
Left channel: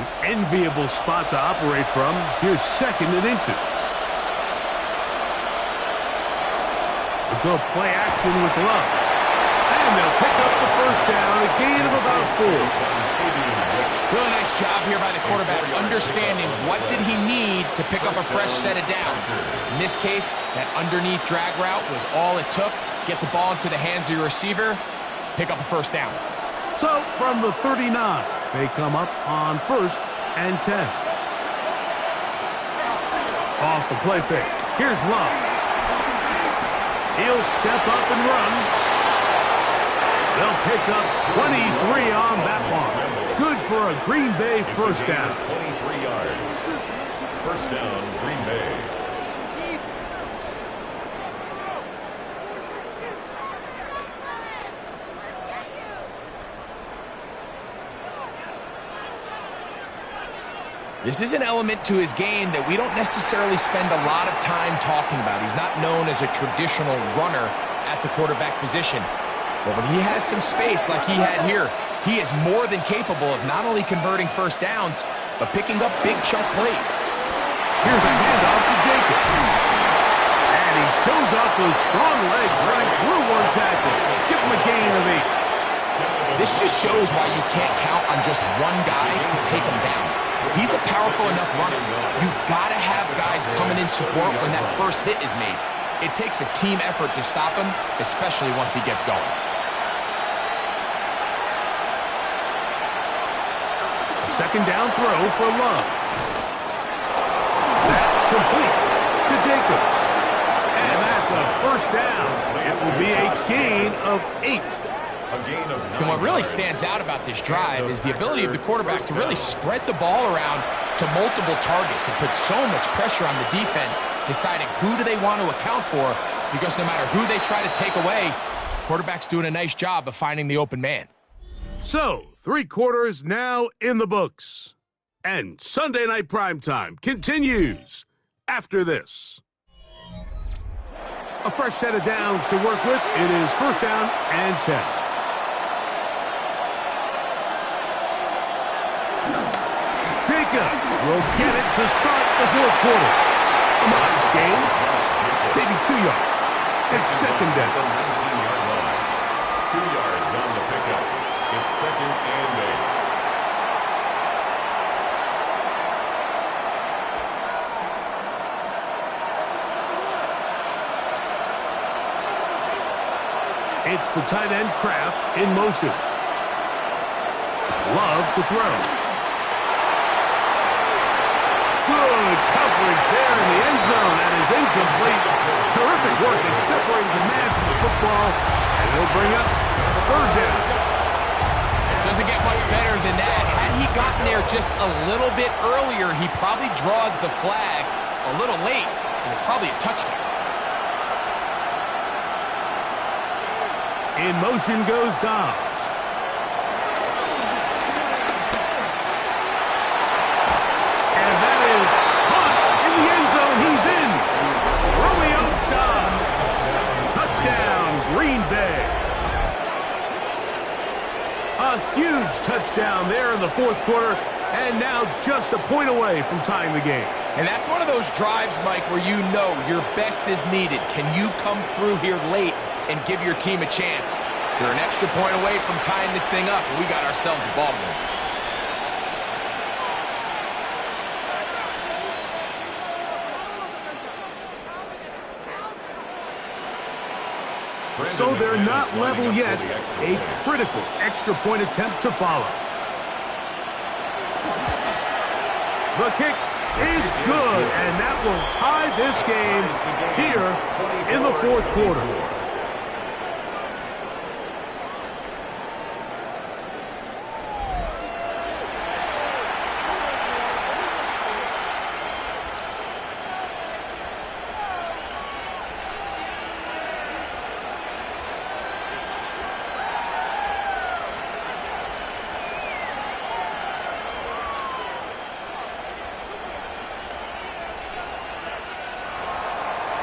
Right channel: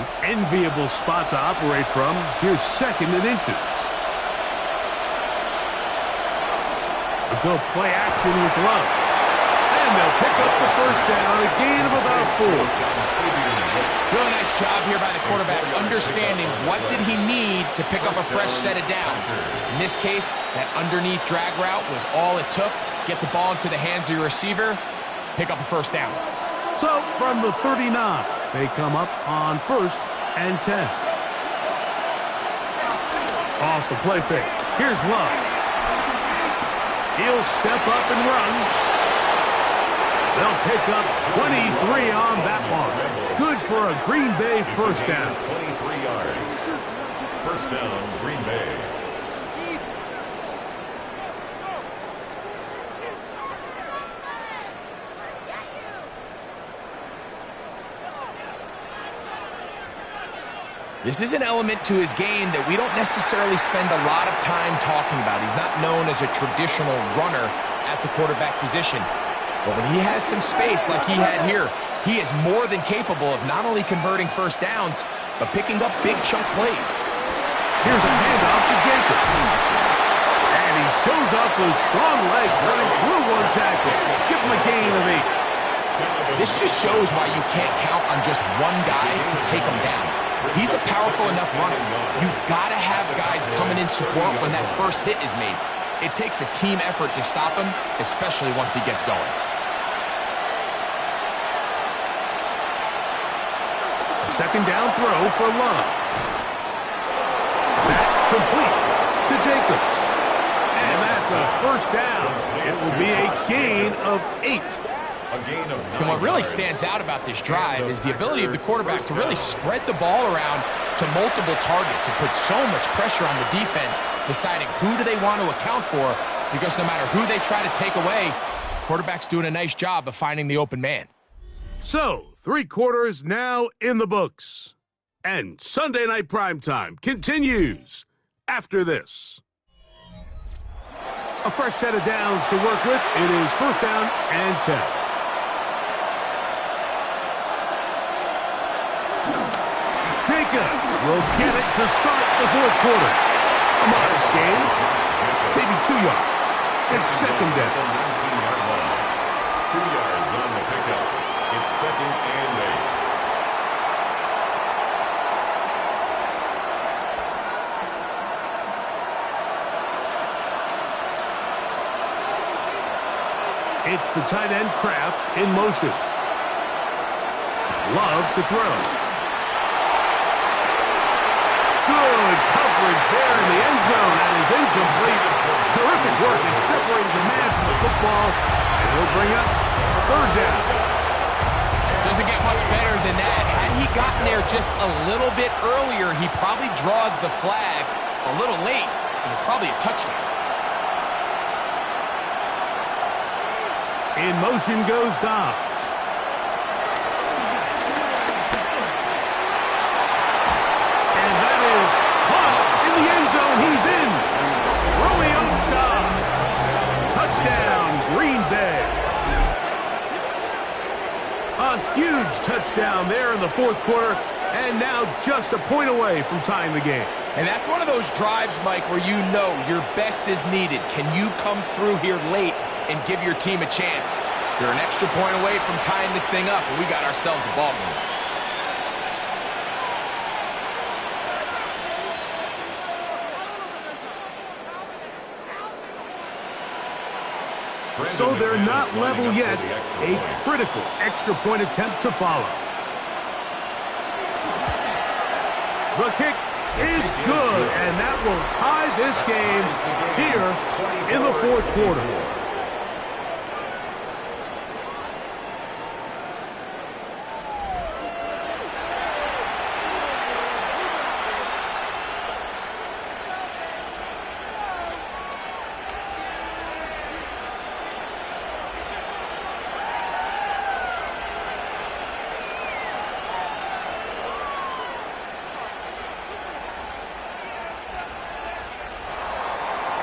An enviable spot to operate from. Here's 2nd and inches. A go play action with Love. And they'll pick up the 1st down, a gain of about 4. Really nice job here by the quarterback, understanding what did he need to pick up a fresh set of downs. In this case, that underneath drag route was all it took. Get the ball into the hands of your receiver, pick up a 1st down. So, from the 39, they come up on 1st and 10. Off the play fake. Here's Love. He'll step up and run. They'll pick up 23 on that one. Good for a Green Bay 1st down. 23 yards. 1st down, Green Bay. This is an element to his game that we don't necessarily spend a lot of time talking about. He's not known as a traditional runner at the quarterback position. But when he has some space like he had here, he is more than capable of not only converting 1st downs, but picking up big chunk plays. Here's a handoff to Jacobs. And he shows off those strong legs running through one tackle. Give him a gain of 8. This just shows why you can't count on just one guy to take him down. He's a powerful enough runner. You've got to have guys coming in support when that first hit is made. It takes a team effort to stop him, especially once he gets going. Second down throw for Love. That complete to Jacobs. And that's a first down. It will be a gain of 8. And what really stands out about this drive is the ability of the quarterback to really spread the ball around to multiple targets and put so much pressure on the defense, deciding who do they want to account for, because no matter who they try to take away, quarterback's doing a nice job of finding the open man. So, 3 quarters now in the books. And Sunday Night Primetime continues after this. A fresh set of downs to work with. It is first down and 10. Jacobs will get it to start the 4th quarter. A modest gain, maybe 2 yards. It's second down. The 19-yard line. 2 yards on the pickup. It's second and 8. It's the tight end Kraft in motion. Love to throw. Good coverage there in the end zone. That is incomplete. Terrific work is separating the man from the football, and it'll bring up 3rd down. Doesn't get much better than that. Had he gotten there just a little bit earlier, he probably draws the flag a little late, and it's probably a touchdown. In motion goes Dobbs. And that is caught in the end zone. He's in. Romeo Dobbs. Touchdown, Green Bay. A huge touchdown there in the 4th quarter, and now just a point away from tying the game. And that's one of those drives, Mike, where you know your best is needed. Can you come through here late and give your team a chance? They're an extra point away from tying this thing up, and we got ourselves a ball game. So they're not level yet. A critical extra point attempt to follow. The kick is good, and that will tie this game here in the 4th quarter.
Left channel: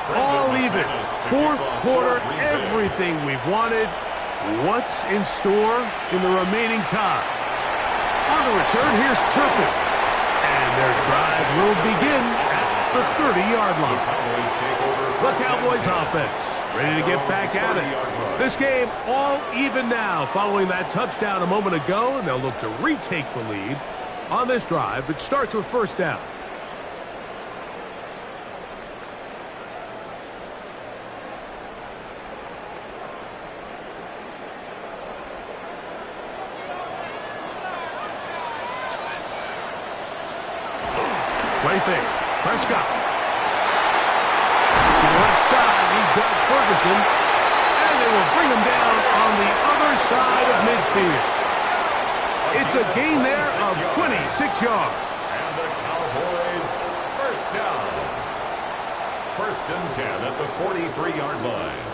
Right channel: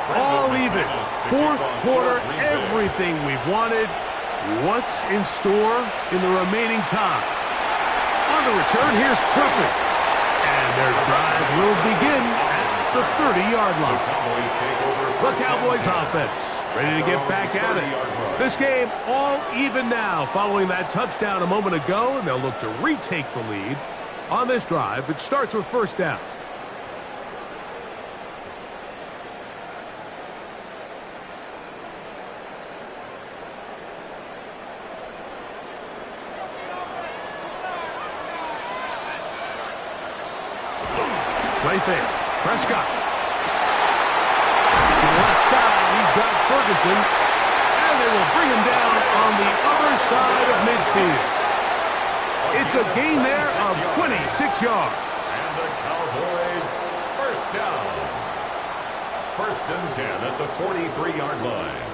All even. 4th quarter, everything we've wanted. What's in store in the remaining time? On the return, here's Turpin. And their drive will begin at the 30-yard line. The Cowboys offense ready to get back at it. This game all even now following that touchdown a moment ago, and they'll look to retake the lead on this drive. It starts with first down. Play fake. Prescott. To the left side, he's got Ferguson. And they will bring him down on the other side of midfield. It's a gain there of 26 yards. And the Cowboys first down. 1st and 10 at the 43-yard line.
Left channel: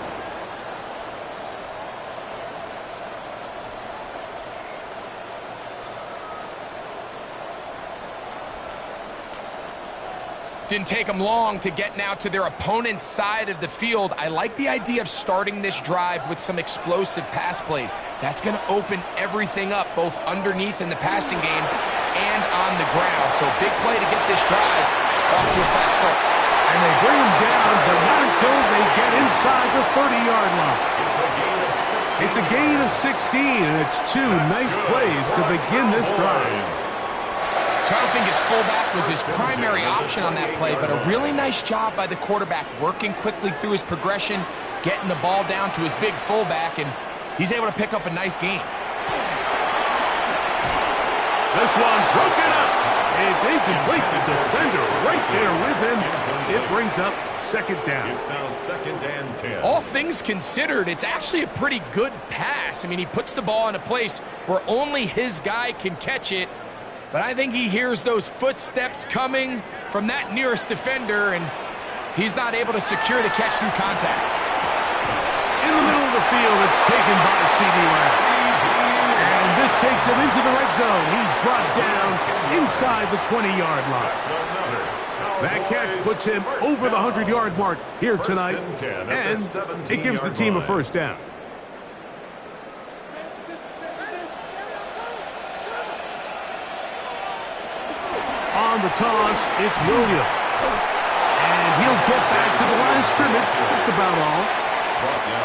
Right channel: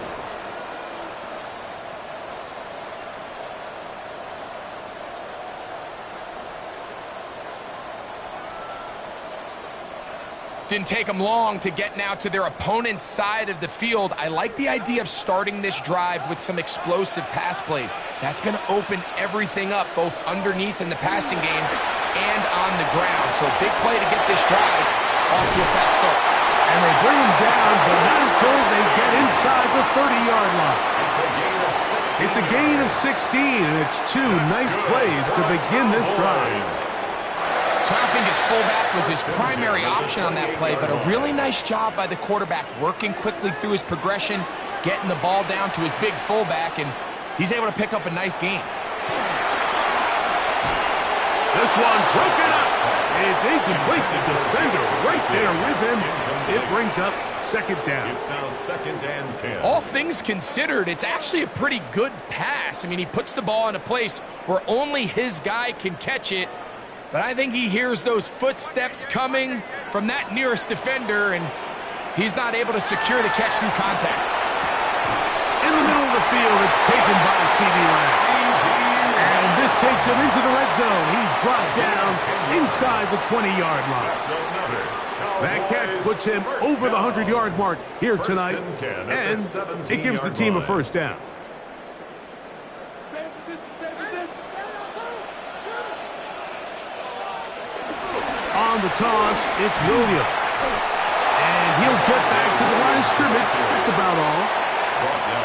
Didn't take them long to get now to their opponent's side of the field. I like the idea of starting this drive with some explosive pass plays. That's going to open everything up, both underneath in the passing game and on the ground. So big play to get this drive off to a fast start. And they bring him down, but not until they get inside the 30-yard line. It's a gain of 16. And it's 2 nice plays to begin this drive. So I don't think his fullback was his primary option on that play, but a really nice job by the quarterback working quickly through his progression, getting the ball down to his big fullback, and he's able to pick up a nice gain. This one broken up. It's incomplete. The defender right there with him. It brings up second down. It's now 2nd and 10. All things considered, it's actually a pretty good pass. I mean, he puts the ball in a place where only his guy can catch it. But I think he hears those footsteps coming from that nearest defender, and he's not able to secure the catch through contact. In the middle of the field, it's taken by C.D. Lamb. And this takes him into the red zone. He's brought down inside the 20-yard line. That catch puts him over the 100-yard mark here tonight, and it gives the team a first down. On the toss, it's Williams. And he'll get back to the line of scrimmage. That's about all.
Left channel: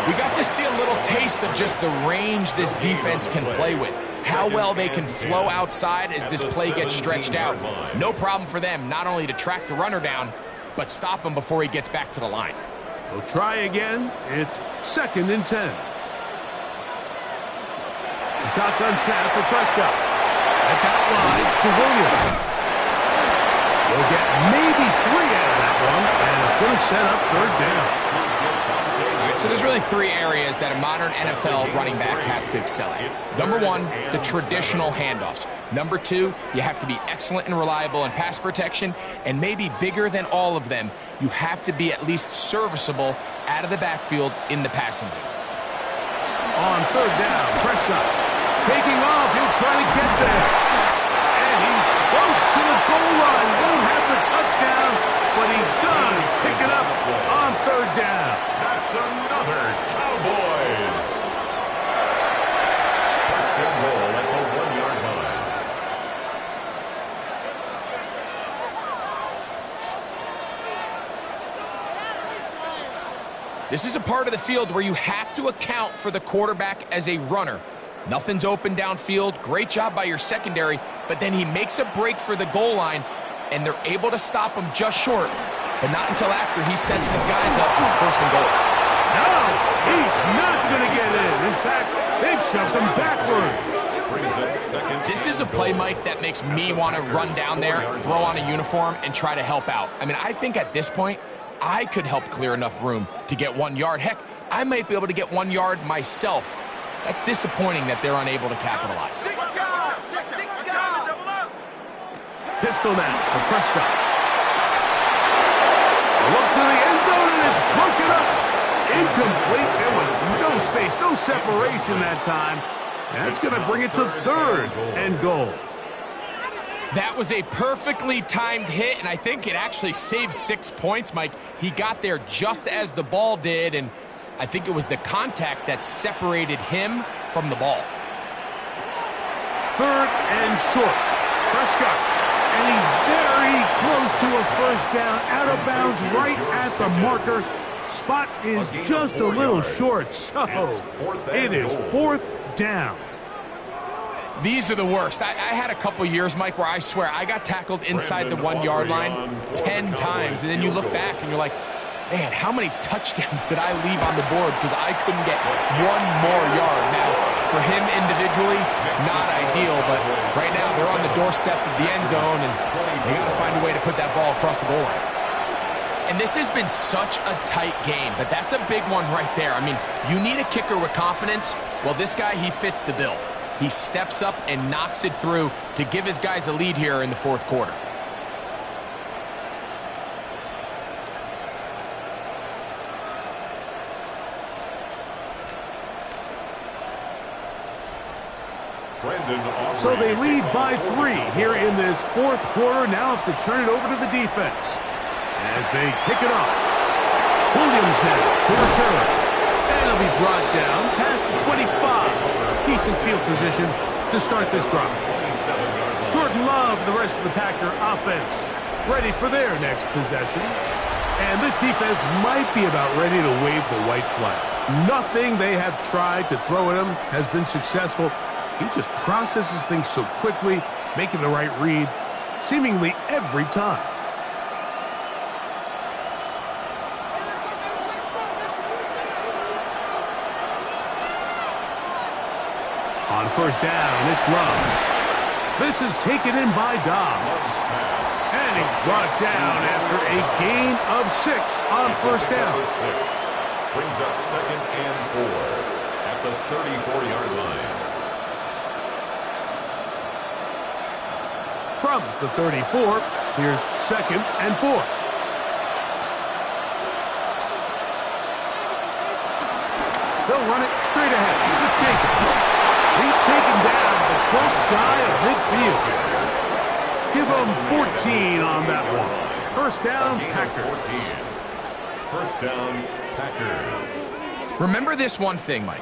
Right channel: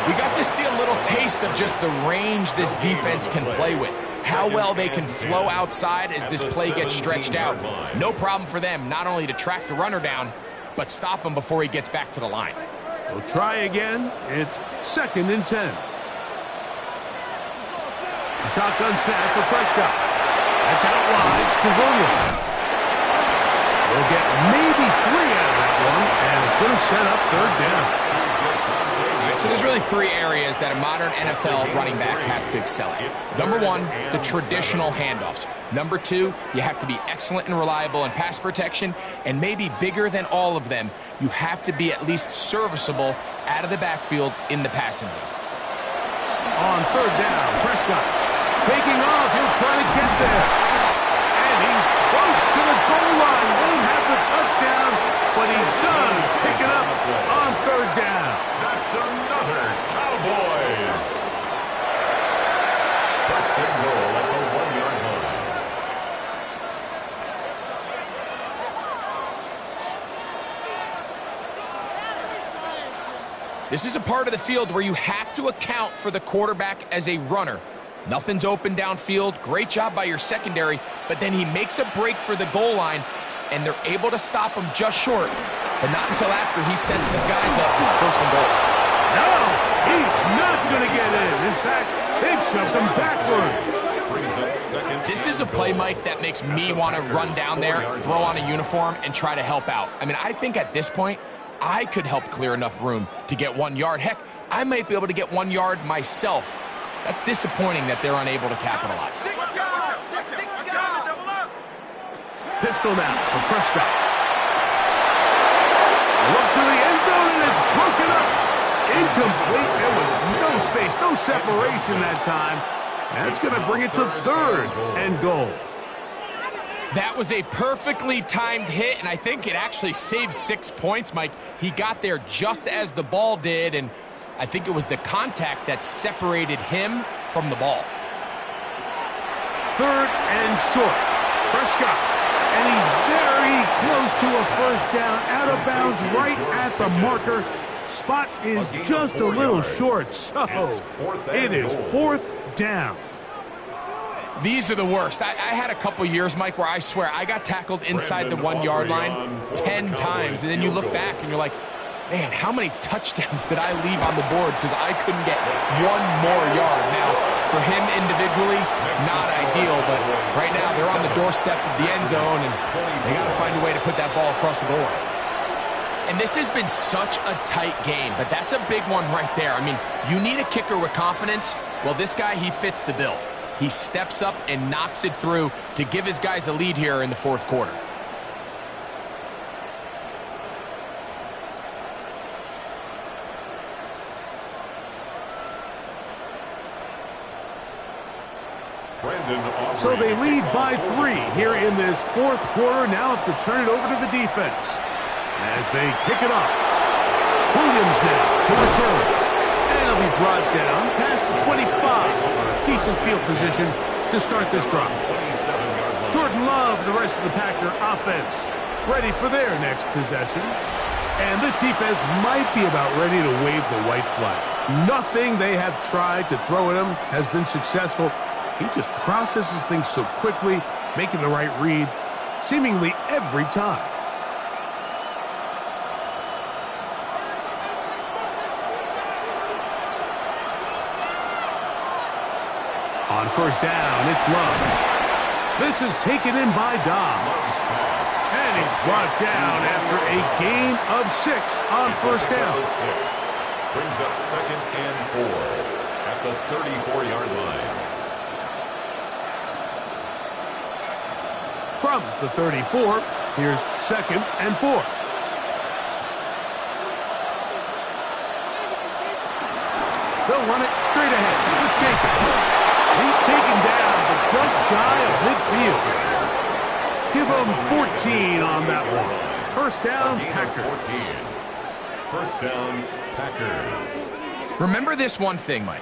We got to see a little taste of just the range this defense can play with. How well they can flow outside as this play gets stretched out. No problem for them not only to track the runner down, but stop him before he gets back to the line. They'll try again. It's 2nd and 10. A shotgun snap for Prescott. That's out wide to Williams. They'll get maybe 3 out of that one, and it's going to set up 3rd down. All right, so there's really 3 areas that a modern NFL running back has to excel at. Number 1, the traditional handoffs. Number 2, you have to be excellent and reliable in pass protection, and maybe bigger than all of them, you have to be at least serviceable out of the backfield in the passing game. On 3rd down, Prescott taking off. He'll try to get there. And he's close to the goal line. Won't have the touchdown, but he does pick it up on 3rd down. That's another Cowboys. 1st and goal at the 1-yard line. This is a part of the field where you have to account for the quarterback as a runner. Nothing's open downfield. Great job by your secondary, but then he makes a break for the goal line, and they're able to stop him just short, but not until after he sets his guys up 1st and goal. No, he's not going to get in. In fact, they've shoved him backwards. This is a play, Mike, that makes me want to run down there, throw on a uniform, and try to help out. I mean, I think at this point, I could help clear enough room to get 1 yard. Heck, I might be able to get 1 yard myself. That's disappointing that they're unable to capitalize. Pistol now for Prescott. A look to the end zone, and it's broken up. Incomplete. There was no space, no separation that time. That's going to bring it to 3rd and goal. That was a perfectly timed hit, and I think it actually saved 6 points, Mike. He got there just as the ball did, and I think it was the contact that separated him from the ball. 3rd and short. Prescott. And he's very close to a 1st down. Out of bounds right at the marker. Spot is just a little short, so it is 4th down. These are the worst. I had a couple years, Mike, where I swear I got tackled inside the 1 yard line 10 times, and then you look back and you're like, man, how many touchdowns did I leave on the board because I couldn't get 1 more yard? Now, for him individually, not ideal, but right now they're on the doorstep of the end zone, and they got to find a way to put that ball across the goal line. And this has been such a tight game, but that's a big one right there. I mean, you need a kicker with confidence. Well, this guy, he fits the bill. He steps up and knocks it through to give his guys a lead here in the 4th quarter. So they lead by 3 here in this 4th quarter. Now have to turn it over to the defense as they kick it off. Williams now to return. And he'll be brought down past the 25. Decent field position to start this drive. Jordan Love, the rest of the Packer offense, ready for their next possession. And this defense might be about ready to wave the white flag. Nothing they have tried to throw at him has been successful. He just processes things so quickly, making the right read, seemingly every time. On 1st down, it's Love. This is taken in by Dobbs. And he's brought down after a gain of 6 on first down. Brings up 2nd and 4 at the 34-yard line. From the 34, here's 2nd and 4. They'll run it straight ahead with Jacobs. He's taken down, but just shy of midfield. Give him 14 on that one. First down, Packers. 14. First down, Packers. Remember this one thing, Mike.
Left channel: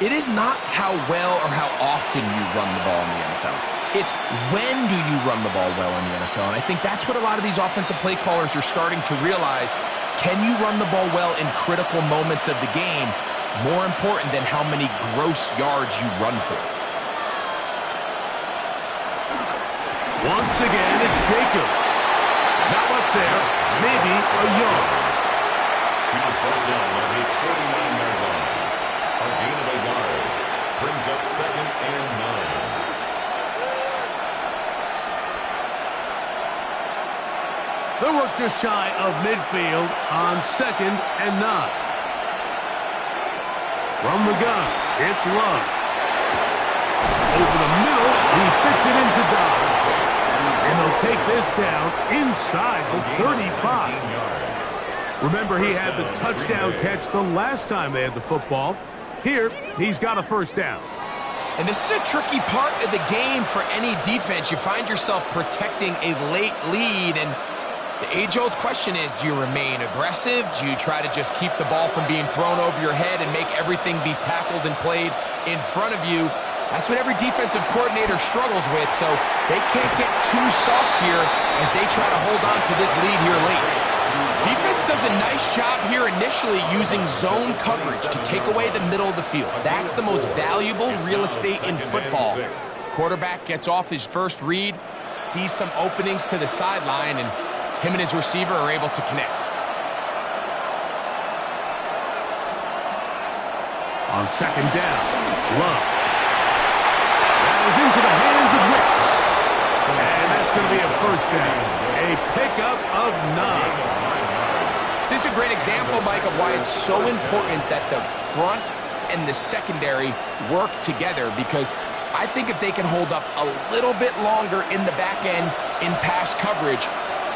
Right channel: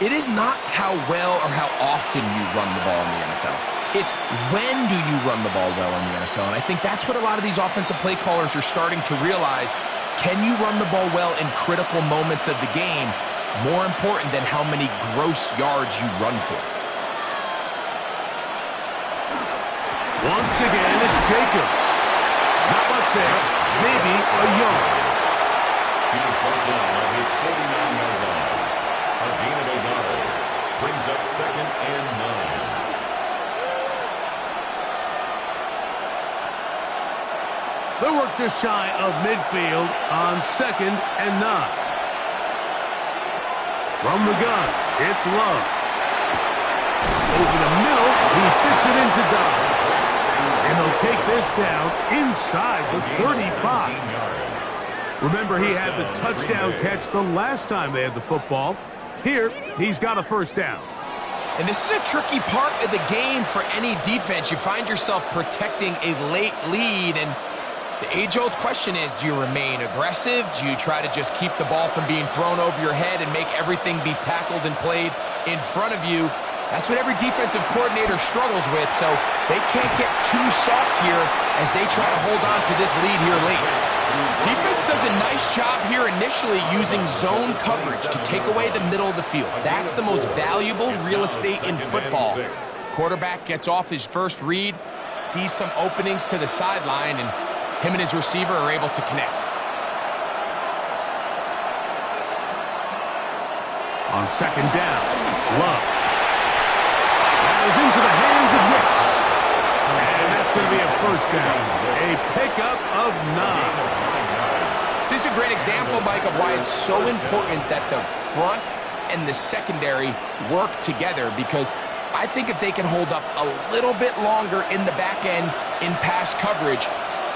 It is not how well or how often you run the ball in the NFL. It's when do you run the ball well in the NFL. And I think that's what a lot of these offensive play callers are starting to realize. Can you run the ball well in critical moments of the game? More important than how many gross yards you run for. Once again, it's Jacobs. Not much there. Maybe a yard. He was brought down on his 49-yard line. A gain of a yard. Brings up 2nd and 9. They work just shy of midfield on 2nd and 9. From the gun, it's Love. Over the middle, he fits it into Dobbs. And they'll take this down inside the 35. Remember, he had the touchdown catch the last time they had the football. Here, he's got a first down. And this is a tricky part of the game for any defense. You find yourself protecting a late lead, and the age-old question is, do you remain aggressive? Do you try to just keep the ball from being thrown over your head and make everything be tackled and played in front of you? That's what every defensive coordinator struggles with, so they can't get too soft here as they try to hold on to this lead here late. Defense does a nice job here initially using zone coverage to take away the middle of the field. That's the most valuable real estate in football. Quarterback gets off his first read, sees some openings to the sideline, and him and his receiver are able to connect. On 2nd down, Love. That is into the hands of Wicks. And that's going to be a first down. A pickup of 9. This is a great example, Mike, of why it's so important that the front and the secondary work together, because I think if they can hold up a little bit longer in the back end in pass coverage,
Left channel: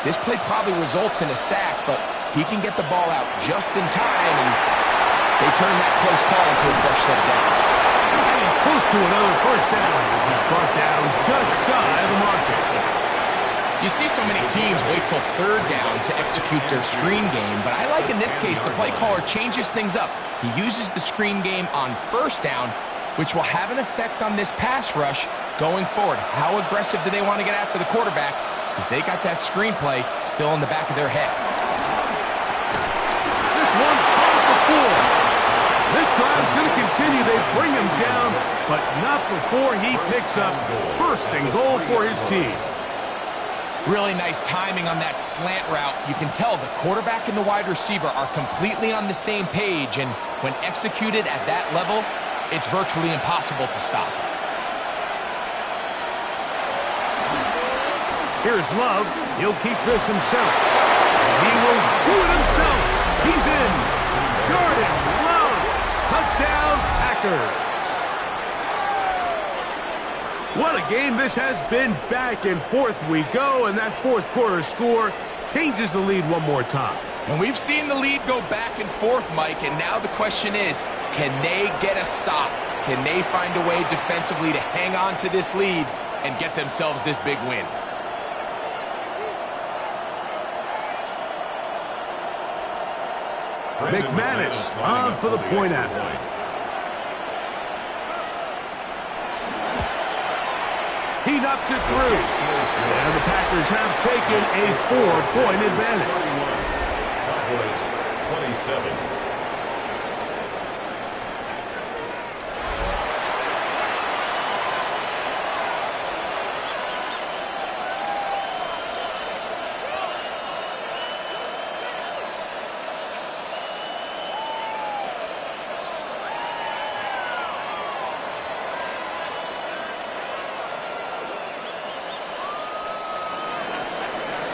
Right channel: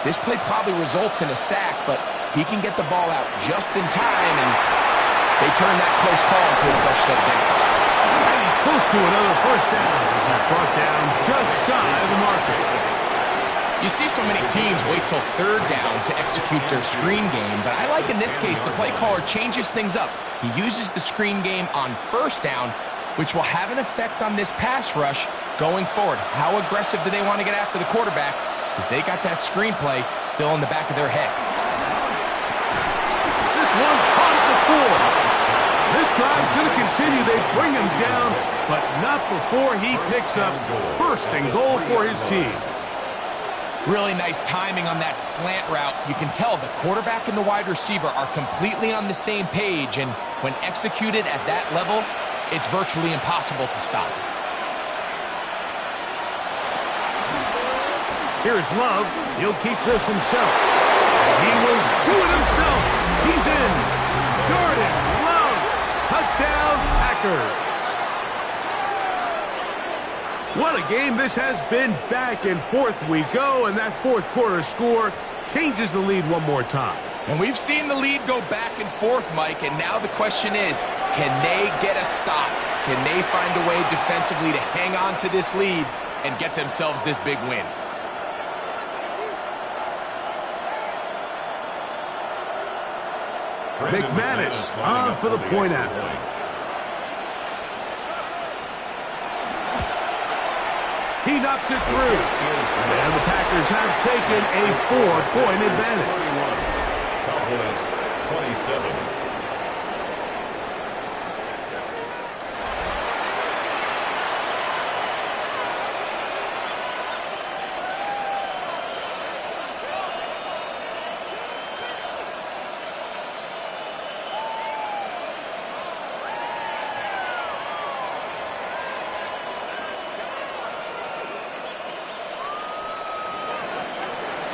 this play probably results in a sack, but he can get the ball out just in time, and they turn that close call into a fresh set of downs. And he's close to another first down as he's brought down just shy of the marker. You see so many teams wait till 3rd down to execute their screen game, but I like in this case the play caller changes things up. He uses the screen game on 1st down, which will have an effect on this pass rush going forward. How aggressive do they want to get after the quarterback? Because they got that screenplay still in the back of their head. This one caught at the 4. This drive's going to continue. They bring him down, but not before he picks up 1st and goal for his team. Really nice timing on that slant route. You can tell the quarterback and the wide receiver are completely on the same page, and when executed at that level, it's virtually impossible to stop. Here's Love. He'll keep this himself. And he will do it himself. He's in. Jordan Love. Touchdown, Packers. What a game this has been. Back and forth we go, and that 4th quarter score changes the lead one more time. And we've seen the lead go back and forth, Mike, and now the question is, can they get a stop? Can they find a way defensively to hang on to this lead and get themselves this big win? McManus on for the point after. He knocks it through. And the Packers have taken a 4-point advantage. Cowboys 27.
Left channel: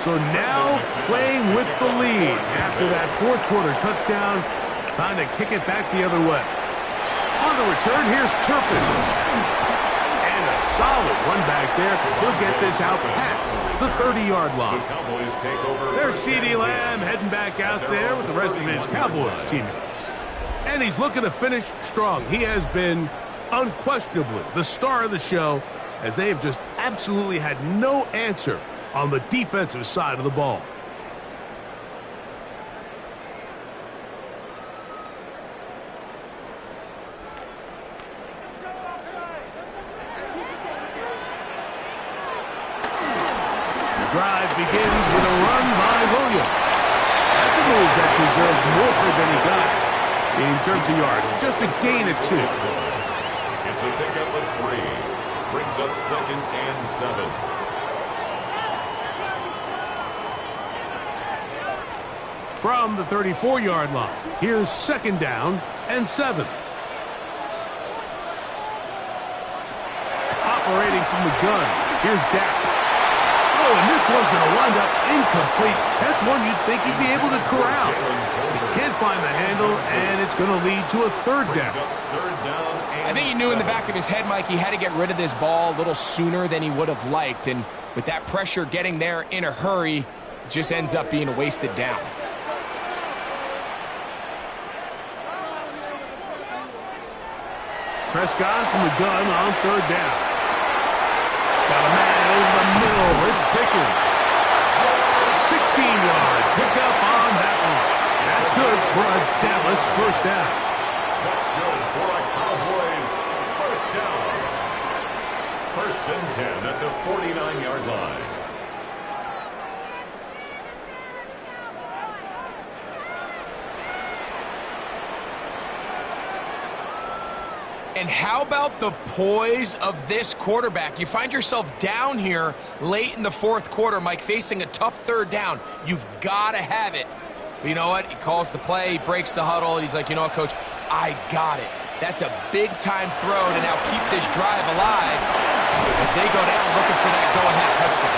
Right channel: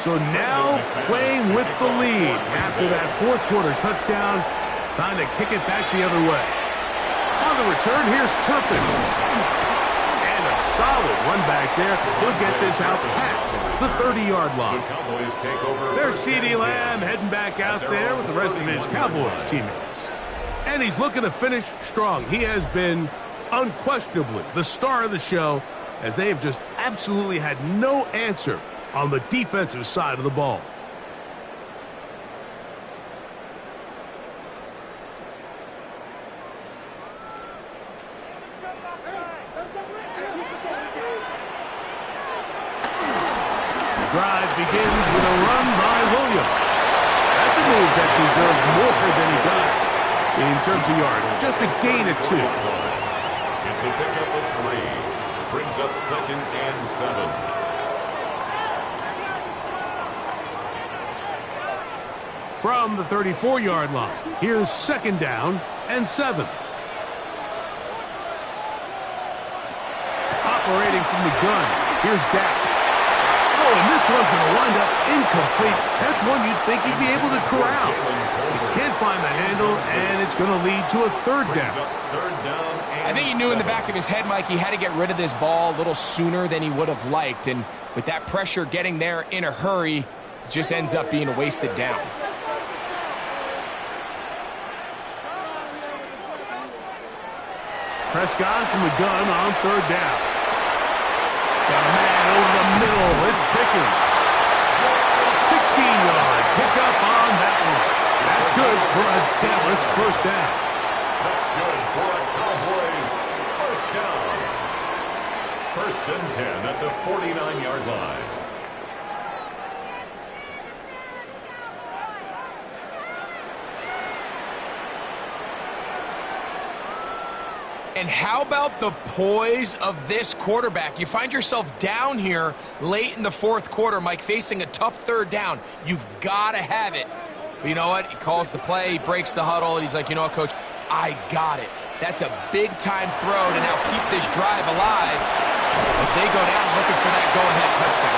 So now playing with the lead after that fourth quarter touchdown. Time to kick it back the other way. On the return, here's Turpin. And a solid run back there. He'll get this out past the 30-yard line. There's CeeDee Lamb heading back out there with the rest of his Cowboys teammates. And he's looking to finish strong. He has been unquestionably the star of the show, as they have just absolutely had no answer on the defensive side of the ball. The drive begins with a run by Williams. That's a move that deserved more than he got in terms of yards. Just a gain of 2. It's a pickup of 3. Brings up 2nd and 7. From the 34-yard line, here's 2nd down and 7. Operating from the gun, here's Dak. Oh, and this one's going to wind up incomplete. That's one you'd think you'd be able to corral. He can't find the handle, and it's going to lead to a 3rd down. I think he knew in the back of his head, Mike, he had to get rid of this ball a little sooner than he would have liked. And with that pressure getting there in a hurry, it just ends up being a wasted down. Prescott from the gun on 3rd down. Got a man over the middle. It's Pickens. 16-yard pickup on that one. That's good for a Dallas 1st down. That's good for a Cowboys 1st down. 1st and 10 at the 49-yard line. And how about the poise of this quarterback? You find yourself down here late in the 4th quarter, Mike, facing a tough 3rd down. You've got to have it. But you know what? He calls the play, he breaks the huddle, and he's like, you know what, Coach? I got it. That's a big-time throw to now keep this drive alive as they go down looking for that go-ahead touchdown.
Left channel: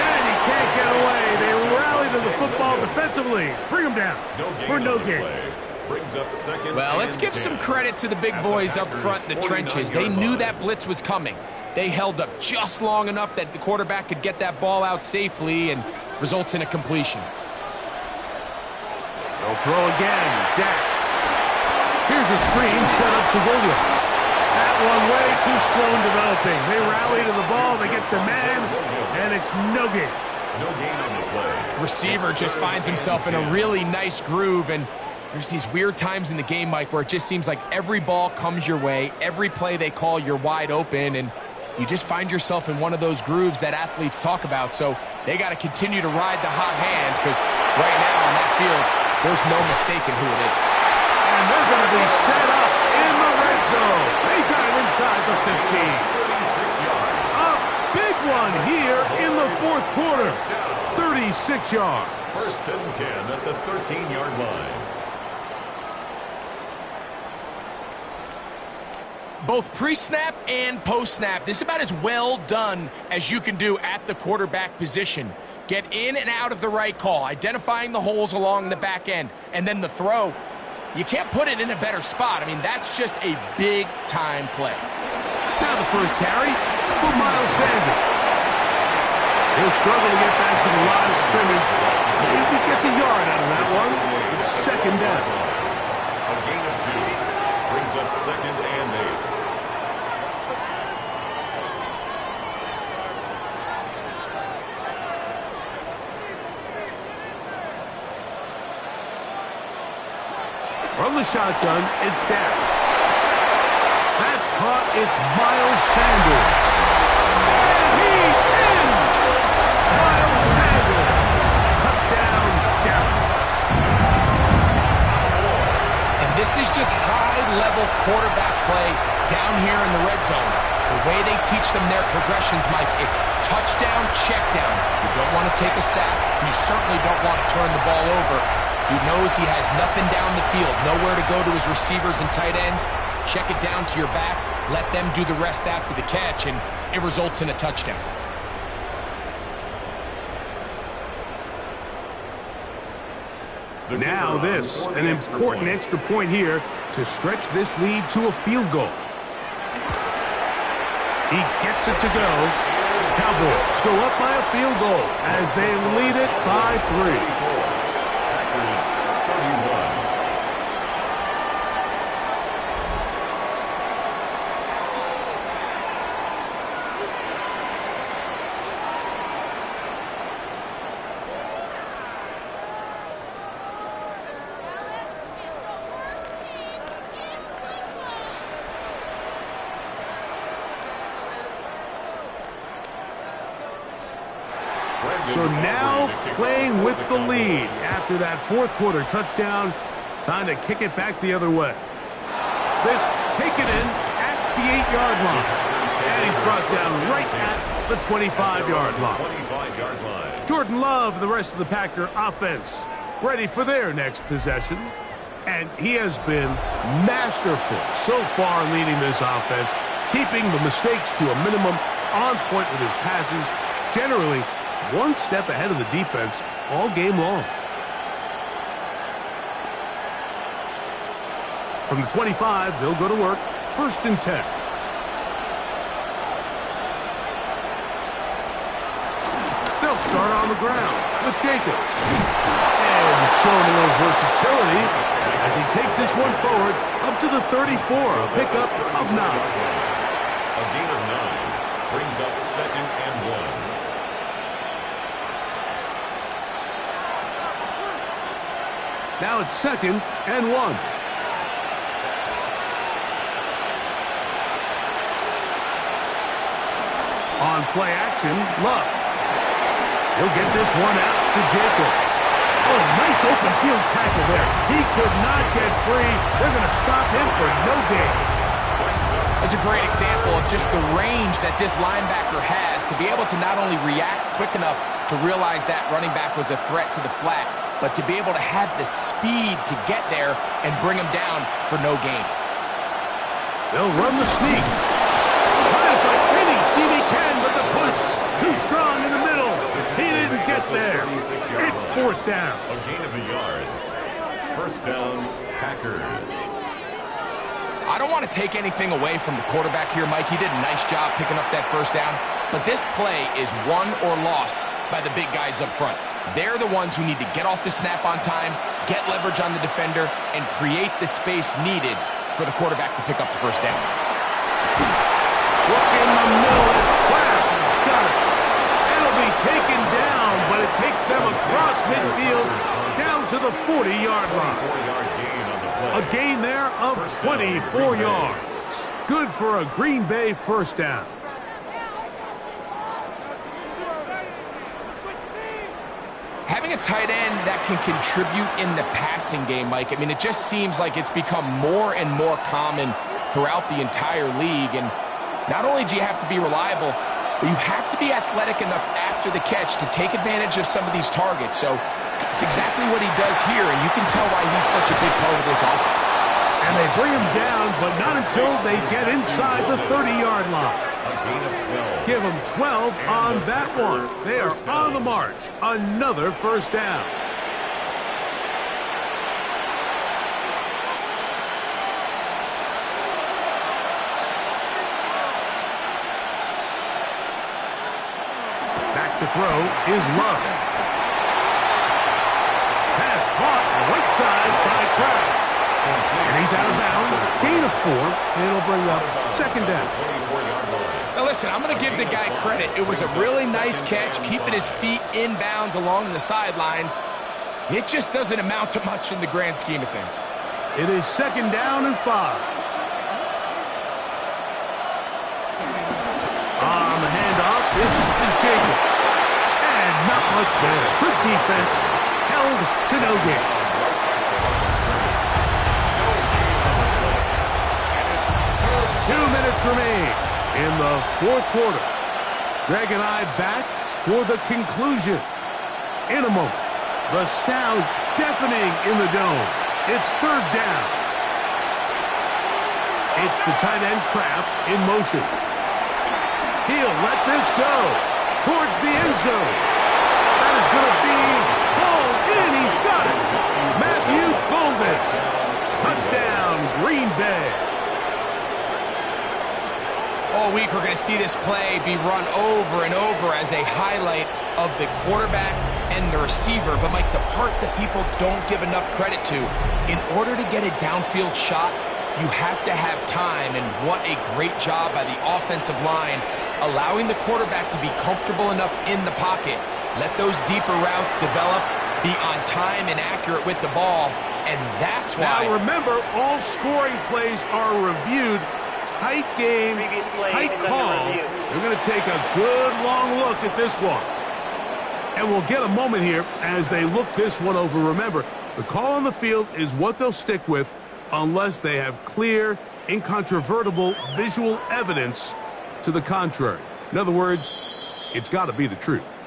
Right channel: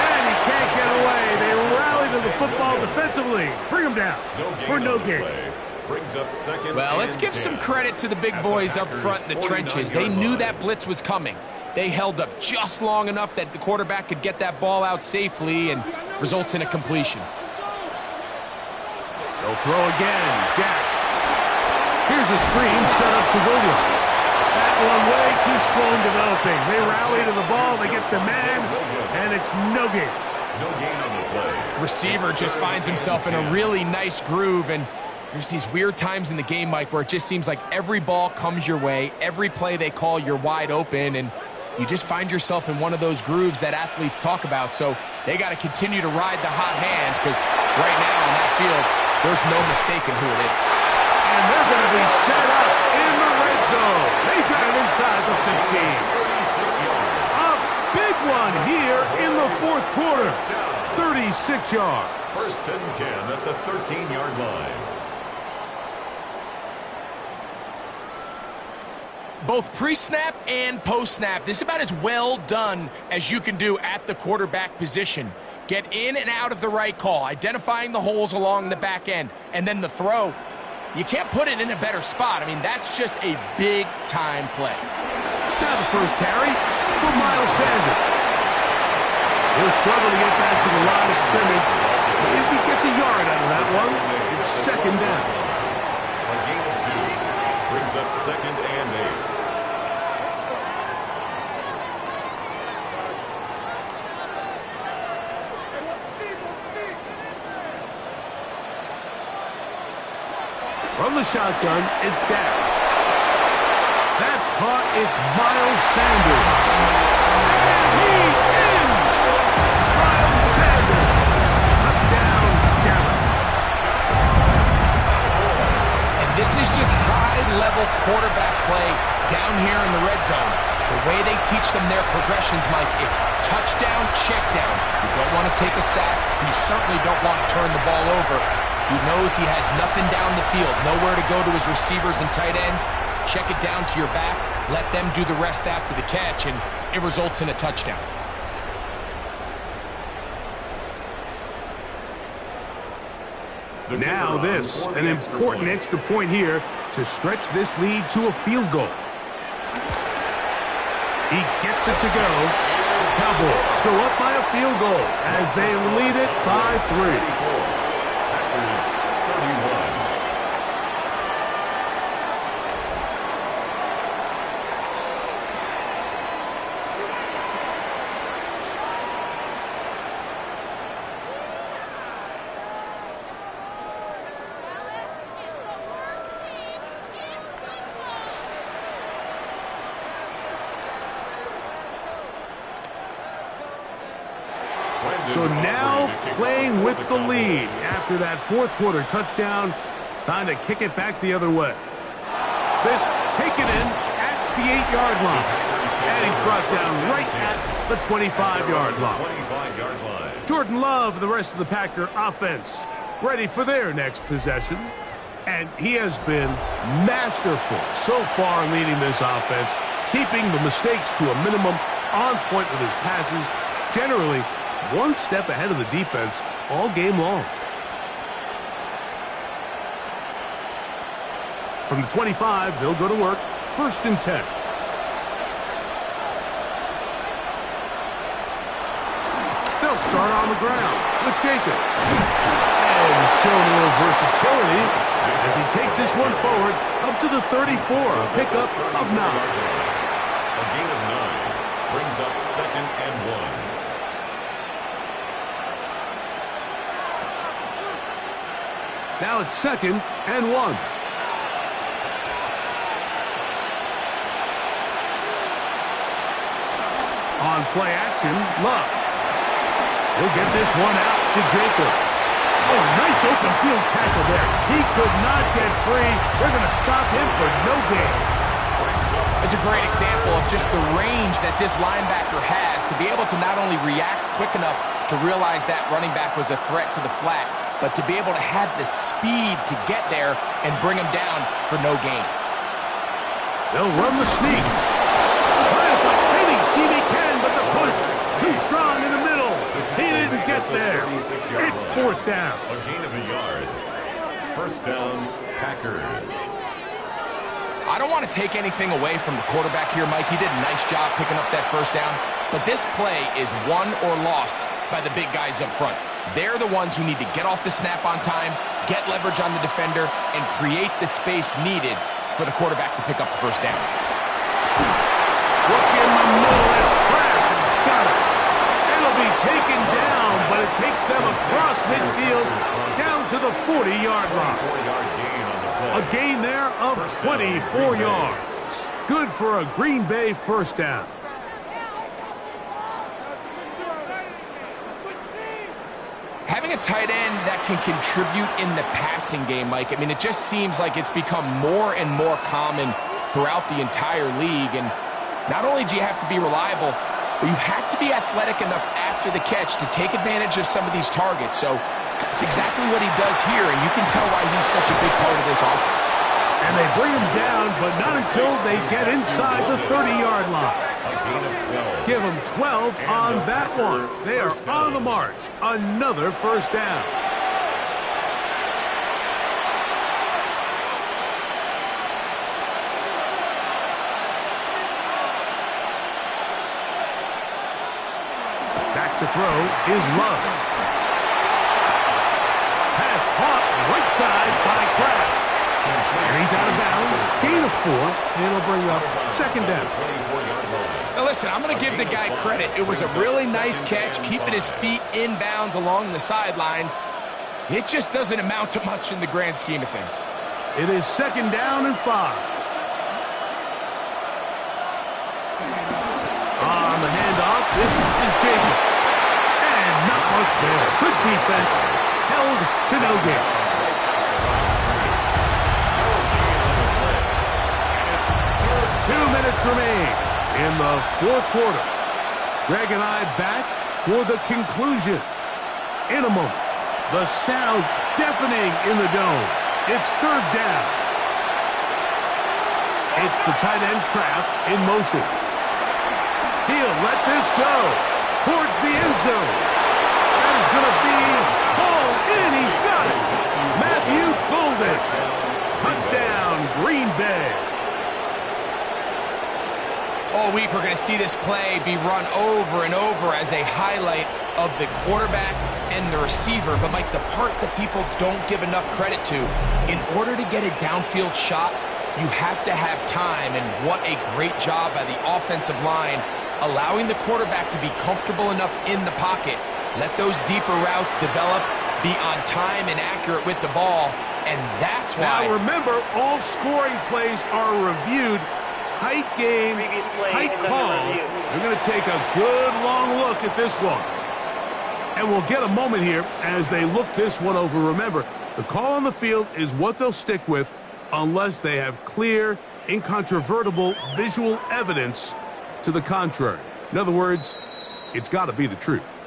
And he can't get away. They rally to the football defensively. Bring him down for no gain. Brings up 2nd. Well, let's give some credit to the big boys up front in the trenches. They knew that blitz was coming. They held up just long enough that the quarterback could get that ball out safely and results in a completion. They'll throw again. Dak. Here's a screen set up to Williams. That one way too slow in developing. They rally to the ball. They get the man, and it's no gain. No gain on the play. Receiver just finds himself in a really nice groove, and there's these weird times in the game, Mike, where it just seems like every ball comes your way, every play they call, you're wide open, and you just find yourself in one of those grooves that athletes talk about. So they got to continue to ride the hot hand, because right now on that field, there's no mistaking who it is. And they're going to be set up in the red zone. They got it inside the 15. 36 yards. A big one here in the 4th quarter. 36 yards. 1st and 10 at the 13-yard line. Both pre-snap and post-snap, this is about as well done as you can do at the quarterback position. Get in and out of the right call, identifying the holes along the back end, and then the throw. You can't put it in a better spot. I mean, that's just a big-time play. Now the first carry for Miles Sanders. He'll struggle to get back to the line of scrimmage. If he gets a yard out of that one, it's 2nd down. A gain of 2. Brings up 2nd and 8. From the shotgun, it's Dak. That's caught. It's Miles Sanders. And he's in! Miles Sanders. Touchdown, Dallas. And this is just high-level quarterback play down here in the red zone. The way they teach them their progressions, Mike, it's touchdown, check down. You don't want to take a sack, and you certainly don't want to turn the ball over. He knows he has nothing down the field, nowhere to go to his receivers and tight ends. Check it down to your back, let them do the rest after the catch, and it results in a touchdown. Now this, an important extra point here to stretch this lead to a field goal. He gets it to go. Cowboys go up by a field goal as they lead it by 3. Packers 31. So now playing with the lead after that fourth quarter touchdown. Time to kick it back the other way. This taken in at the 8-yard line. And he's brought down right at the 25-yard line. Jordan Love and the rest of the Packer offense ready for their next possession. And he has been masterful so far leading this offense, keeping the mistakes to a minimum, on point with his passes, generally one step ahead of the defense all game long. From the 25, they'll go to work. 1st and 10. They'll start on the ground with Jacobs. And showing a little versatility as he takes this one forward up to the 34, a pickup of 9. A gain of 9 brings up 2nd and 1. Now it's 2nd and 1. On play action, Love. He'll get this one out to Jacobs. Oh, nice open field tackle there. He could not get free. They're going to stop him for no gain. It's a great example of just the range that this linebacker has to be able to not only react quick enough to realize that running back was a threat to the flat, but to be able to have the speed to get there and bring him down for no gain. They'll run the sneak. Trying to find any seam he can, but the push too strong in the middle. He didn't get there. It's 4th down. A gain of a yard. 1st down, Packers. I don't want to take anything away from the quarterback here, Mike. He did a nice job picking up that 1st down. But this play is won or lost by the big guys up front. They're the ones who need to get off the snap on time, get leverage on the defender, and create the space needed for the quarterback to pick up the 1st down. Look in the middle as Kraft has got it. It'll be taken down, but it takes them across midfield down to the 40-yard line. 4-yard gain on the play. A gain there of 24 yards. Good for a Green Bay 1st down. Having a tight end that can contribute in the passing game, Mike, I mean, it just seems like it's become more and more common throughout the entire league. And not only do you have to be reliable, but you have to be athletic enough after the catch to take advantage of some of these targets. So it's exactly what he does here, and you can tell why he's such a big part of this offense. And they bring him down, but not until they get inside the 30-yard line. A gain of 12. Give them 12 on that one. They are on the march. Another 1st down. Back to throw is Love. Pass caught right side by Kraft. And he's out of bounds. Gain of 4. It'll bring up 2nd down. Now listen, I'm going to give the guy credit. It was a really nice catch, keeping his feet in bounds along the sidelines. It just doesn't amount to much in the grand scheme of things. It is 2nd down and 5. On the handoff, this is Jacobs. And not much there. Good defense. Held to no gain. 2 minutes remain in the 4th quarter. Greg and I back for the conclusion. In a moment, the sound deafening in the dome. It's 3rd down. It's the tight end Kraft in motion. He'll let this go towards the end zone. That is going to be hauled in. He's got it. big. All week, we're going to see this play be run over and over as a highlight of the quarterback and the receiver. But, Mike, the part that people don't give enough credit to, in order to get a downfield shot, you have to have time. And what a great job by the offensive line, allowing the quarterback to be comfortable enough in the pocket. Let those deeper routes develop, be on time and accurate with the ball. And that's why. Now, remember, all scoring plays are reviewed. Tight game, tight call. They're going to take a good long look at this one. And we'll get a moment here as they look this one over. Remember, the call on the field is what they'll stick with unless they have clear, incontrovertible visual evidence to the contrary. In other words, it's got to be the truth.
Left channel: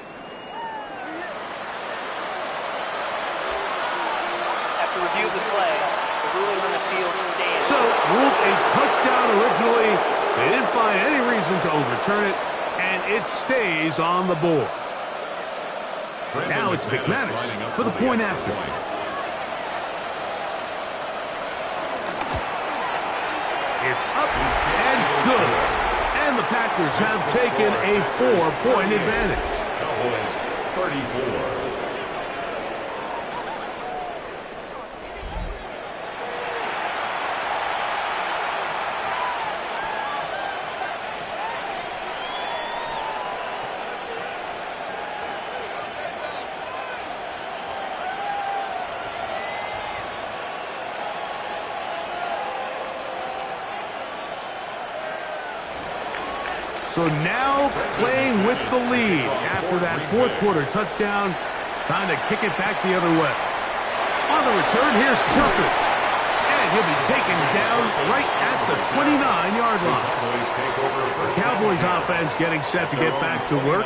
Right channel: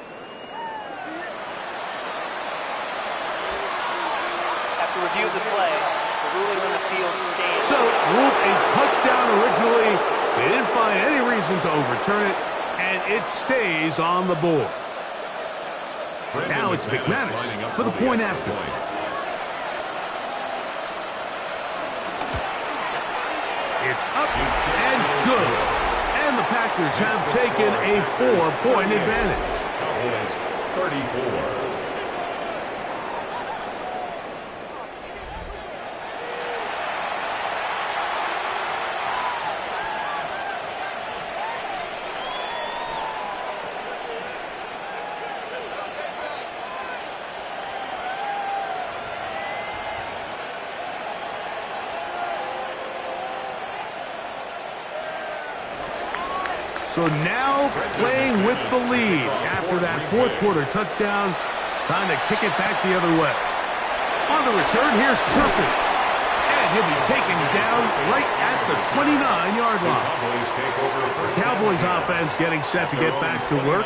After review of the play, the ruling on the field stands. So, ruled a touchdown originally. They didn't find any reason to overturn it, and it stays on the board. Now it's McManus for the point after. It's up and good. And the Packers have taken a 4-point advantage. Cowboys 34. So now playing with the lead after that fourth quarter touchdown. Time to kick it back the other way. On the return, here's Turpin. And he'll be taken down right at the 29-yard line. The Cowboys offense getting set to get back to work.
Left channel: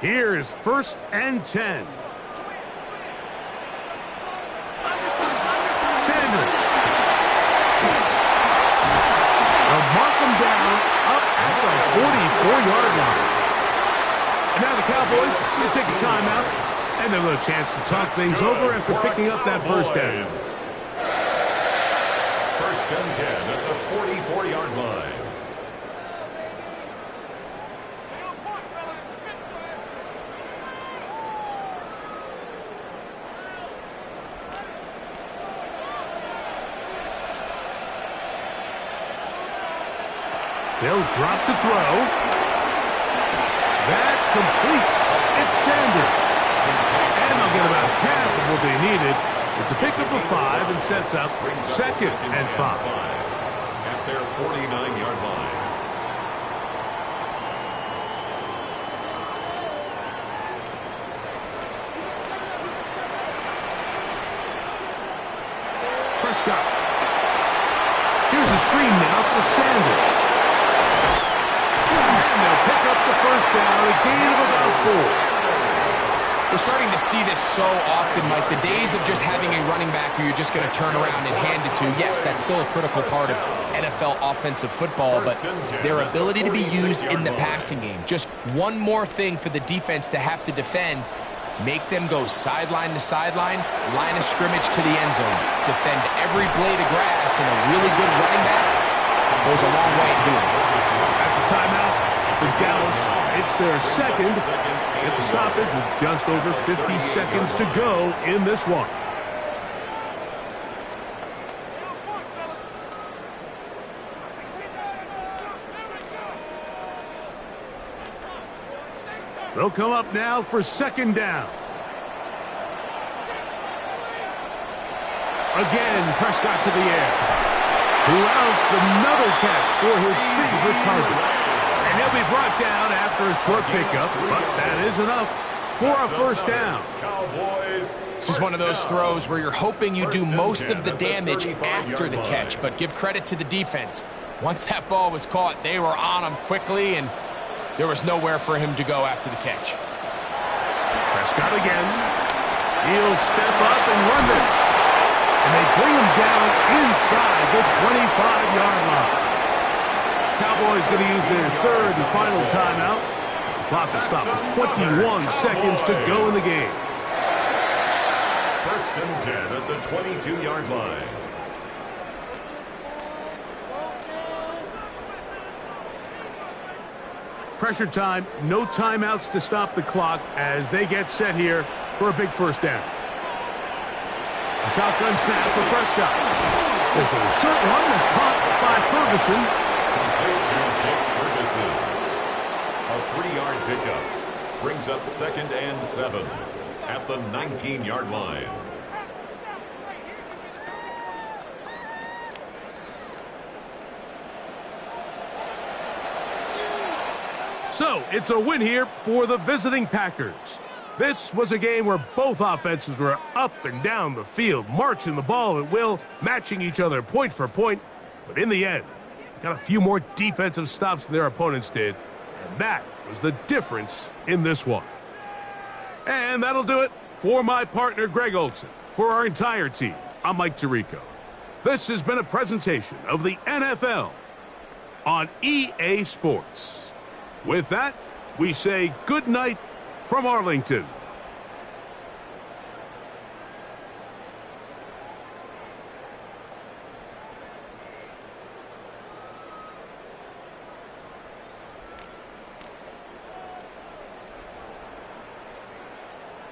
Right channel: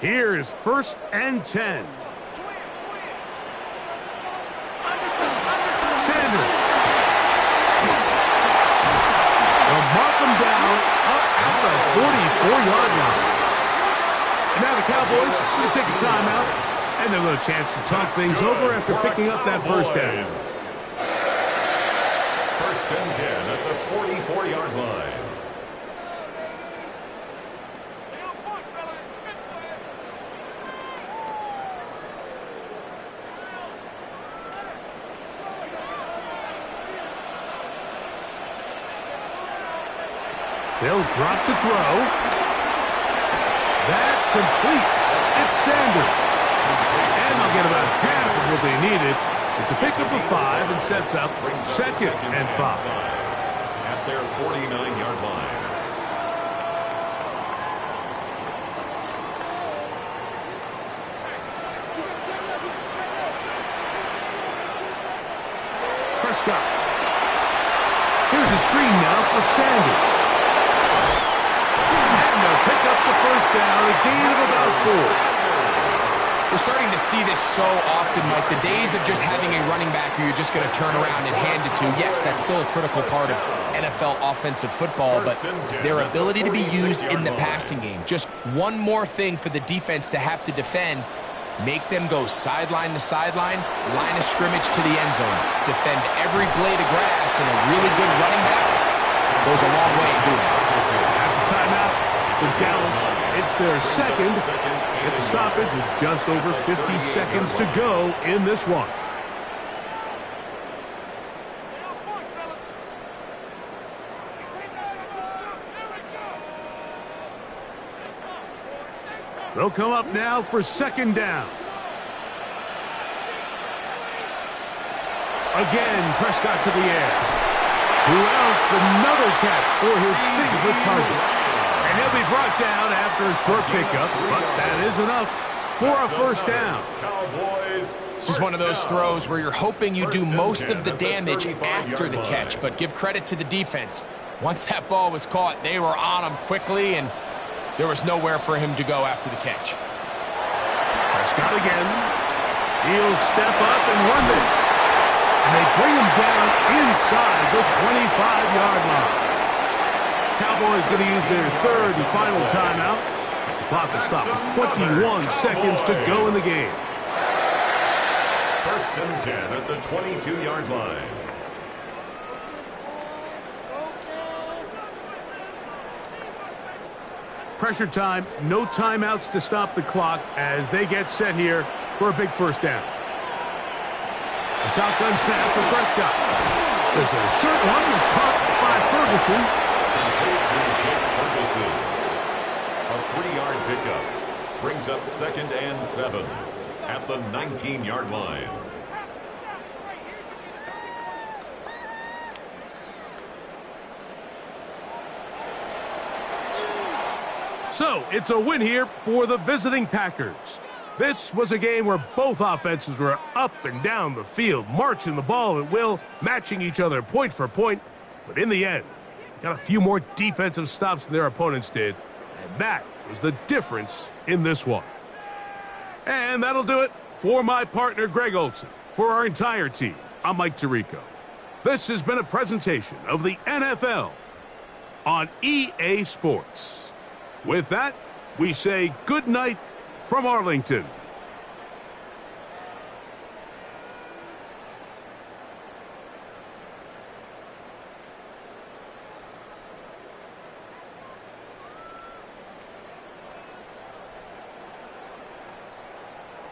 Here is 1st and 10. Sanders. They'll mark them down up at the 44-yard line. And now the Cowboys going to take a timeout, and they'll have a chance to talk things over after picking up that first down. 1st and 10 at the 44-yard line. They'll drop to throw. That's complete. It's Sanders. And they'll get about half of what they needed. It's a pickup of 5 and sets up 2nd and 5. At their 49-yard line. Prescott. Here's a screen now for Sanders. And they'll pick up the first down, a gain of about 4. We're starting to see this so often, Mike. The days of just having a running back who you're just going to turn around and hand it to, yes, that's still a critical part of NFL offensive football, but their ability to be used in the passing game. Just one more thing for the defense to have to defend. Make them go sideline to sideline, line of scrimmage to the end zone. Defend every blade of grass, and a really good running back goes a long way in doing it. That's a timeout for Dallas. It's their second. Get the stoppage with just over 50 seconds to go in this one. They'll come up now for 2nd down. Again, Prescott to the air. Who else? Another catch for his favorite target. And he'll be brought down after a short pickup, but that is enough for a first down. This is one of those throws where you're hoping you do most of the damage after the catch, but give credit to the defense. Once that ball was caught, they were on him quickly, and there was nowhere for him to go after the catch. Prescott again. He'll step up and run this. And they bring him down inside the 25-yard line. Cowboys going to use their third and final timeout. As the clock will stop with 21 seconds to go in the game. First and 10 at the 22-yard line. Pressure time, no timeouts to stop the clock as they get set here for a big first down. A shotgun snap for Prescott. There's a short one that's caught by Ferguson. Complete to Jake Ferguson. A 3-yard pickup brings up 2nd and 7 at the 19-yard line. So, it's a win here for the visiting Packers. This was a game where both offenses were up and down the field, marching the ball at will, matching each other point for point. But in the end, they got a few more defensive stops than their opponents did, and that was the difference in this one. And that'll do it for my partner, Greg Olson. For our entire team, I'm Mike Tirico. This has been a presentation of the NFL on EA Sports. With that, we say good night from Arlington.